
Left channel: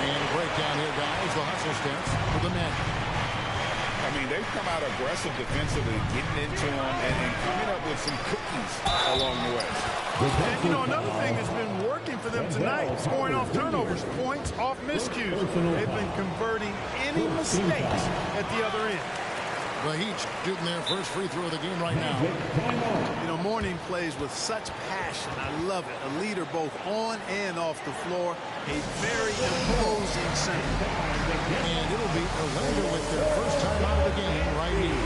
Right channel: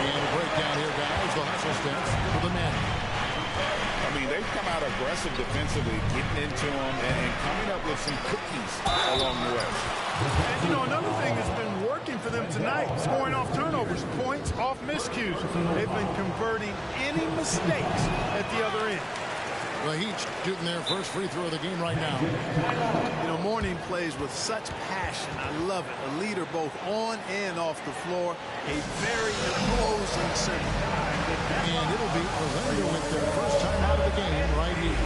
And a breakdown here, guys. The hustle stance for the Magic. I mean, they've come out aggressive defensively, getting into them and coming up with some cookies along the way. And, you know, another thing that's been working for them tonight, scoring off turnovers, points off miscues. They've been converting any mistakes at the other end. The Heat shooting their first free throw of the game right now. You know, Mourning plays with such passion. I love it. A leader both on and off the floor. A very imposing center. And it'll be Orlando with their first time out of the game right here.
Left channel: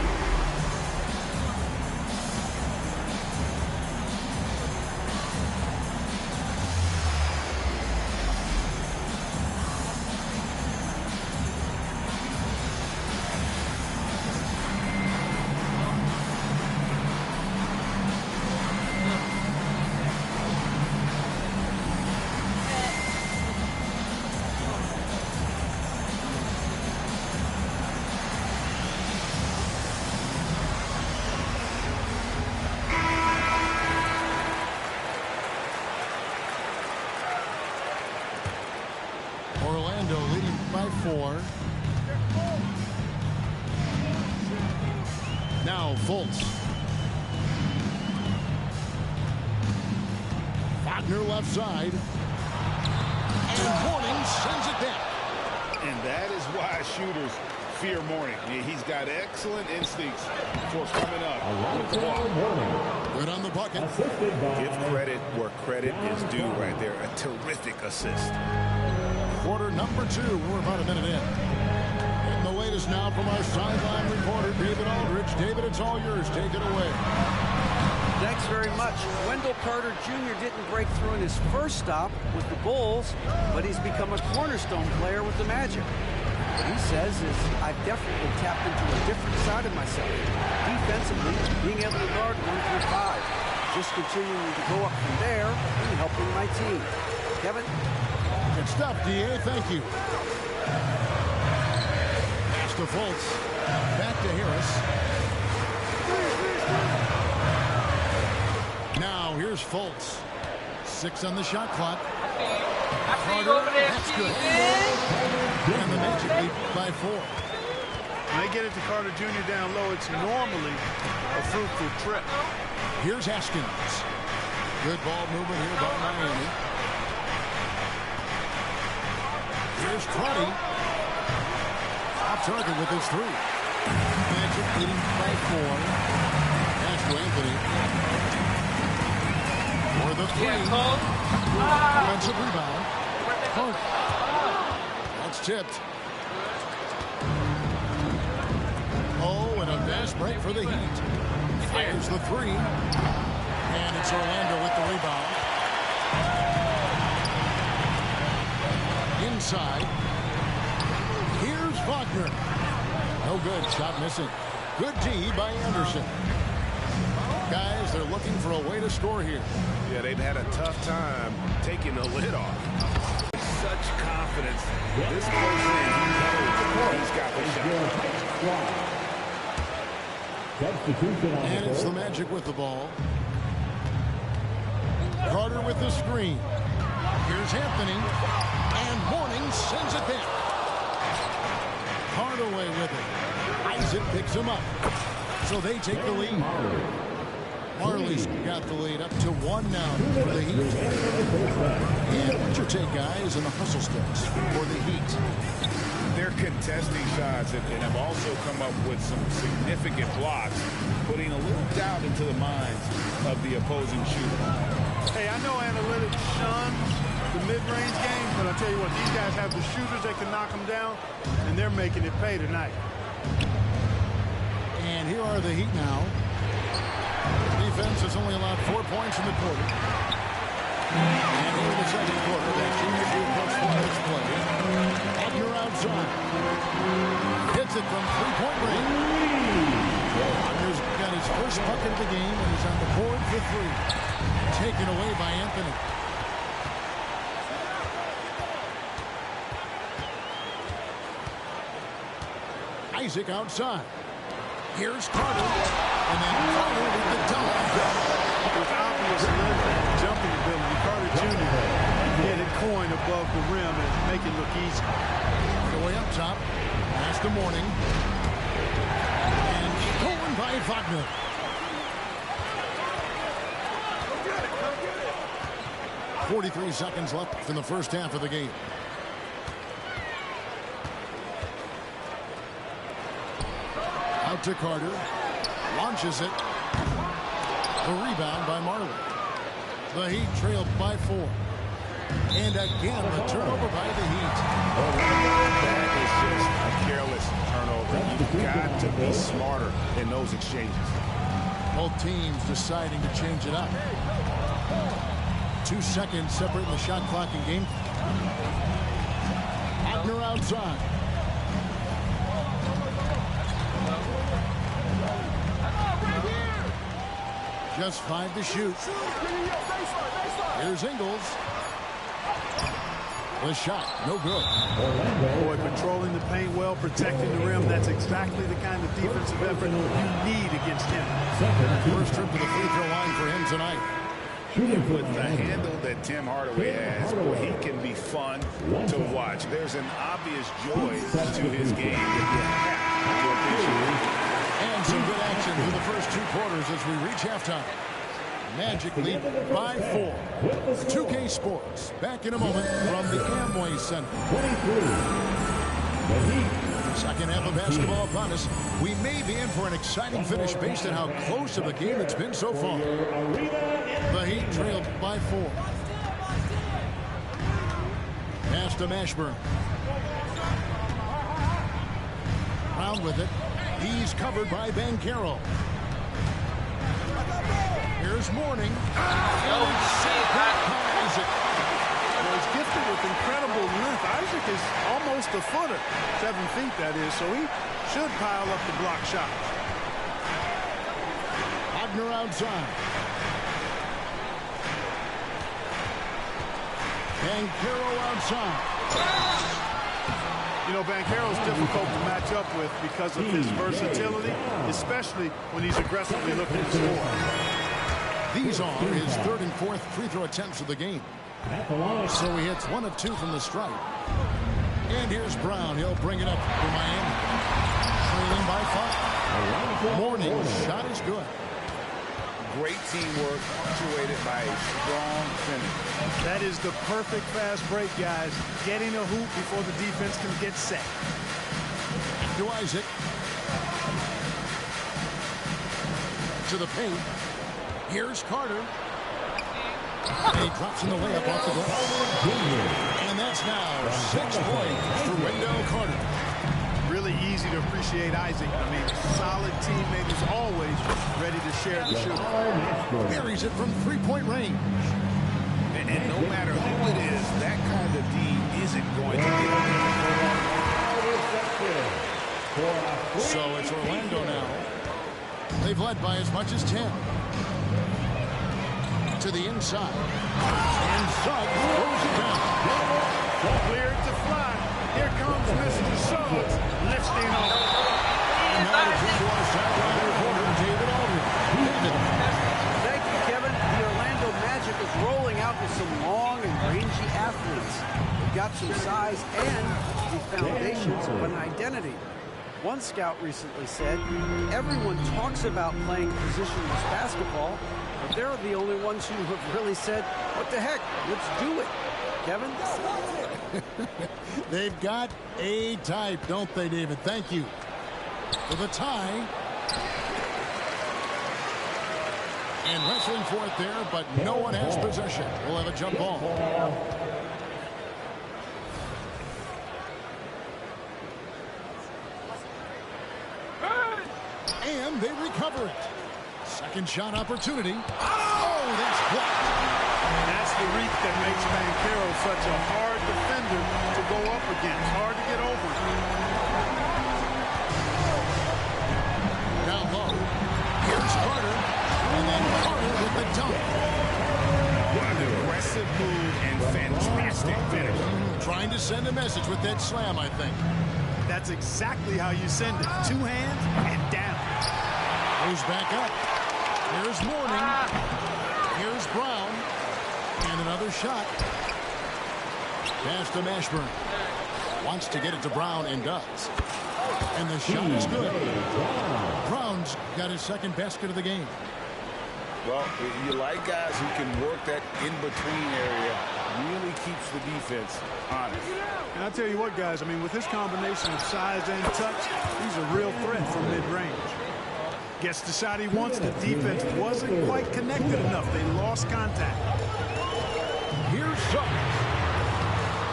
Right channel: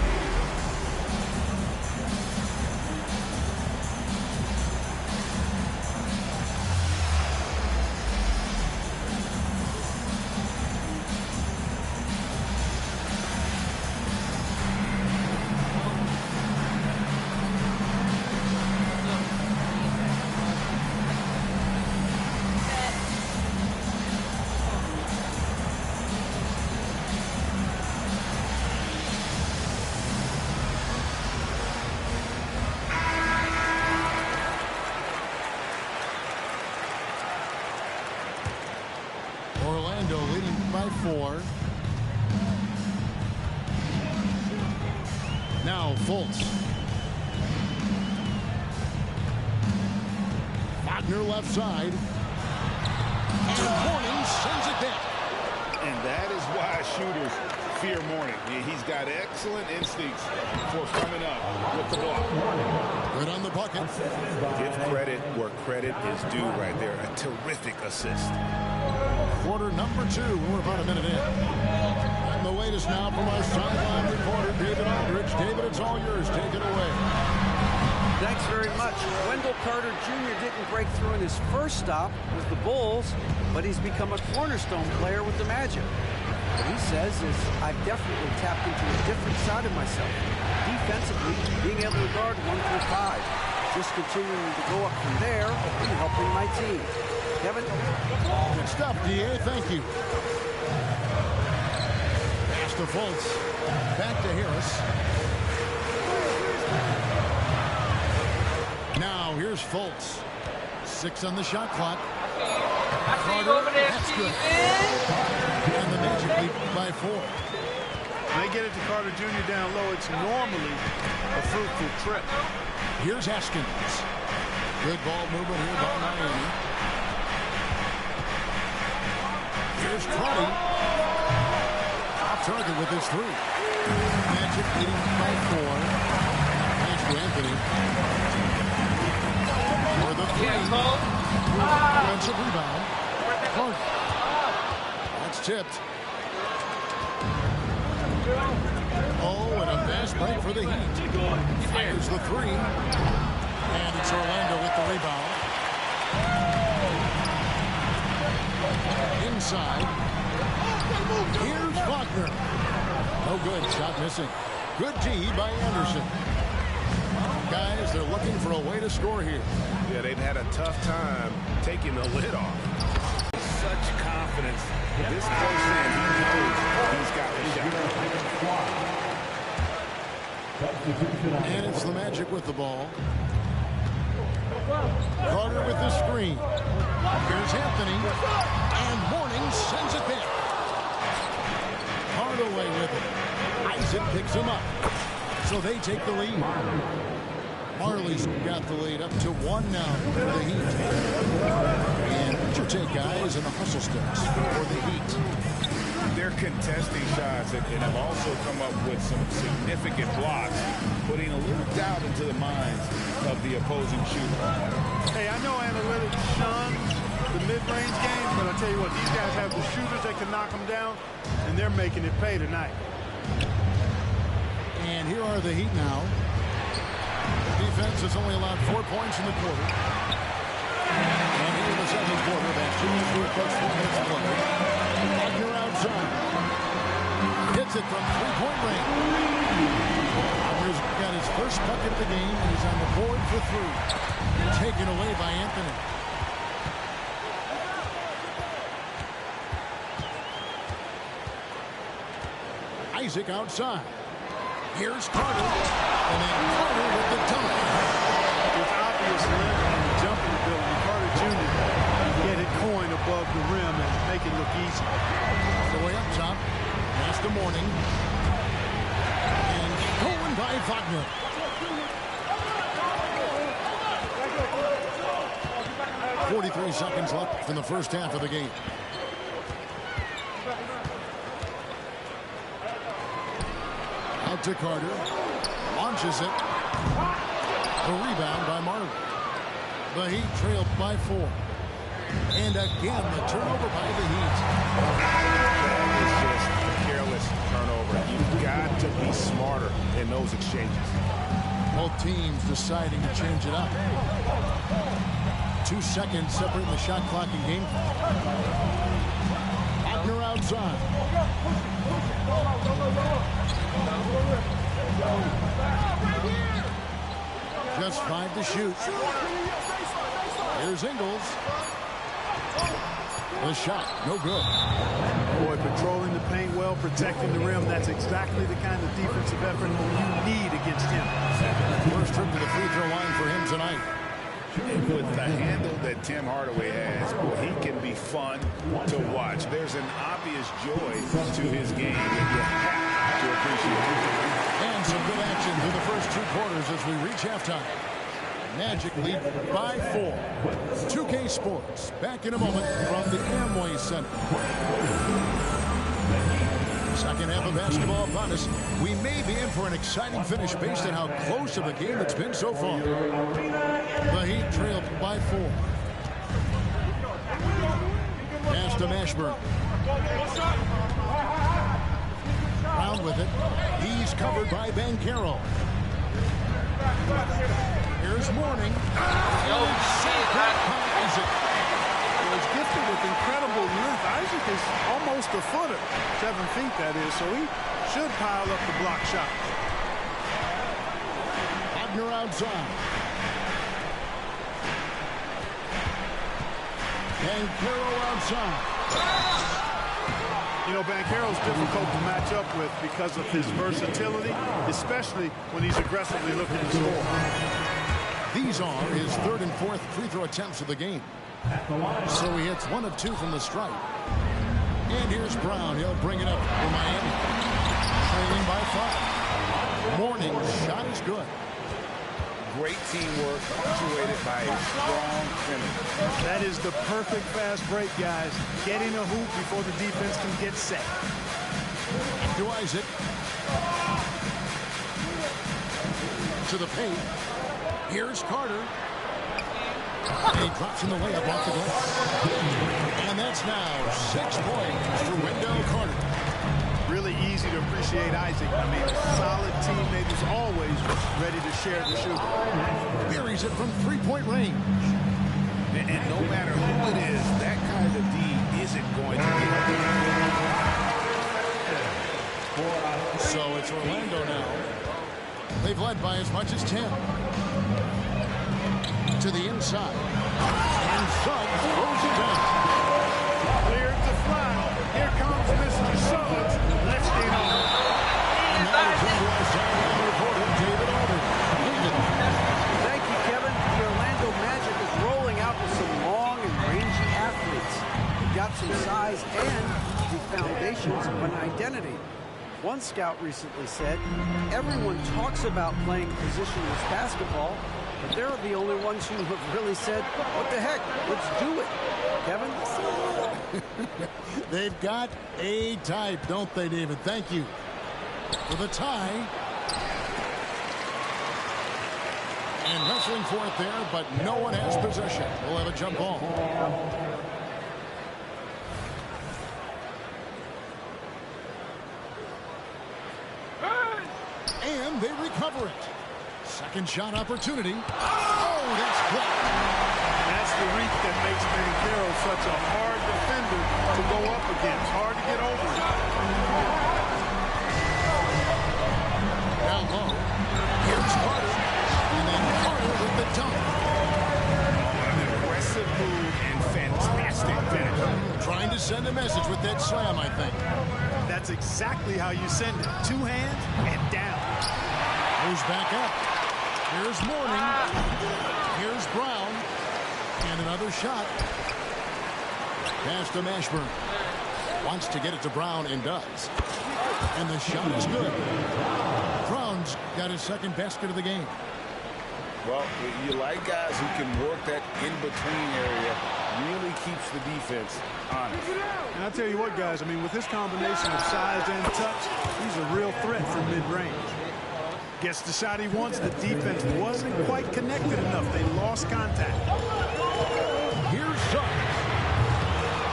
Orlando leading by 4. Now Fultz. Wagner left side. And Mourning sends it back. And that is why shooters fear Mourning. He's got excellent instincts for coming up with the block. Good on the bucket. Give credit where credit is due right there. A terrific assist. Quarter number 2. We're about a minute in. And the latest now from our sideline reporter, David Aldridge. David, it's all yours. Take it away. Thanks very much. Wendell Carter Jr. didn't break through in his first stop with the Bulls, but he's become a cornerstone player with the Magic. What he says is, I've definitely tapped into a different side of myself. Defensively, being able to guard 1 through 5. Just continuing to go up from there and helping my team. Kevin? Good stuff, D.A. Thank you. Pass to Fultz. Back to Harris. Now here's Fultz. 6 on the shot clock. I see you over there, that's good. And the Magic lead by 4. When they get it to Carter Jr. down low, it's normally a fruitful trip. Here's Haskins. Good ball movement here by Miami. Here's Trotty. Off target with his 3. Magic leading by 4. Pass to Anthony. For the 3. Offensive rebound. Clark. That's tipped. Oh, and a fast break for the Heat. Fires the 3. And it's Orlando with the rebound. Inside. Here's Wagner. No good. Shot missing. Good D by Anderson. Guys, they're looking for a way to score here. Yeah, they've had a tough time taking the lid off. Such confidence. This close in, he knows he's got the shot. And it's the Magic with the ball. Carter with the screen. Here's Anthony. And Mourning sends it back. Hardaway with it. Isaac picks him up. So they take the lead. Marley's got the lead up to 1 now for the Heat. And what's your take, guys, in the hustle steps for the Heat? They're contesting shots and have also come up with some significant blocks, putting a little doubt into the minds of the opposing shooter. Hey, I know analytics shuns the mid-range game, but I tell you what, these guys have the shooters that can knock them down, and they're making it pay tonight. And here are the Heat now. Defense has only allowed 4 points in the quarter. And here in the second quarter of action as we approach 4 minutes play. Wagner outside. Hits it from 3-point range. Wagner's got his first bucket of the game, and he's on the board for 3. Taken away by Anthony. Isaac outside. Here's Carter. And then Carter with the dunk. With obvious length and jumping ability, Carter Jr. can get it coin above the rim and make it look easy. All the way up top. Pass to Mourning. rebound by Wagner. .43 seconds left in the first half of the game. Out to Carter. Launches it. The rebound by Marley. The Heat trailed by 4. And again, the turnover by the Heat. That is just a careless turnover. You've got to be smarter in those exchanges. Both teams deciding to change it up. 2 seconds separating the shot clock and game clock. Wagner outside. Just 5 to shoot. Here's Ingles. The shot, no good. Boy, patrolling the paint well, protecting the rim. That's exactly the kind of defensive effort you need against him. First trip to the free throw line for him tonight. With the handle that Tim Hardaway has, boy, he can be fun to watch. There's an obvious joy to his game that you have to appreciate. And some good action through the first 2 quarters as we reach halftime. Magic lead by 4. 2K Sports back in a moment from the Amway Center. Second half of basketball upon us. We may be in for an exciting finish based on how close of a game it's been so far. The Heat trailed by 4. Pass to Mashburn. Brown with it. He's covered by Banchero. Here's Mourning. Isaac. Well, he's gifted with incredible length. Isaac is almost a footer. 7 feet, that is. So he should pile up the block shots. Wagner outside. Banchero outside. You know, Banchero's difficult to match up with because of his versatility, especially when he's aggressively looking to score. These are his 3rd and 4th free throw attempts of the game. So he hits 1 of 2 from the stripe. And here's Brown. He'll bring it up for Miami. Trailing by 5. Mourning's shot is good. Great teamwork punctuated by a strong finish. That is the perfect fast break, guys. Getting a hoop before the defense can get set. To Isaac. To the paint. Here's Carter. And he drops in the layup off the glass. And that's now 6 points for Wendell Carter. Really easy to appreciate Isaac. I mean, a solid teammate who's always ready to share the shooter. Buries it from 3-point range. And no matter who it is, that kind of D isn't going to get it. So it's Orlando now. They've led by as much as 10. To the inside. And Suggs throws it down. Cleared to fly. Here comes Mr. Suggs lifting off. And now to turn to our sideline reporter, David Aldridge. David. Thank you, Kevin. The Orlando Magic is rolling out with some long and rangy athletes. They've got some size and the foundations of an identity. One scout recently said, everyone talks about playing positionless basketball, but they're the only ones who have really said, what the heck, let's do it. Kevin? They've got a type, don't they, David? Thank you. For the tie. And wrestling for it there, but no one has possession. We'll have a jump ball. And they recover it. Second shot opportunity. Oh, that's blocked. That's the reach that makes Banchero such a hard defender to go up against. Hard to get over it. Down low. Here's Carter. And then Carter with the dunk. What an aggressive move and fantastic finish. Trying to send a message with that slam, I think. That's exactly how you send it. 2 hands and down. Goes back up. Here's Mourning. Here's Brown. And another shot. Pass to Mashburn. Wants to get it to Brown and does. And the shot is good. Brown's got his second basket of the game. Well, you like guys who can work that in-between area. Really keeps the defense honest. And I tell you what, guys, I mean, with this combination of size and touch, he's a real threat from mid-range. Gets the shot he wants. The defense wasn't quite connected enough. They lost contact. Here's Suggs.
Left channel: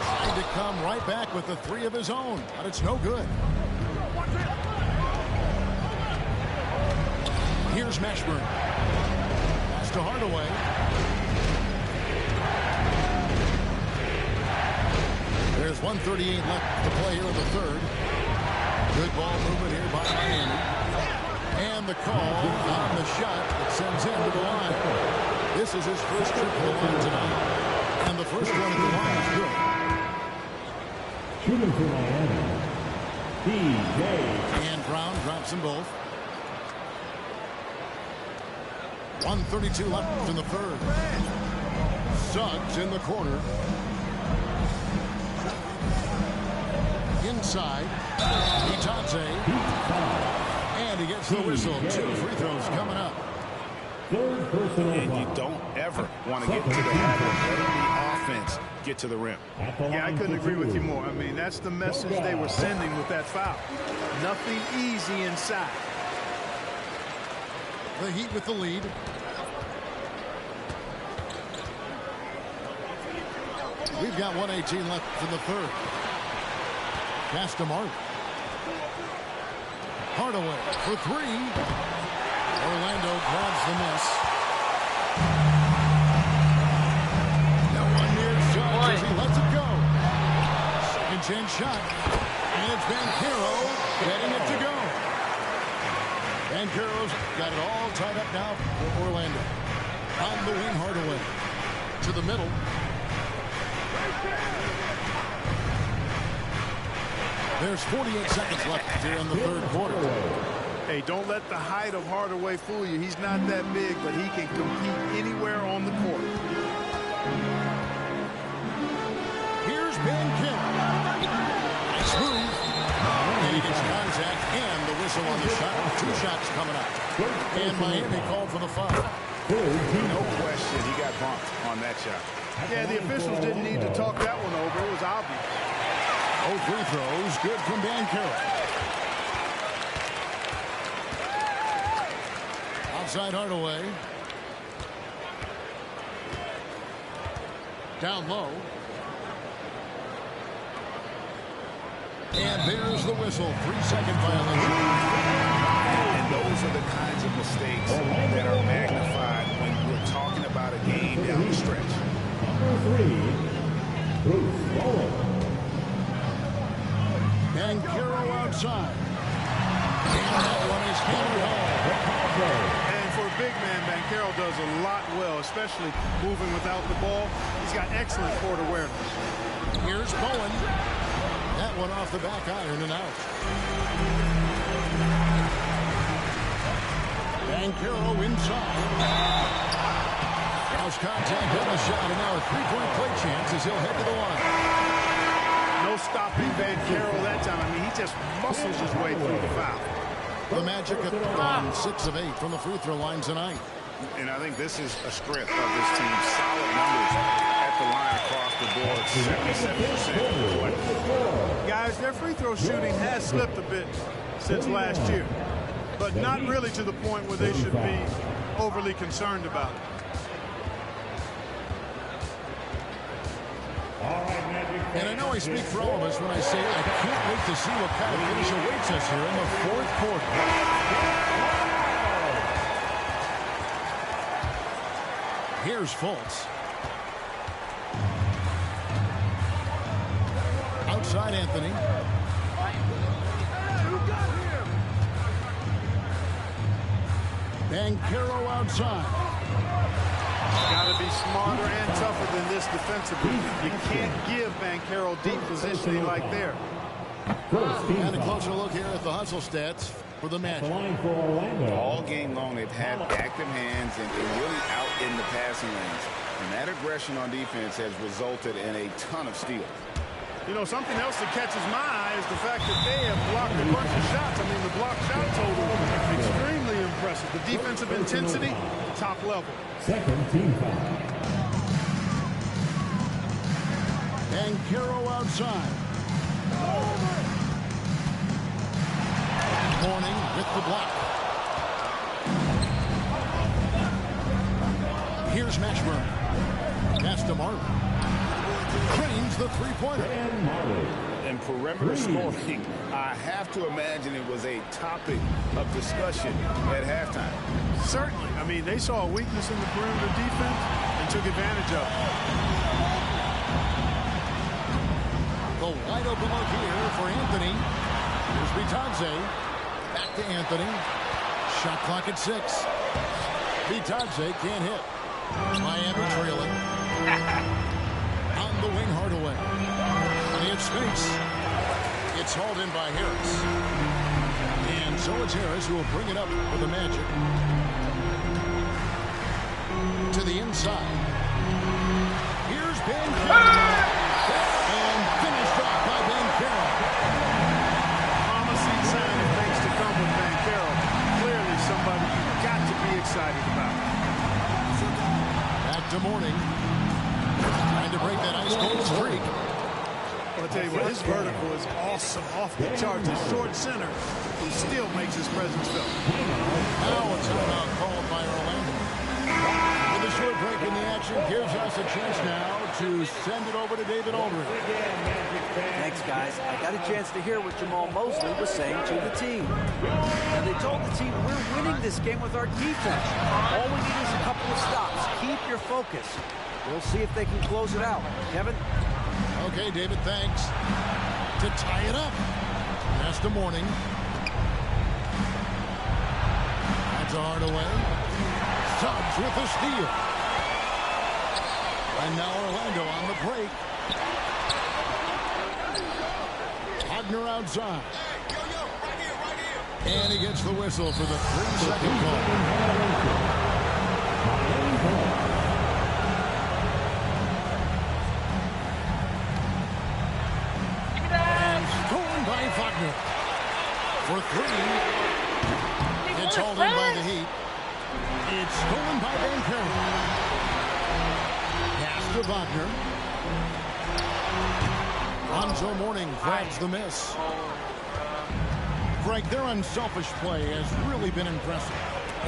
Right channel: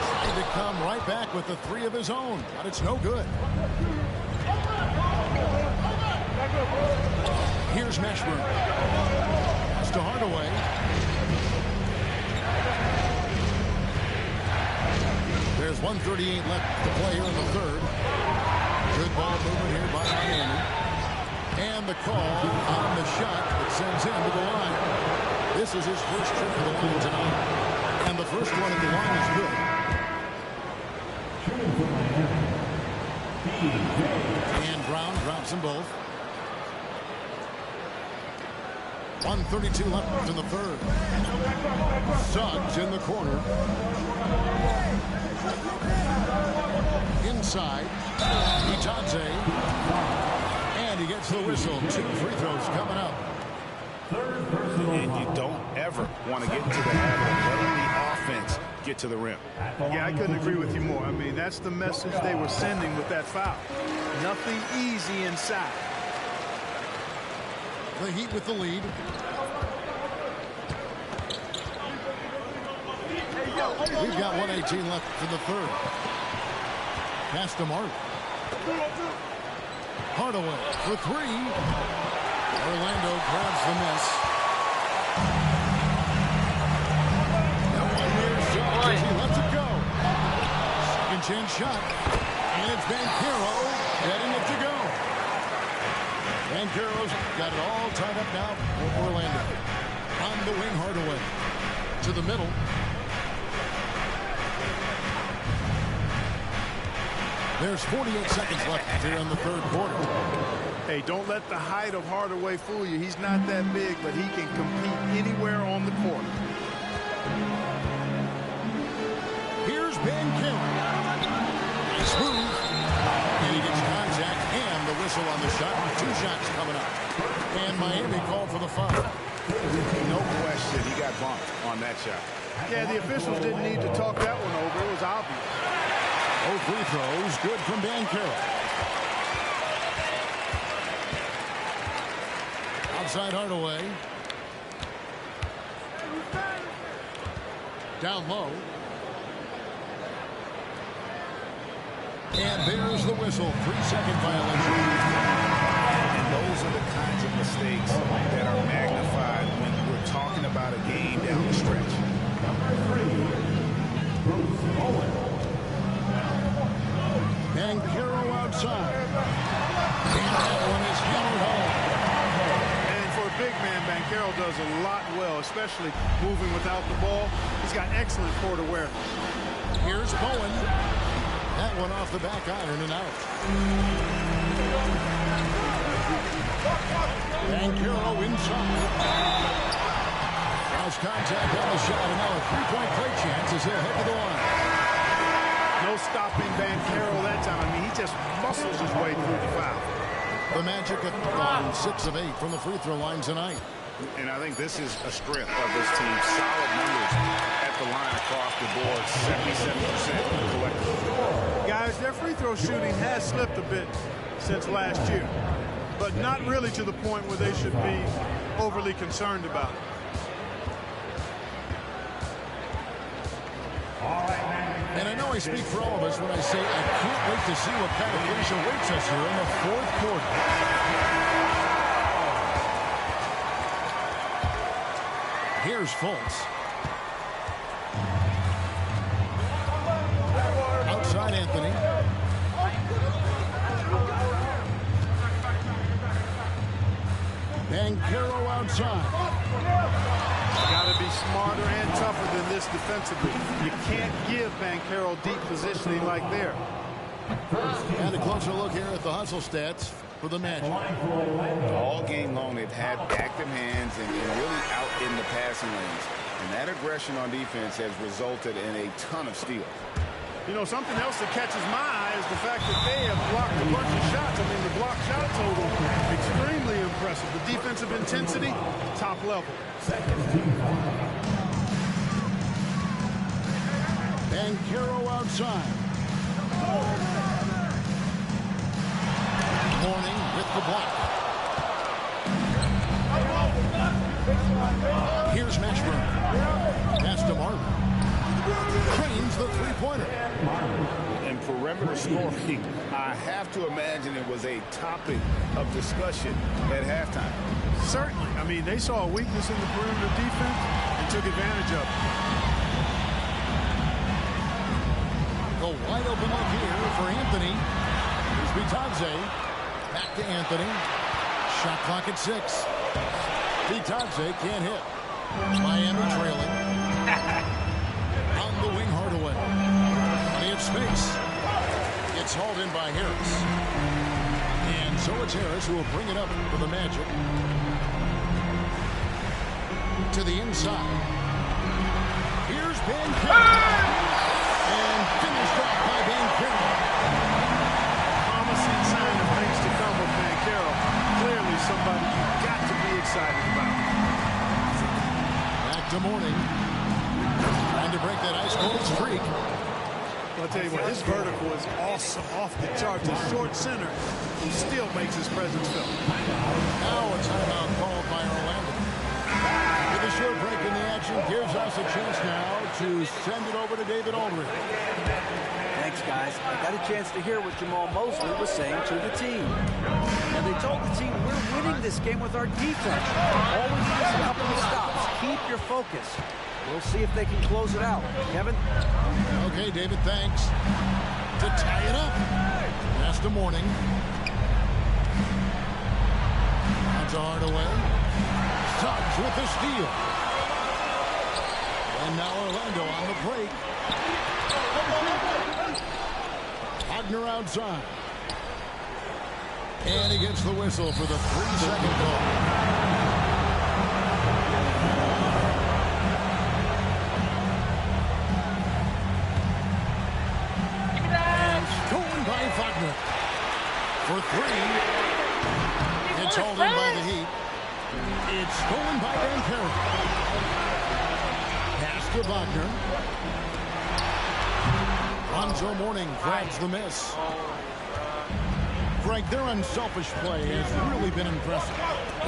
Trying to come right back with the three of his own, but it's no good. Here's Mashburn. Pass to Hardaway. There's 1:38 left to play here in the third. Good ball movement here by Miami. And the call on the shot that sends him to the line. This is his first trip to the line tonight. And the first one at the line is good. Shooting for Miami, DJ. And Brown drops them both. 1:32 left in the third. Suggs in the corner. Inside. Itaze. And he gets the whistle. 2 free throws coming up. And you don't ever want to get into the habit of letting the offense get to the rim. Yeah, I couldn't agree with you more. I mean, that's the message they were sending with that foul. Nothing easy inside. The Heat with the lead. We've got 1:18 left in the third. Pass to Marley. Hardaway for three. Orlando grabs the miss. That one near Suggs as he lets it go. Second chance shot. And it's Banchero getting it to go. Banchero's got it all tied up now for Orlando. On the wing, Hardaway. To the middle. There's 48 seconds left here in the third quarter. Hey, don't let the height of Hardaway fool you. He's not that big, but he can compete anywhere on the court. Here's Banchero. Nice move. And he gets contact and the whistle on the shot. 2 shots coming up. And Miami called for the foul. No question, he got bumped on that shot. Yeah, the officials didn't need to talk that one over. It was obvious. Both free throws good from Banchero. Outside Hardaway. Down low. And there's the whistle. 3-second violation. And those are the kinds of mistakes that are magnified when we're talking about a game down the stretch. Number 3, Bruce Bowen. Banchero outside. And that one is hammered home. And for a big man, Banchero does a lot well, especially moving without the ball. He's got excellent court awareness. Here's Bowen. That one off the back iron and out. Banchero inside. Cross contact on the shot, and now a three-point play chance as he'll head to the line. No stopping Banchero that time. I mean, he just muscles his way through the foul. The Magic have gone 6 of 8 from the free throw line tonight. And I think this is a strength of this team. Solid numbers at the line across the board. 77% collectively. Guys, their free throw shooting has slipped a bit since last year, but not really to the point where they should be overly concerned about it. And I know I speak for all of us when I say I can't wait to see what kind of finish awaits us here in the fourth quarter. Here's Fultz. Outside Anthony. Banchero outside. Got to be smarter and tougher than this defensively. You can't give Banchero deep positioning like there. And a closer look here at the hustle stats for the match. All game long, they've had active hands and really out in the passing lanes. And that aggression on defense has resulted in a ton of steals. You know, something else that catches my eye is the fact that they have blocked a bunch of shots. I mean, the block shot total, extremely impressive. The defensive intensity, top level. Second team foul. Banchero outside. Mourning with the block. Here's Mashburn. Pass to Marley. Cranes the three-pointer. And perimeter scoring, I have to imagine it was a topic of discussion at halftime. Certainly. I mean, they saw a weakness in the perimeter defense and took advantage of it. The wide open look here for Anthony. Here's Bitadze. Back to Anthony. Shot clock at 6. Bitadze can't hit. Miami trailing. On the wing, Hardaway. Plenty of space. It's hauled in by Harris. And so it's Harris who will bring it up for the Magic. To the inside. Here's Banchero. And finished off by Banchero. A promising sign of things to come with Banchero. Clearly somebody you've got to be excited about. Back to Mourning. Trying to break that ice-cold streak. Well, I'll tell you what, his vertical is awesome, off the charts. A short center who still makes his presence felt. Now a timeout called by Orlando. With a short break in the action, gives us a chance now to send it over to David Aldridge. Thanks, guys. I got a chance to hear what Jamal Mosley was saying to the team. Now, they told the team, we're winning this game with our defense. All we need is a couple of stops. Keep your focus. We'll see if they can close it out. Kevin? Okay, David, thanks. To tie it up. Pass to Mourning. That's a Hardaway. Suggs with the steal. And now Orlando on the break. Wagner outside. And he gets the whistle for the 3-second call. And stolen by Wagner. For 3. It's hauled in by the Heat. It's stolen by Banchero. Pass to Wagner. Lonzo Mourning grabs the miss. Greg, their unselfish play has really been impressive.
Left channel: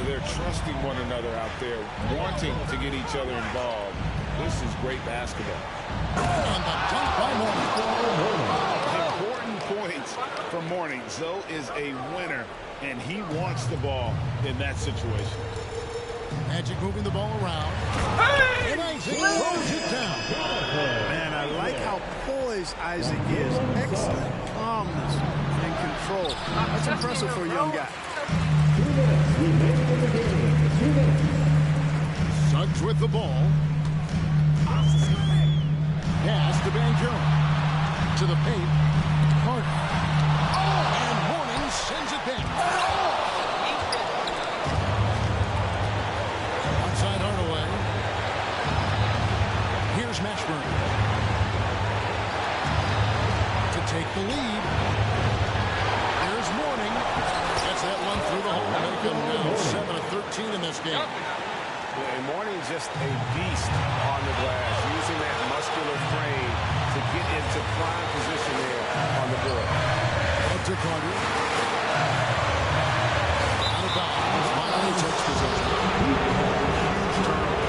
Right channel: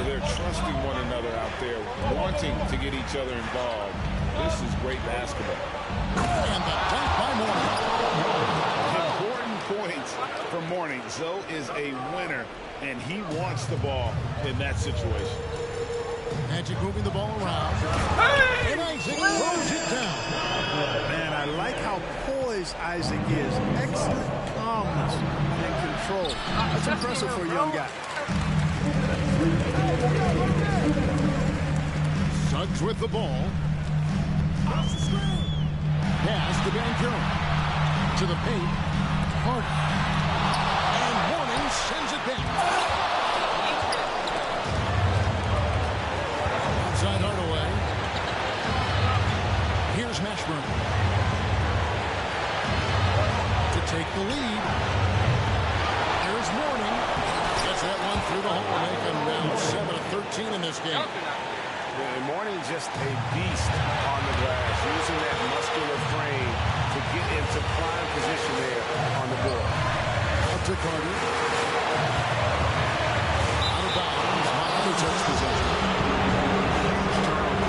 They're trusting one another out there, wanting to get each other involved. This is great basketball. And the dunk by Mourning. Important points for Mourning. Zoe is a winner, and he wants the ball in that situation. Magic moving the ball around. And Isaac throws it down. Man, I like how poised Isaac is. Excellent calmness and control. That's impressive for a young guy. Suggs with the ball. Pass to Banchero. To the paint. Carter. And Mourning sends it back. Outside Hardaway. Here's Mashburn. To take the lead. Here's Mourning. Gets that one through the hole, make him now 7 of 13 in this game. And Mourning just a beast on the glass, using that muscular frame to get into prime position there on the board. Out to Carter. Out of bounds. Miami takes possession. Huge turnover.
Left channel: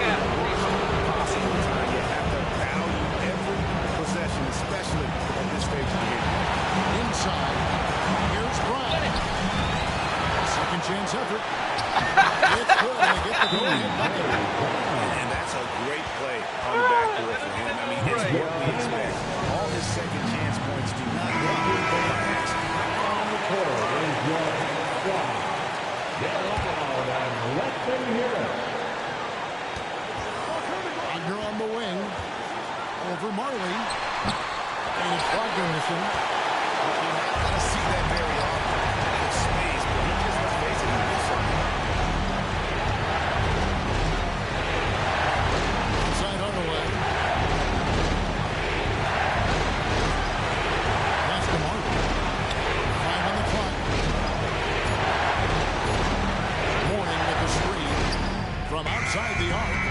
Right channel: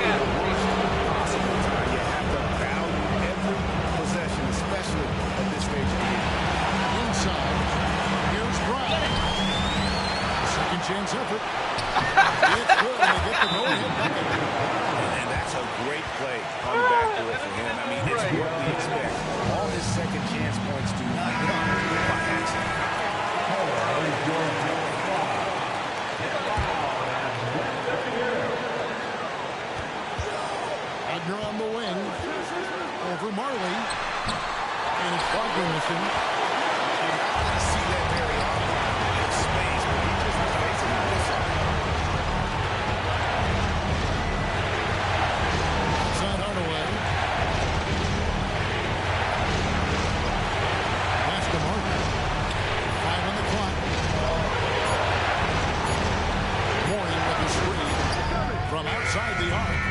And in the worst possible time, you have to value every possession, especially at this stage of the game. Inside. Here's Brown. Second chance effort. It's good, and they get the go-ahead bucket. And that's a great play on the backboard for him. I mean, it's what we expect. All his second chance points do not come by accident. Wagner on the wing. Over Marley. And it's Wagner missing. You're not going to see that very often. Plenty of space, but he just was basically missing. Outside Hardaway. the screen from outside the arc.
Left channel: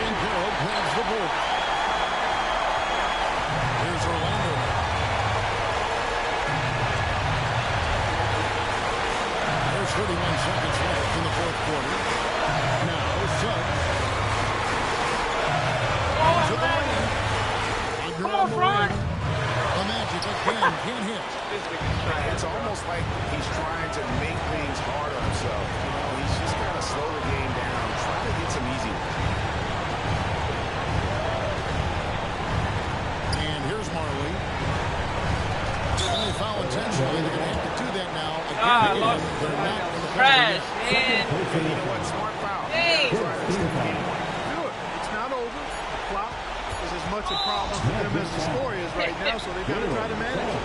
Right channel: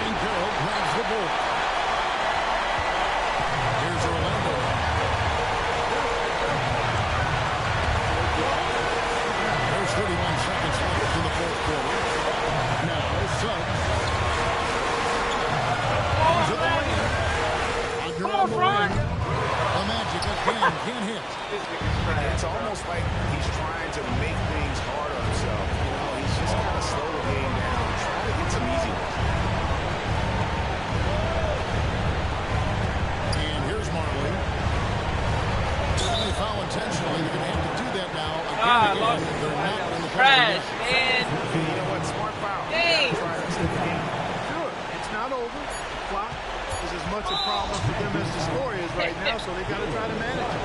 And Carroll grabs the ball. Here's Orlando. There's 31 seconds left in the fourth quarter. Now Suggs. Into the lane. Under on the wing. The Magic again can't hit. It's almost like he's trying to make things hard on himself. You know, he's just got to slow the game down, try to get some easy ones. And here's Marley. When they foul intentionally, they're going to have to do that now again. They're not in the trash, man. And you know what? Smart foul. You got to try to extend the game. Do it. It's not over. The clock is as much a problem for them as the score is right now, so they've got to try to manage it.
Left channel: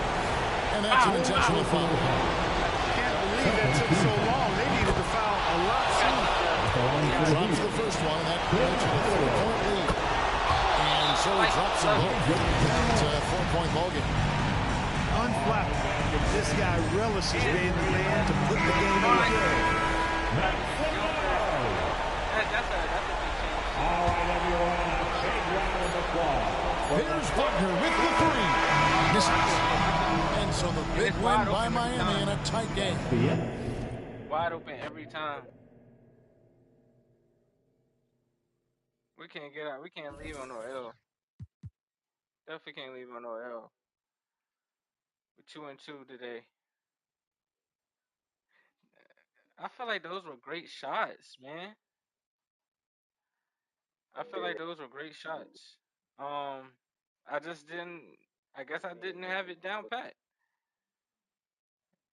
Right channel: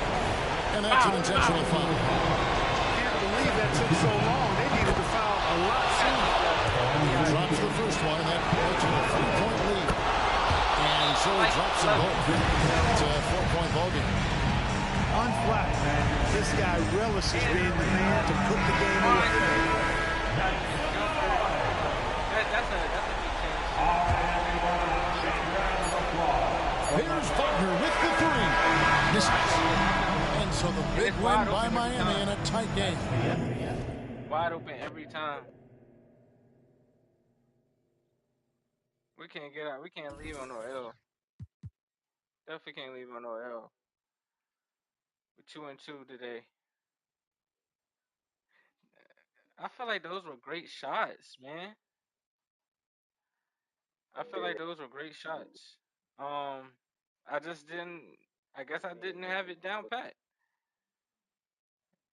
And that's an intentional foul. Can't believe that took so long. They needed to foul a lot sooner. Drops the first one, and that makes it a 3-point lead. And so he drops them both. It's a 4-point ball game. Unflapped. This guy relishes being the man to put the game away. That's a big change. Here's Wagner with the three. Misses. And so the big win by Miami in a tight game. Wide open every time. We can't get out. We can't leave on no L. Definitely can't leave on no L. We're 2-2 today. I feel like those were great shots, man. I feel like those were great shots. I just didn't. I guess I didn't have it down pat.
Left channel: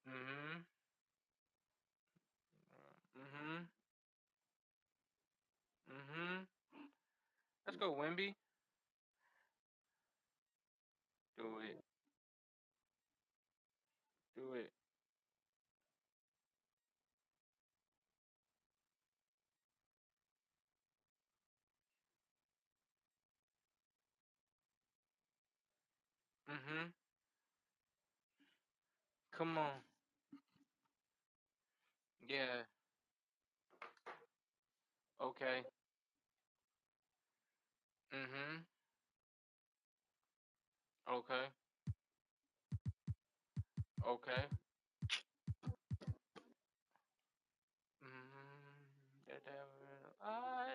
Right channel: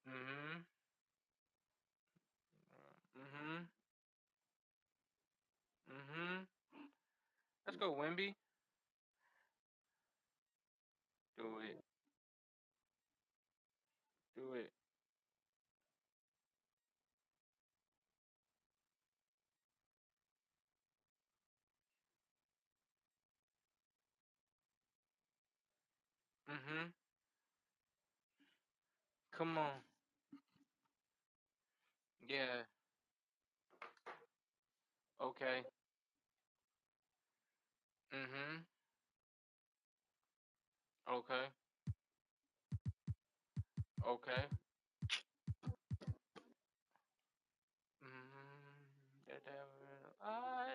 Mhm. Mhm. Mhm. Let's go, Wemby. Do it. Do it. Mhm. Come on. Yeah. Okay. Mhm. Okay. Okay. The devil I.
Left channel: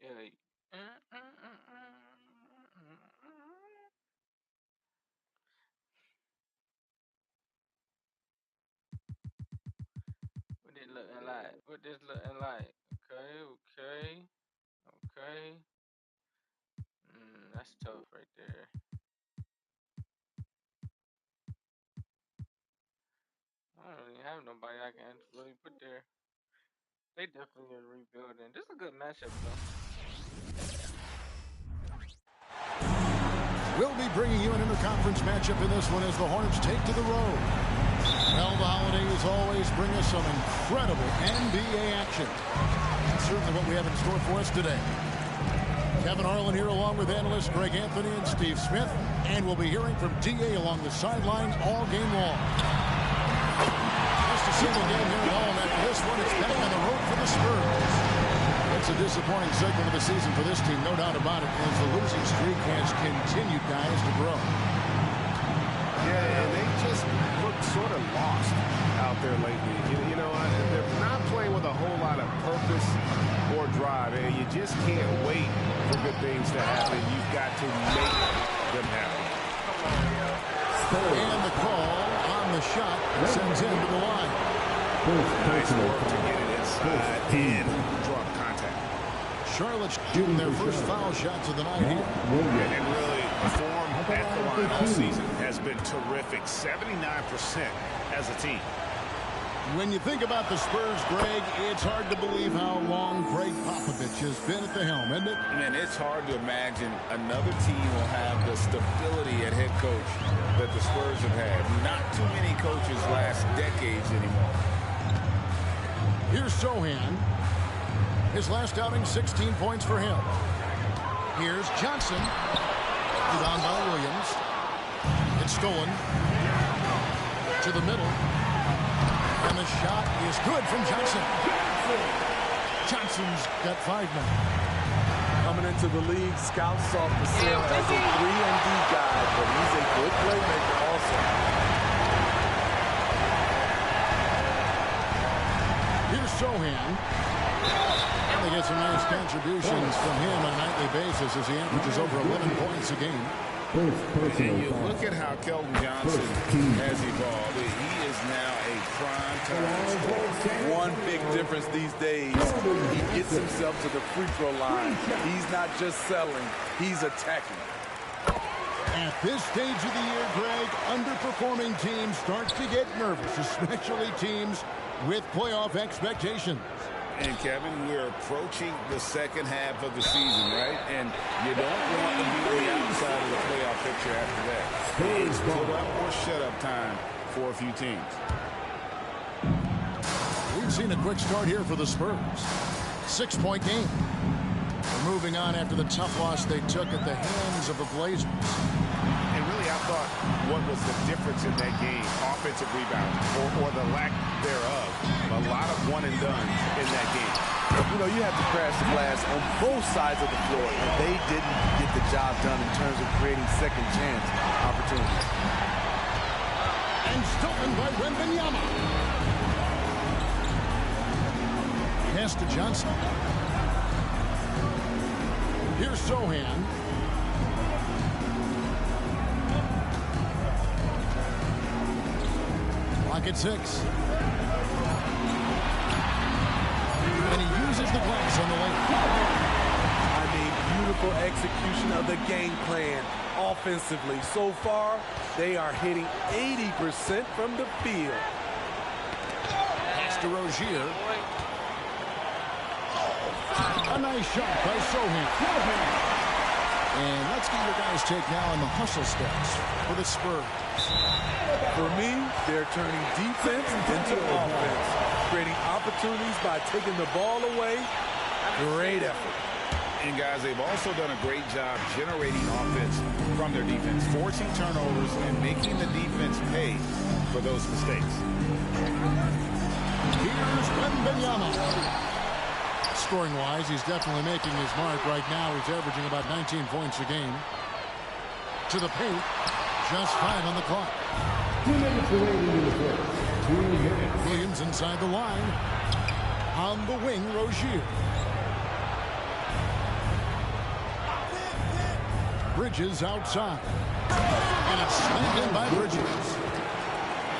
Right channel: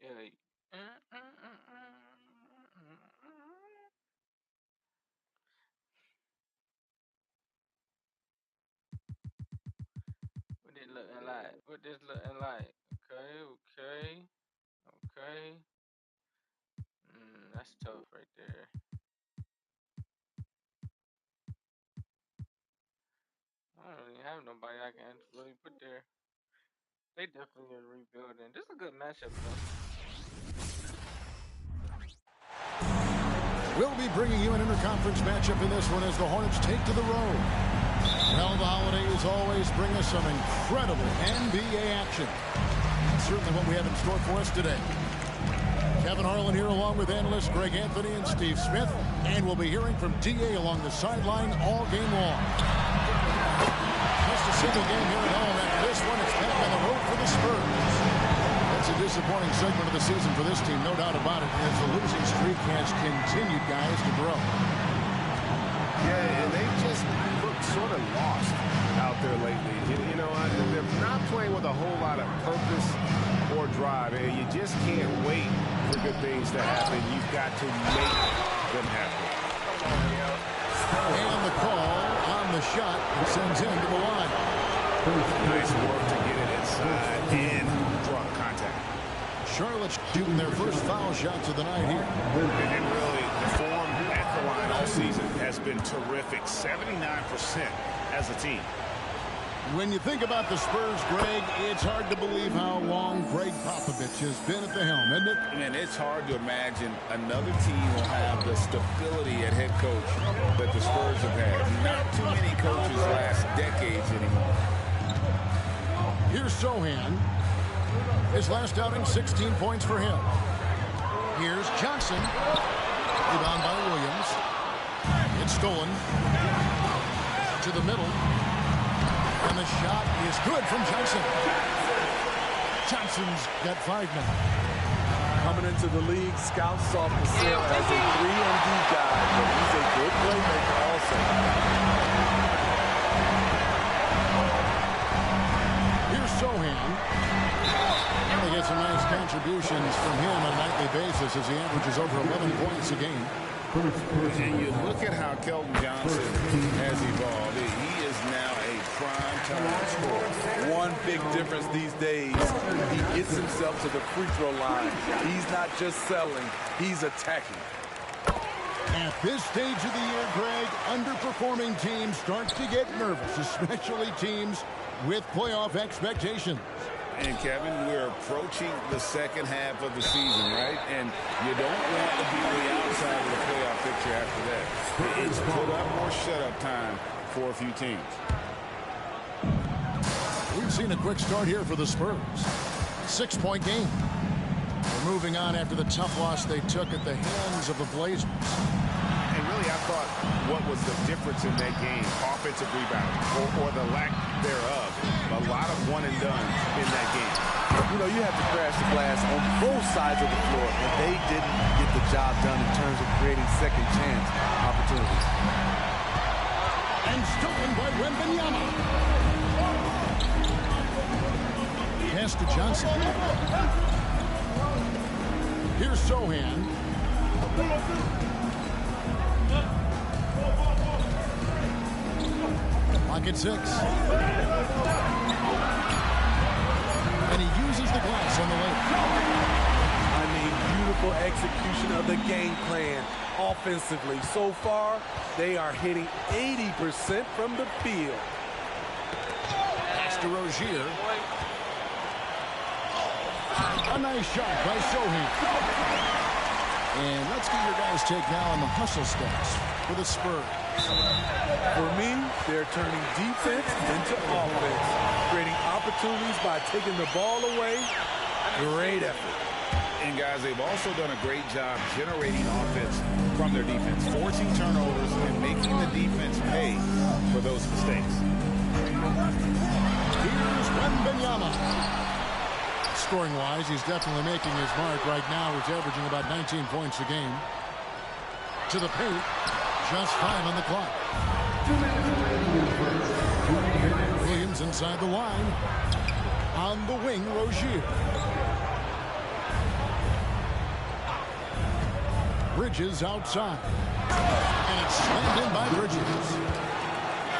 Yeah. What this looking like? What this looking like? Okay. Okay. Okay. That's tough right there. I don't really have nobody I can really put there. They definitely are rebuilding. This is a good matchup, though. We'll be bringing you an interconference matchup in this one as the Hornets take to the road. Well, the holidays always bring us some incredible NBA action. That's certainly what we have in store for us today. Kevin Harlan here along with analysts Greg Anthony and Steve Smith. And we'll be hearing from D.A. along the sideline all game long. Just a single game here at home. After this one, it's back on the road for the Spurs. It's a disappointing segment of the season for this team, no doubt about it, as the losing streak has continued, guys, to grow. Yeah, and they just look sort of lost out there lately. You know, they're not playing with a whole lot of purpose or drive, and you just can't wait for good things to happen. You've got to make them happen. Come on, yo. And the call on the shot sends him to the line. Nice work to get it inside and draw the contact. Charlotte's shooting their first foul shots of the night here. And really, the form at the line all season has been terrific. 79% as a team. When you think about the Spurs, Greg, it's hard to believe how long Greg Popovich has been at the helm, isn't it? Man, it's hard to imagine another team will have the stability at head coach that the Spurs have had. Not too many coaches last decades anymore. Here's Sohan. His last outing, 16 points for him. Here's Johnson. Rebound by Williams. It's stolen. To the middle. And the shot is good from Johnson. Johnson's got 5 now. Coming into the league, scouts saw Pascal as a 3-and-D guy, but he's a good playmaker also. Here's Sohan. And they get some nice contributions from him on a nightly basis as he averages over 11 points a game. And you look at how Keldon Johnson has evolved. He is now a prime-time scorer. One big difference these days, he gets himself to the free throw line. He's not just settling, he's attacking. At this stage of the year, Greg, underperforming teams start to get nervous, especially teams with playoff expectations. And, Kevin, we're approaching the second half of the season, right? And you don't want to be on the outside of the playoff picture after that. It's put up or shut up time for a few teams. We've seen a quick start here for the Spurs. 6-point game. They're moving on after the tough loss they took at the hands of the Blazers. And really, I thought what was the difference in that game, offensive rebounding or the lack thereof. A lot of one-and-dones in that game. You know, you have to crash the glass on both sides of the floor, and they didn't get the job done in terms of creating second chance opportunities. And stolen by Wembanyama. Pass to Johnson. Here's Sohan. Clock at 6. And he uses the glass on the lane. I mean, beautiful execution of the game plan offensively. So far, they are hitting 80% from the field. Pass to Rozier. A nice shot by Sohan. And let's get your guys' take now on the hustle stats for the Spurs. For me, they're turning defense into offense, creating opportunities by taking the ball away. Great effort. And, guys, they've also done a great job generating offense from their defense, forcing turnovers and making the defense pay for those mistakes. Here's Wembanyama. Scoring-wise, he's definitely making his mark. Right now, he's averaging about 19 points a game. To the paint, just 5 on the clock. 2 minutes remaining in the first. 2 minutes. Williams inside the line. On the wing, Rozier. Bridges outside. And it's slammed in by Bridges.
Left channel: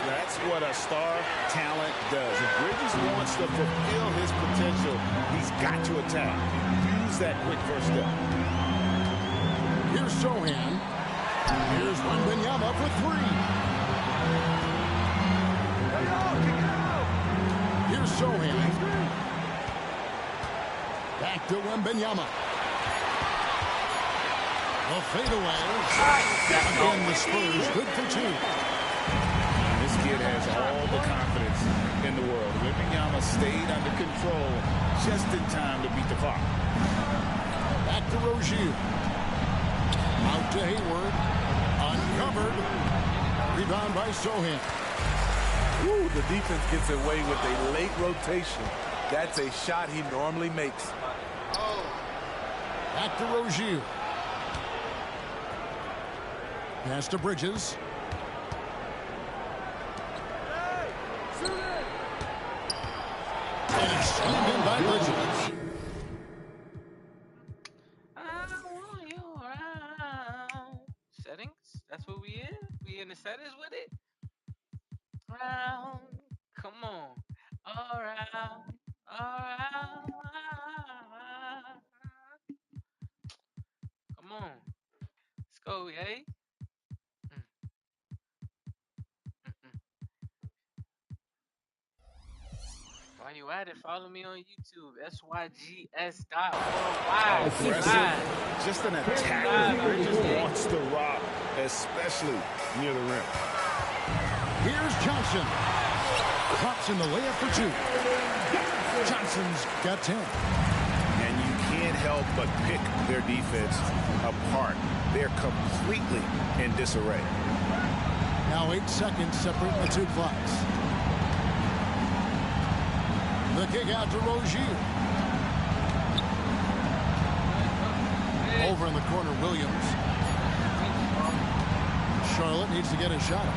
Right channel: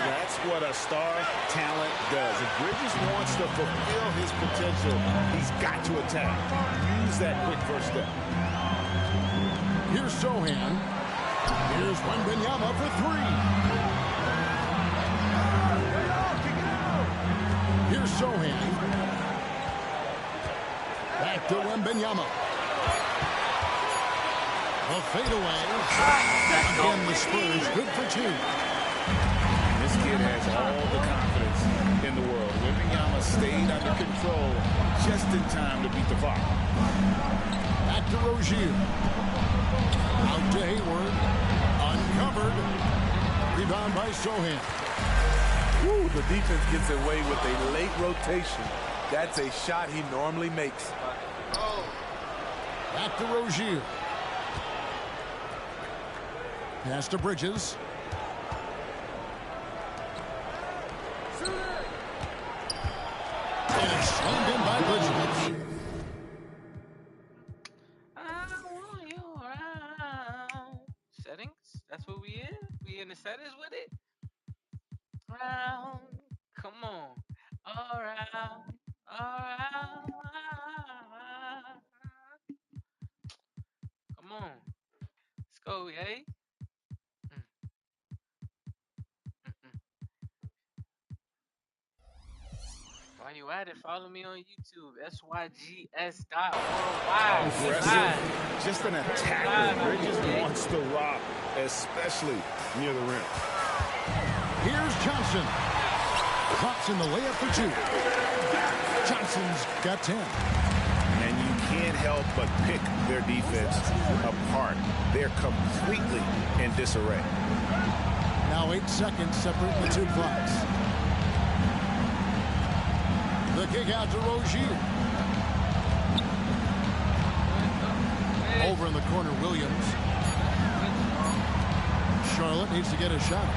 That's what a star talent does. If Bridges wants to fulfill his potential, he's got to attack. Use that quick first step. Here's Sohan. Here's Wembanyama for 3. Here's Sohan. Back to Wembanyama. The fadeaway. Again, the Spurs good for 2. This kid has all the confidence in the world. Wembanyama stayed under control just in time to beat the clock. Back to Rozier. Out to Hayward. Uncovered. Rebound by Sohan. Ooh, the defense gets away with a late rotation. That's a shot he normally makes. Back to Rozier. Pass to Bridges. And it's slammed in by Bridges. I want you around. Settings? That's what we in? We in the settings with it? Round. Come on. All around. All around. Come on. Let's go, eh? While you at it, follow me on YouTube, SYGS.worldwide. Aggressive, just an attacker. Bridges wants the rock, especially near the rim. Here's Johnson. Drops in the layup for 2. Johnson's got 10. and you can't help but pick their defense apart. They're completely in disarray. Now 8 seconds separating the two clocks. The kick out to Rozier. Over in the corner, Williams. Charlotte needs to get a shot.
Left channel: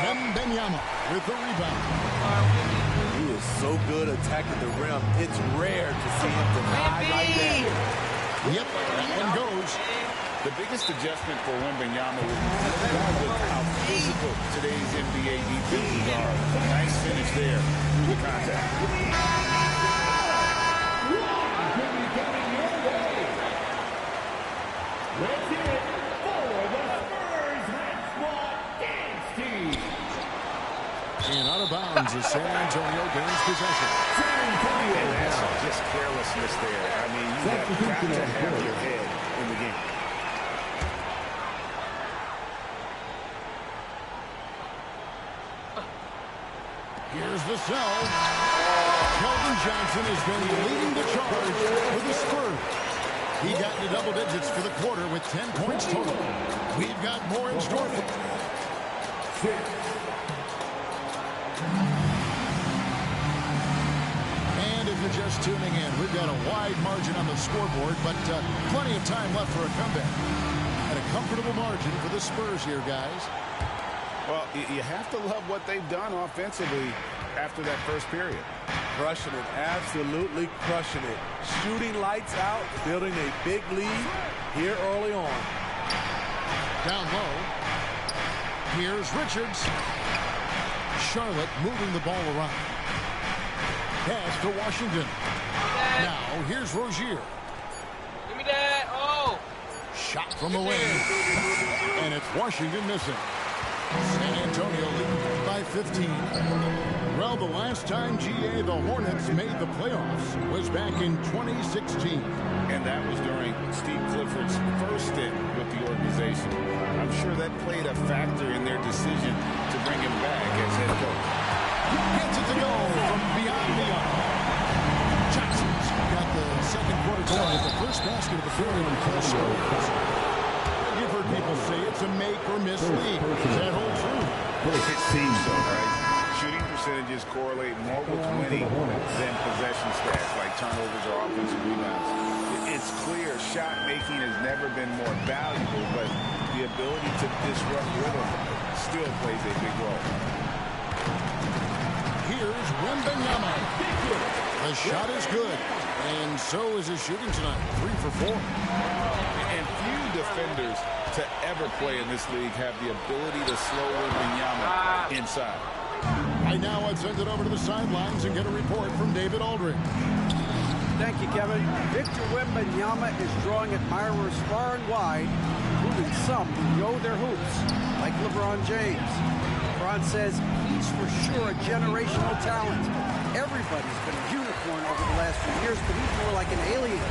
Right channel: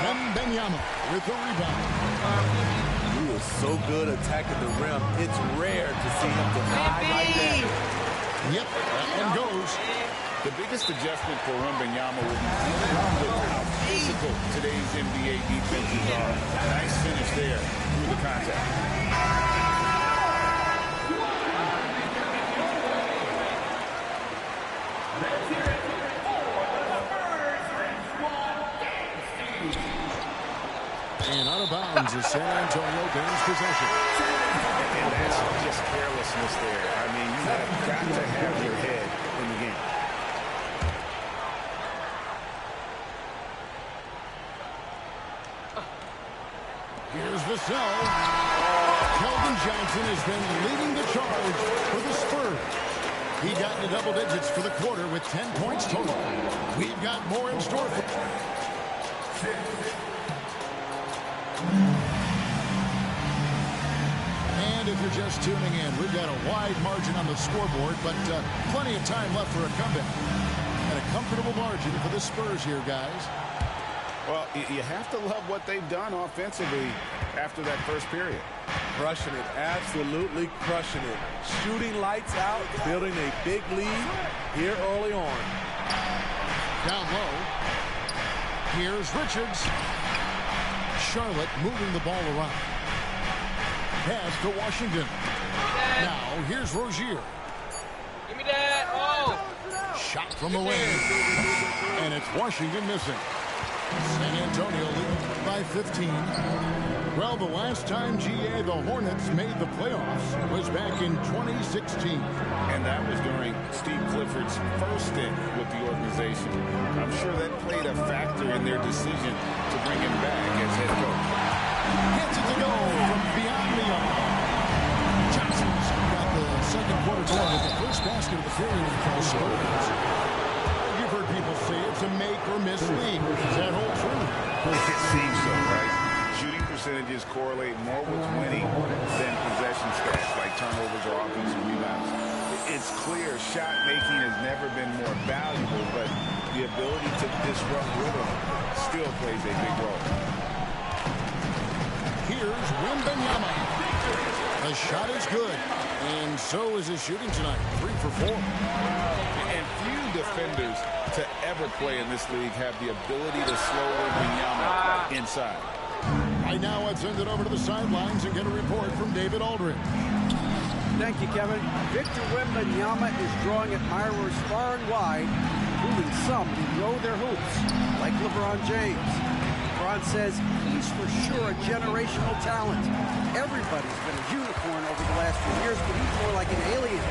Wembanyama with the rebound. He is so good attacking the rim. It's rare to see him denied like that. Yep, that one goes. The biggest adjustment for Wembanyama will be dealing with how physical today's NBA defenses are. Nice finish there through the contact. Let's hear it for the Spurs Red Squad dance team. And out of bounds as San Antonio gains possession. And that's just carelessness there. I mean, you have got to have your head in the game. Here's Vassell. Keldon Johnson has been leading the charge for the Spurs. He got into double digits for the quarter with 10 points total. We've got more in store for... And if you're just tuning in, we've got a wide margin on the scoreboard, but plenty of time left for a comeback. And a comfortable margin for the Spurs here, guys. Well, you have to love what they've done offensively after that first period. Crushing it, absolutely crushing it. Shooting lights out, building a big lead here early on. Down low. Here's Richards. Charlotte moving the ball around. Pass to Washington. Now here's Rozier. Give me that. Oh. Shot from the lane. And it's Washington missing. San Antonio leading by 15. Well, the last time, GA, the Hornets made the playoffs was back in 2016. And that was during Steve Clifford's first stint with the organization. I'm sure that played a factor in their decision to bring him back as head coach. Gets it to go from beyond the arc. Johnson's got the second quarter going with the first basket of the period for the Spurs. You've heard people say it's a make or miss league. Is that whole true? It seems so, right? Shooting percentages correlate more with winning than possession stats like turnovers or offensive rebounds. It's clear shot making has never been more valuable, but the ability to disrupt rhythm still plays a big role. Here's Wembanyama. The shot is good, and so is his shooting tonight. 3 for 4. And few defenders to ever play in this league have the ability to slow Wembanyama inside. Right now, let's send it over to the sidelines and get a report from David Aldridge. Thank you, Kevin. Victor Wembanyama is drawing admirers far and wide, including some who know their hoops, like LeBron James. LeBron says he's for sure a generational talent. Everybody's been a unicorn over the last few years, but he's more like an alien.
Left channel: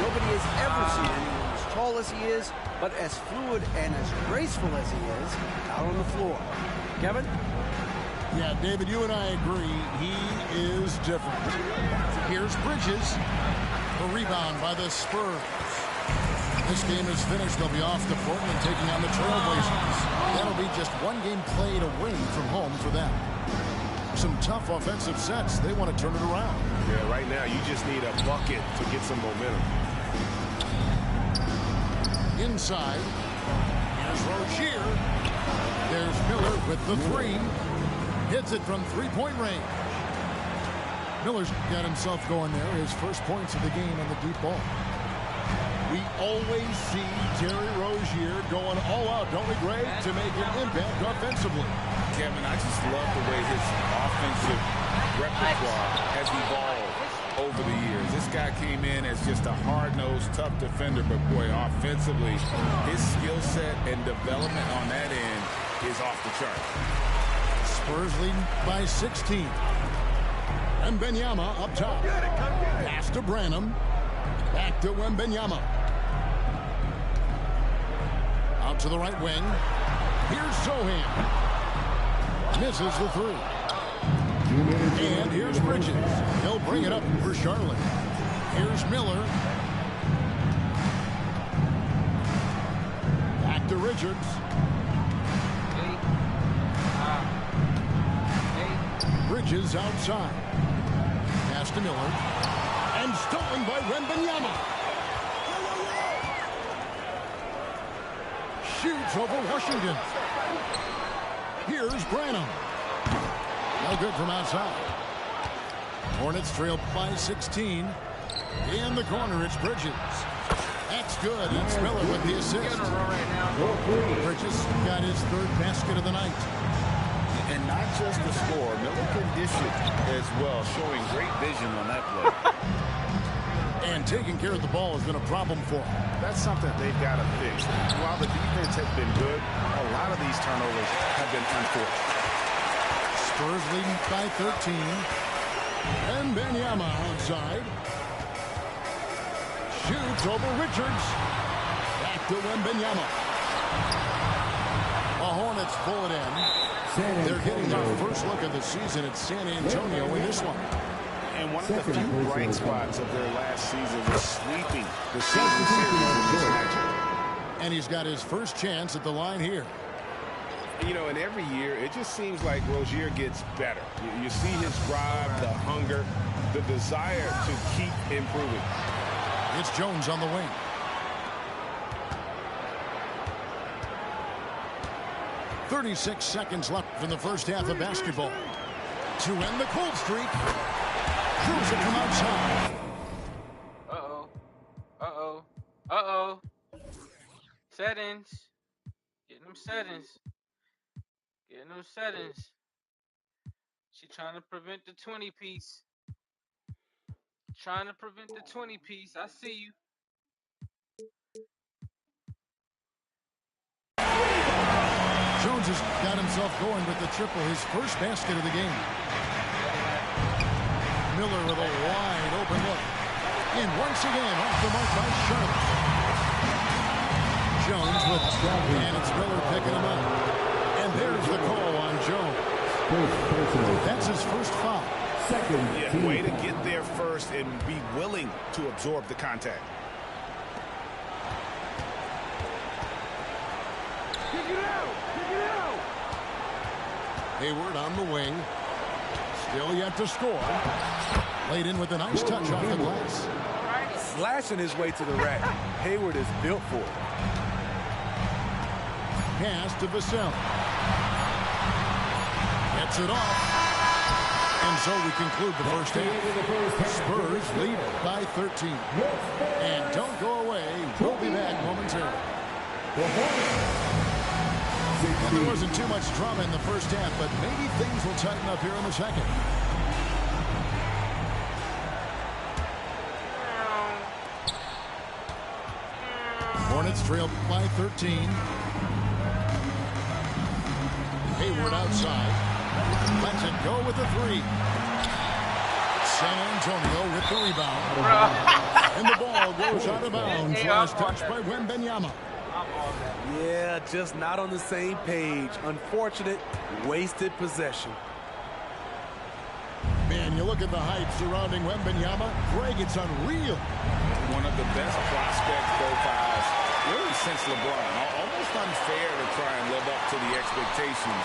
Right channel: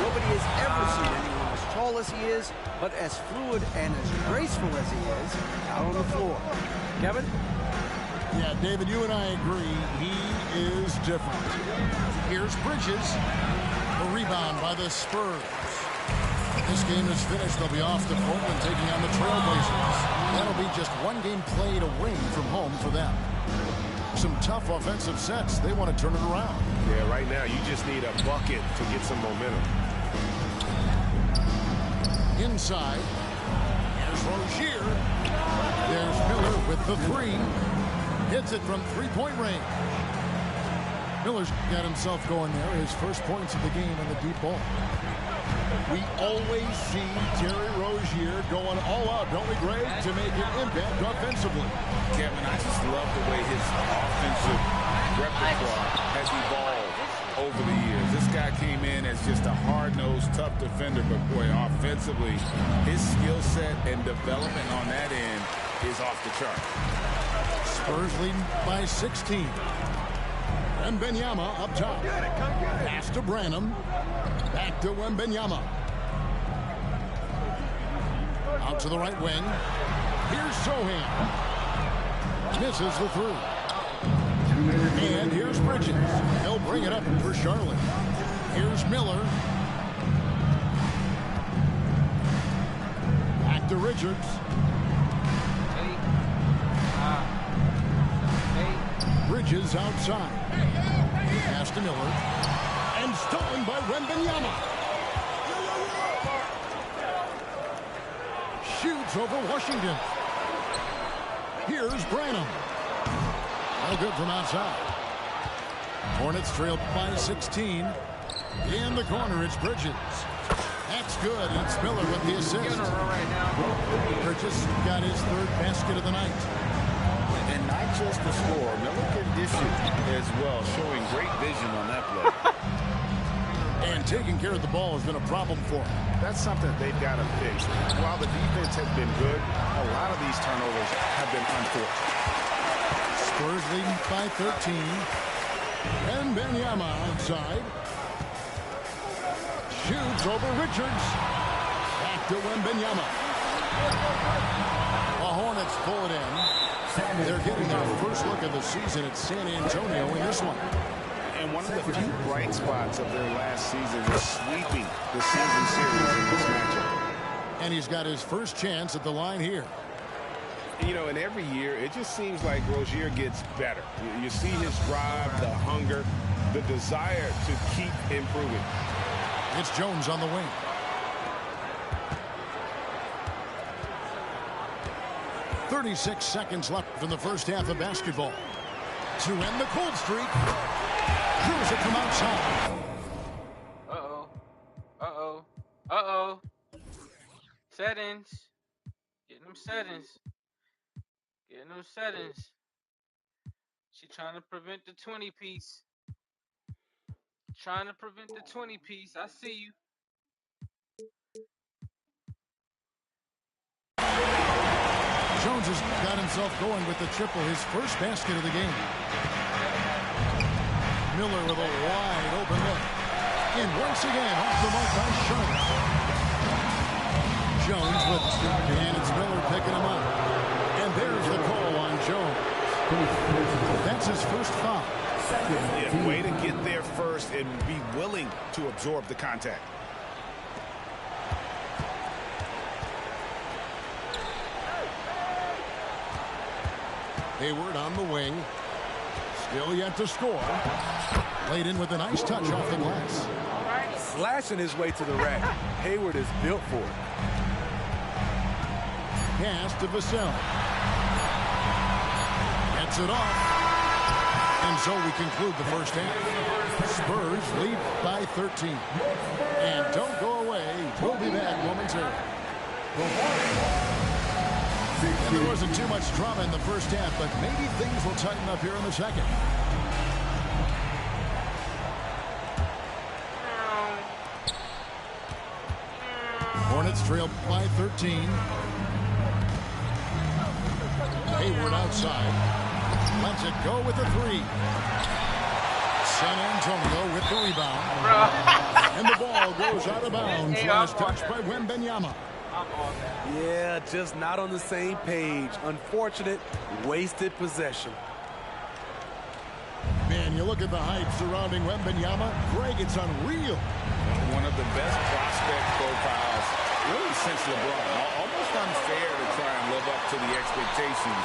Nobody has ever seen anyone as tall as he is, but as fluid and as graceful as he is out on the floor. Kevin? Yeah, David, you and I agree. He is different. Here's Bridges. The rebound by the Spurs. This game is finished. They'll be off to Portland taking on the Trailblazers. That'll be just one game played away from home for them. Some tough offensive sets. They want to turn it around. Yeah, right now you just need a bucket to get some momentum. Inside. Here's Rozier. There's Miller with the 3. Hits it from three-point range. Miller's got himself going there. His first points of the game on the deep ball. We always see Terry Rozier going all out, don't we, Greg, to make an impact offensively. Kevin, I just love the way his offensive repertoire has evolved over the years. This guy came in as just a hard-nosed, tough defender, but boy, offensively, his skill set and development on that end is off the charts. Spurs leading by 16. Wembanyama up top. Pass to Branham. Back to Wembanyama. Out to the right wing. Here's Sohan. Misses the 3. And here's Bridges. He'll bring it up for Charlotte. Here's Miller. Back to Richards. Bridges outside. Pass to Miller. And stolen by Wembanyama. Shoots over Washington. Here's Branham. No good from outside. Hornets trail by 16. In the corner, it's Bridges. That's good. It's Miller with the assist. Bridges got his third basket of the night. And not just the score, Miller can dish it as well, showing great vision on that play. And taking care of the ball has been a problem for him. That's something they've got to fix. While the defense has been good, a lot of these turnovers have been unforced. Spurs leading by 13. And Wembanyama outside. Shoots over Richards. Back to Wembanyama. The Hornets pull it in. They're getting their first look of the season at San Antonio in this one. And one of the few bright spots of their last season was sweeping the season series in this matchup. And he's got his first chance at the line here. You know, and every year, it just seems like Rozier gets better. You see his drive, the hunger, the desire to keep improving. It's Jones on the wing. "36 seconds left in the first half of basketball. To end the cold streak, drills it from outside. Settings. Getting them settings. Getting them settings. She trying to prevent the 20-piece. Trying to prevent the 20-piece. I see you. Jones has got himself going with the triple, his first basket of the game. Miller with a wide open look. And once again, off the mark by Charlotte. Jones with it, and it's Miller picking him up. And there's the call on Jones. That's his first foul. Yeah, way to get there first and be willing to absorb the contact. Hayward on the wing. Still yet to score. Laid in with a nice touch off the glass. Slashing his way to the rack. Hayward is built for it. Pass to Vassell. Gets it off. And so we conclude the first half. Spurs lead by 13. And don't go away. We'll be back momentarily. And there wasn't too much drama in the first half, but maybe things will tighten up here in the second. Hornets trail by 13. Hayward outside. Lets it go with the three. San Antonio with the rebound. And the ball goes out of bounds. Last touch by Wembanyama. Yeah, just not on the same page. Unfortunate, wasted possession. Man, you look at the hype surrounding Wembanyama. Greg, it's unreal. One of the best prospect profiles really since LeBron. Almost unfair to try and live up to the expectations,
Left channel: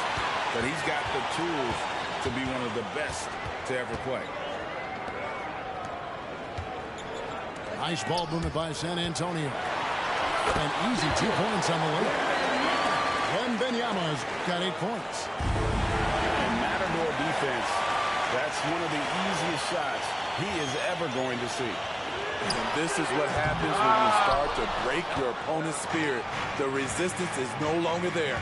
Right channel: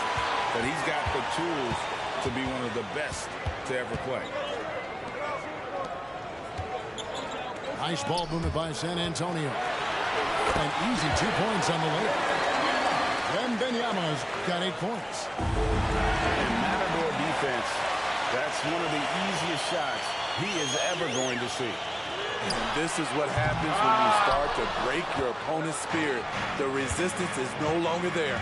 but he's got the tools to be one of the best to ever play. Nice ball movement by San Antonio. An easy 2 points on the way. Wembanyama's got 8 points. And Matador defense, that's one of the easiest shots he is ever going to see. And this is what happens when you start to break your opponent's spirit. The resistance is no longer there.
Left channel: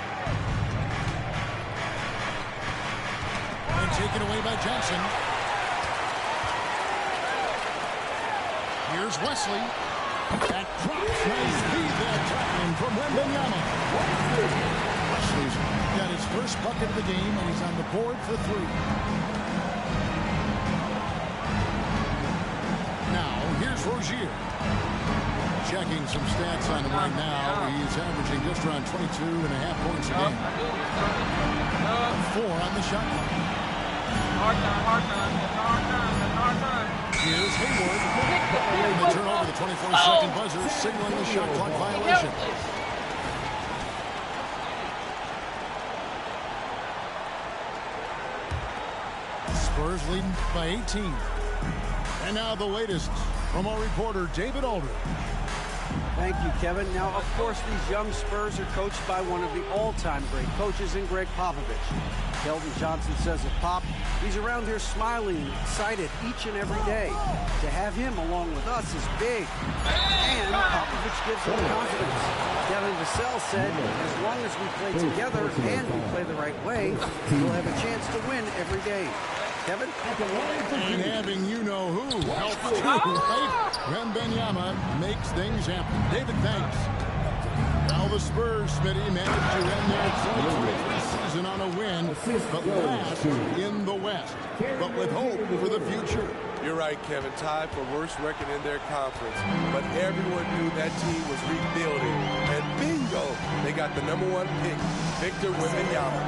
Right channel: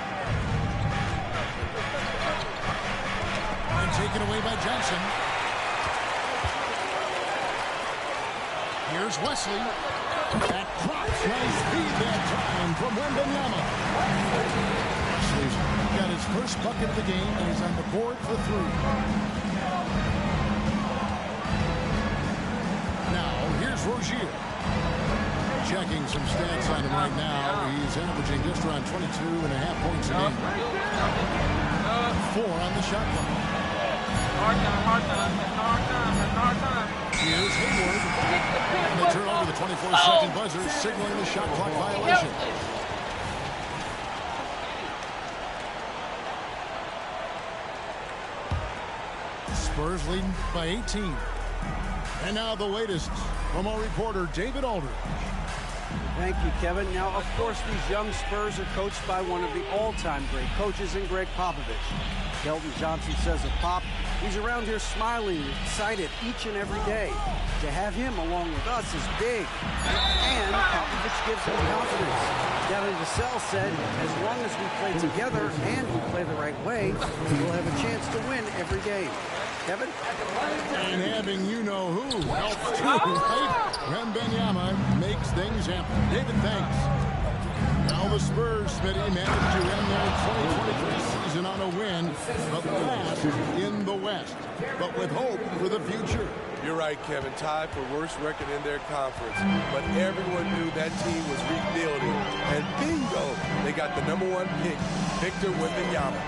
And taken away by Johnson. Here's Wesley. That drops. Nice feed that time from Wembanyama. Wesley's got his first bucket of the game, and he's on the board for 3. Now, here's Rozier. Checking some stats on him right now. He's averaging just around 22.5 points a game. 4 on the shot clock. Hard time. Here's Hayward. And they turn over the 24-second buzzer, signaling the shot clock violation. Spurs leading by 18. And now the latest from our reporter, David Aldridge. Thank you, Kevin. Now, of course, these young Spurs are coached by one of the all-time great coaches in Greg Popovich. Keldon Johnson says of Pop, he's around here smiling and excited each and every day. To have him along with us is big. And Popovich gives him confidence. Devin Vassell said, as long as we play together and we play the right way, we'll have a chance to win every game. Kevin? And having you-know-who helps too, right? Wembanyama makes things happen. David, thanks. Now the Spurs, Smitty, managed to end their 2023 season on a win, but last in the West, but with hope for the future. You're right, Kevin. Tied for worst record in their conference. But everyone knew that team was rebuilding. And bingo, they got the #1 pick, Victor Wembanyama.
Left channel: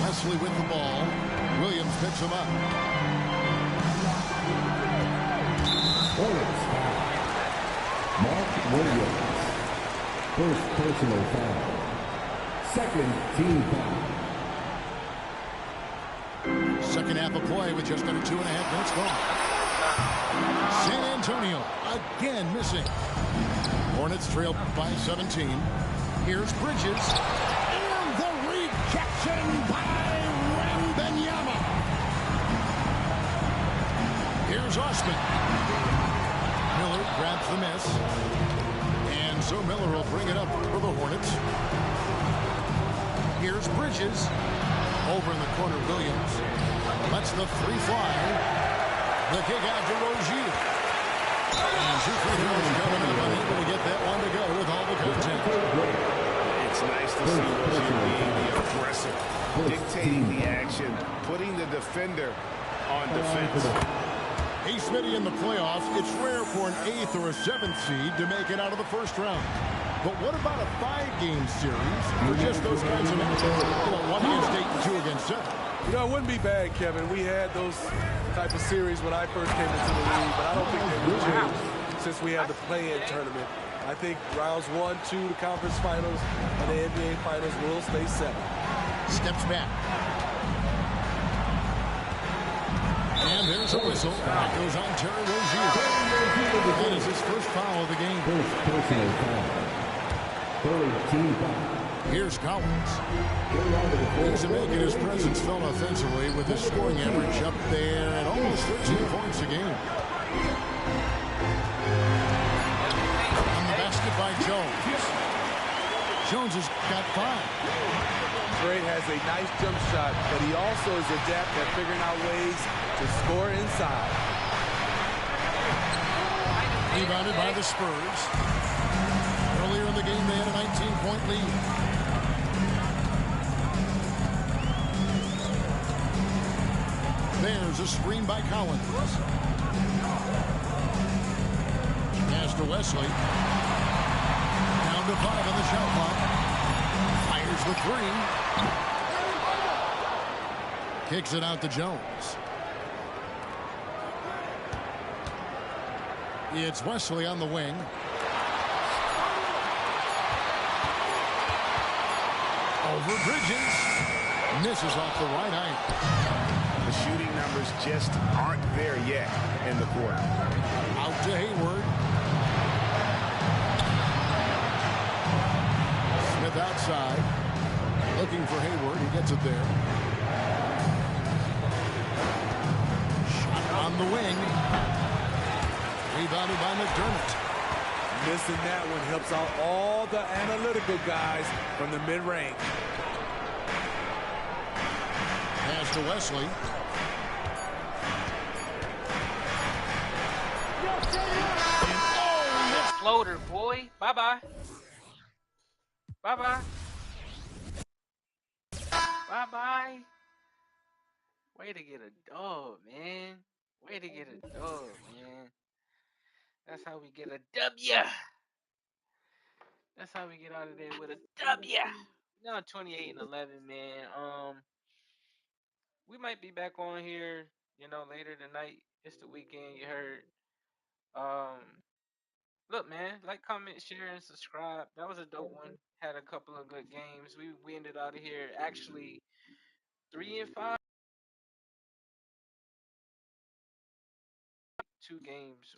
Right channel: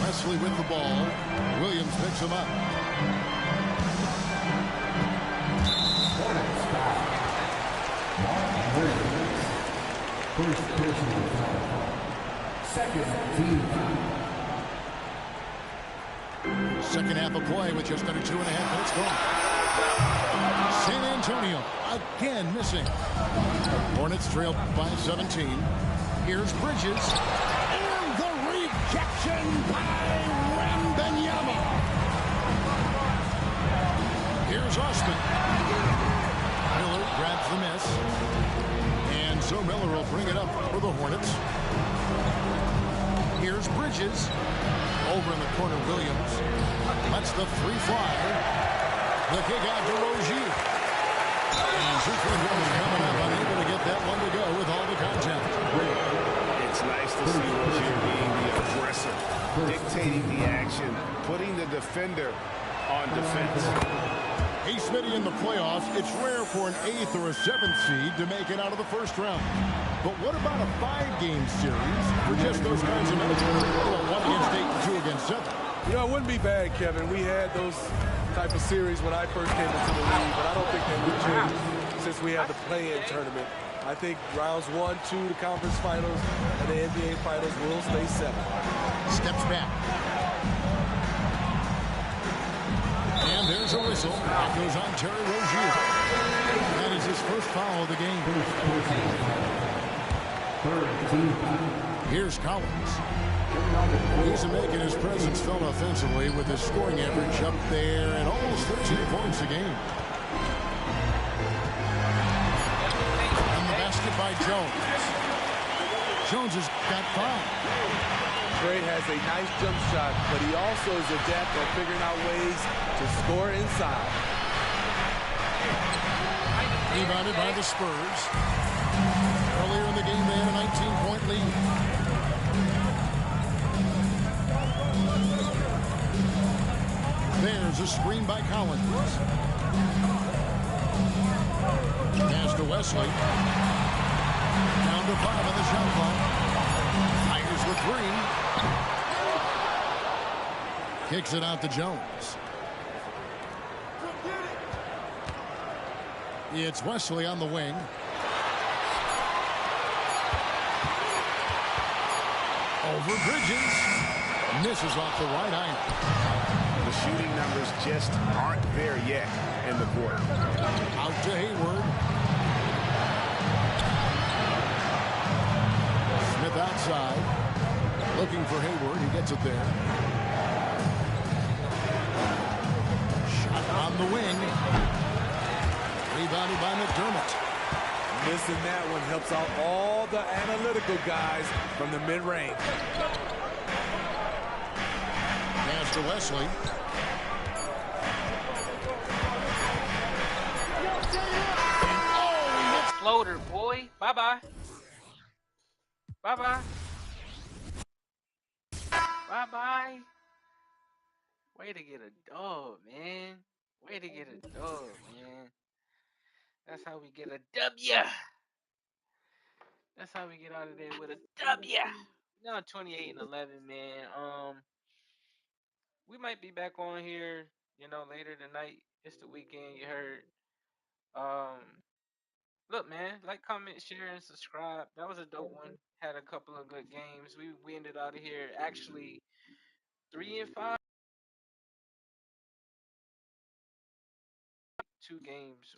Wesley with the ball. Williams picks him up. Hornets foul. Mark Williams. First personal foul. Second team foul. Second half of play with just under 2.5 minutes gone. San Antonio again missing. Hornets trail by 17. Here's Bridges. And the rejection by Wembanyama. Here's Osman. Miller grabs the miss. And so Miller will bring it up for the Hornets. Here's Bridges. Over in the corner, Williams. Lets the three fly. The kick out to Rozier. And 2 free throws coming up. Unable to get that one to go with all the contact. It's nice to see Rozier being the aggressor, dictating the action, putting the defender on defense. Hey, Smitty, in the playoffs, it's rare for an 8th or a 7th seed to make it out of the first round. But what about a 5-game series for just those kinds of matches? You know, 1 against 8 and 2 against 7. You know, it wouldn't be bad, Kevin. We had those type of series when I first came into the league, but I don't think they would change since we have the play-in tournament. I think rounds 1, 2, the conference finals, and the NBA finals will stay 7. Steps back. And there's a whistle. That goes on Terry Rozier. That is his first foul of the game. First personal foul. Third team foul. Here's Collins. He's making his presence felt offensively with his scoring average up there at almost 13 points a game. And the basket by Jones. Jones has got 5. Trey has a nice jump shot, but he also is adept at figuring out ways to score inside. Rebounded by the Spurs. Earlier in the game, they had a 19-point lead. There's a screen by Collins. Pass to Wesley. Down to 5 on the shot clock. Fires the 3. Kicks it out to Jones. It's Wesley on the wing. Over Bridges. Misses off the right iron. The shooting numbers just aren't there yet in the quarter. Out to Hayward. Smith outside. Looking for Hayward. He gets it there. Shot on the wing. Rebounded by McDermott. Missing that one helps out all the analytical guys from the mid-range. Pass to Wesley. And oh, That floater, boy. Bye-bye. Bye-bye. Bye-bye. Way to get a dub, man. Way to get a dub, man. That's how we get a W. That's how we get out of there with a W. Now 28-11, man. We might be back on here, later tonight. It's the weekend. You heard. Um, Look, man, like, comment, share, and subscribe. That was a dope one. Had a couple of good games. We ended out of here actually 3-5, 2 games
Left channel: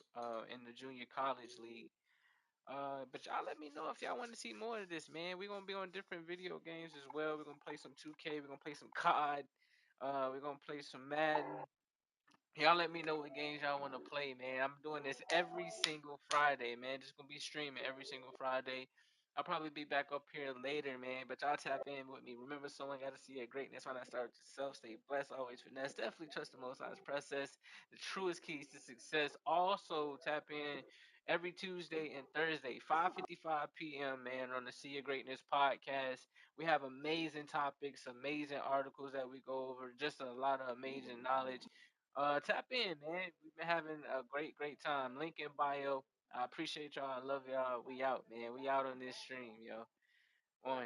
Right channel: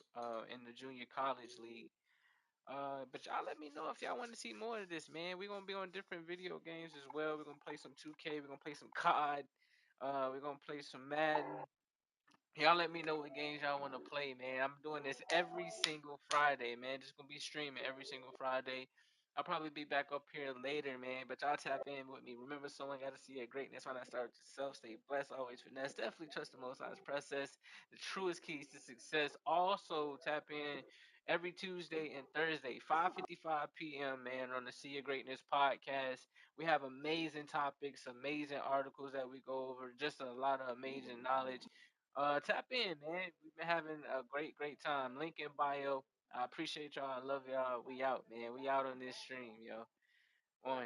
in the junior college league. But y'all let me know if y'all want to see more of this, man. We're gonna be on different video games as well. We're gonna play some 2K. We're gonna play some COD. We're gonna play some Madden. Y'all let me know what games y'all want to play, man. I'm doing this every single Friday, man. Just gonna be streaming every single Friday. I'll probably be back up here later, man. But y'all tap in with me. Remember, someone got to see your greatness. When I start yourself, stay blessed, always finesse. Definitely trust the Most High's process. The truest keys to success. Also, tap in every Tuesday and Thursday, 5:55 p.m. Man, on the See Your Greatness podcast. We have amazing topics, amazing articles that we go over. Just a lot of amazing knowledge. Tap in, man. We've been having a great time. Link in bio. I appreciate y'all. I love y'all. We out, man. We out on this stream, yo. On.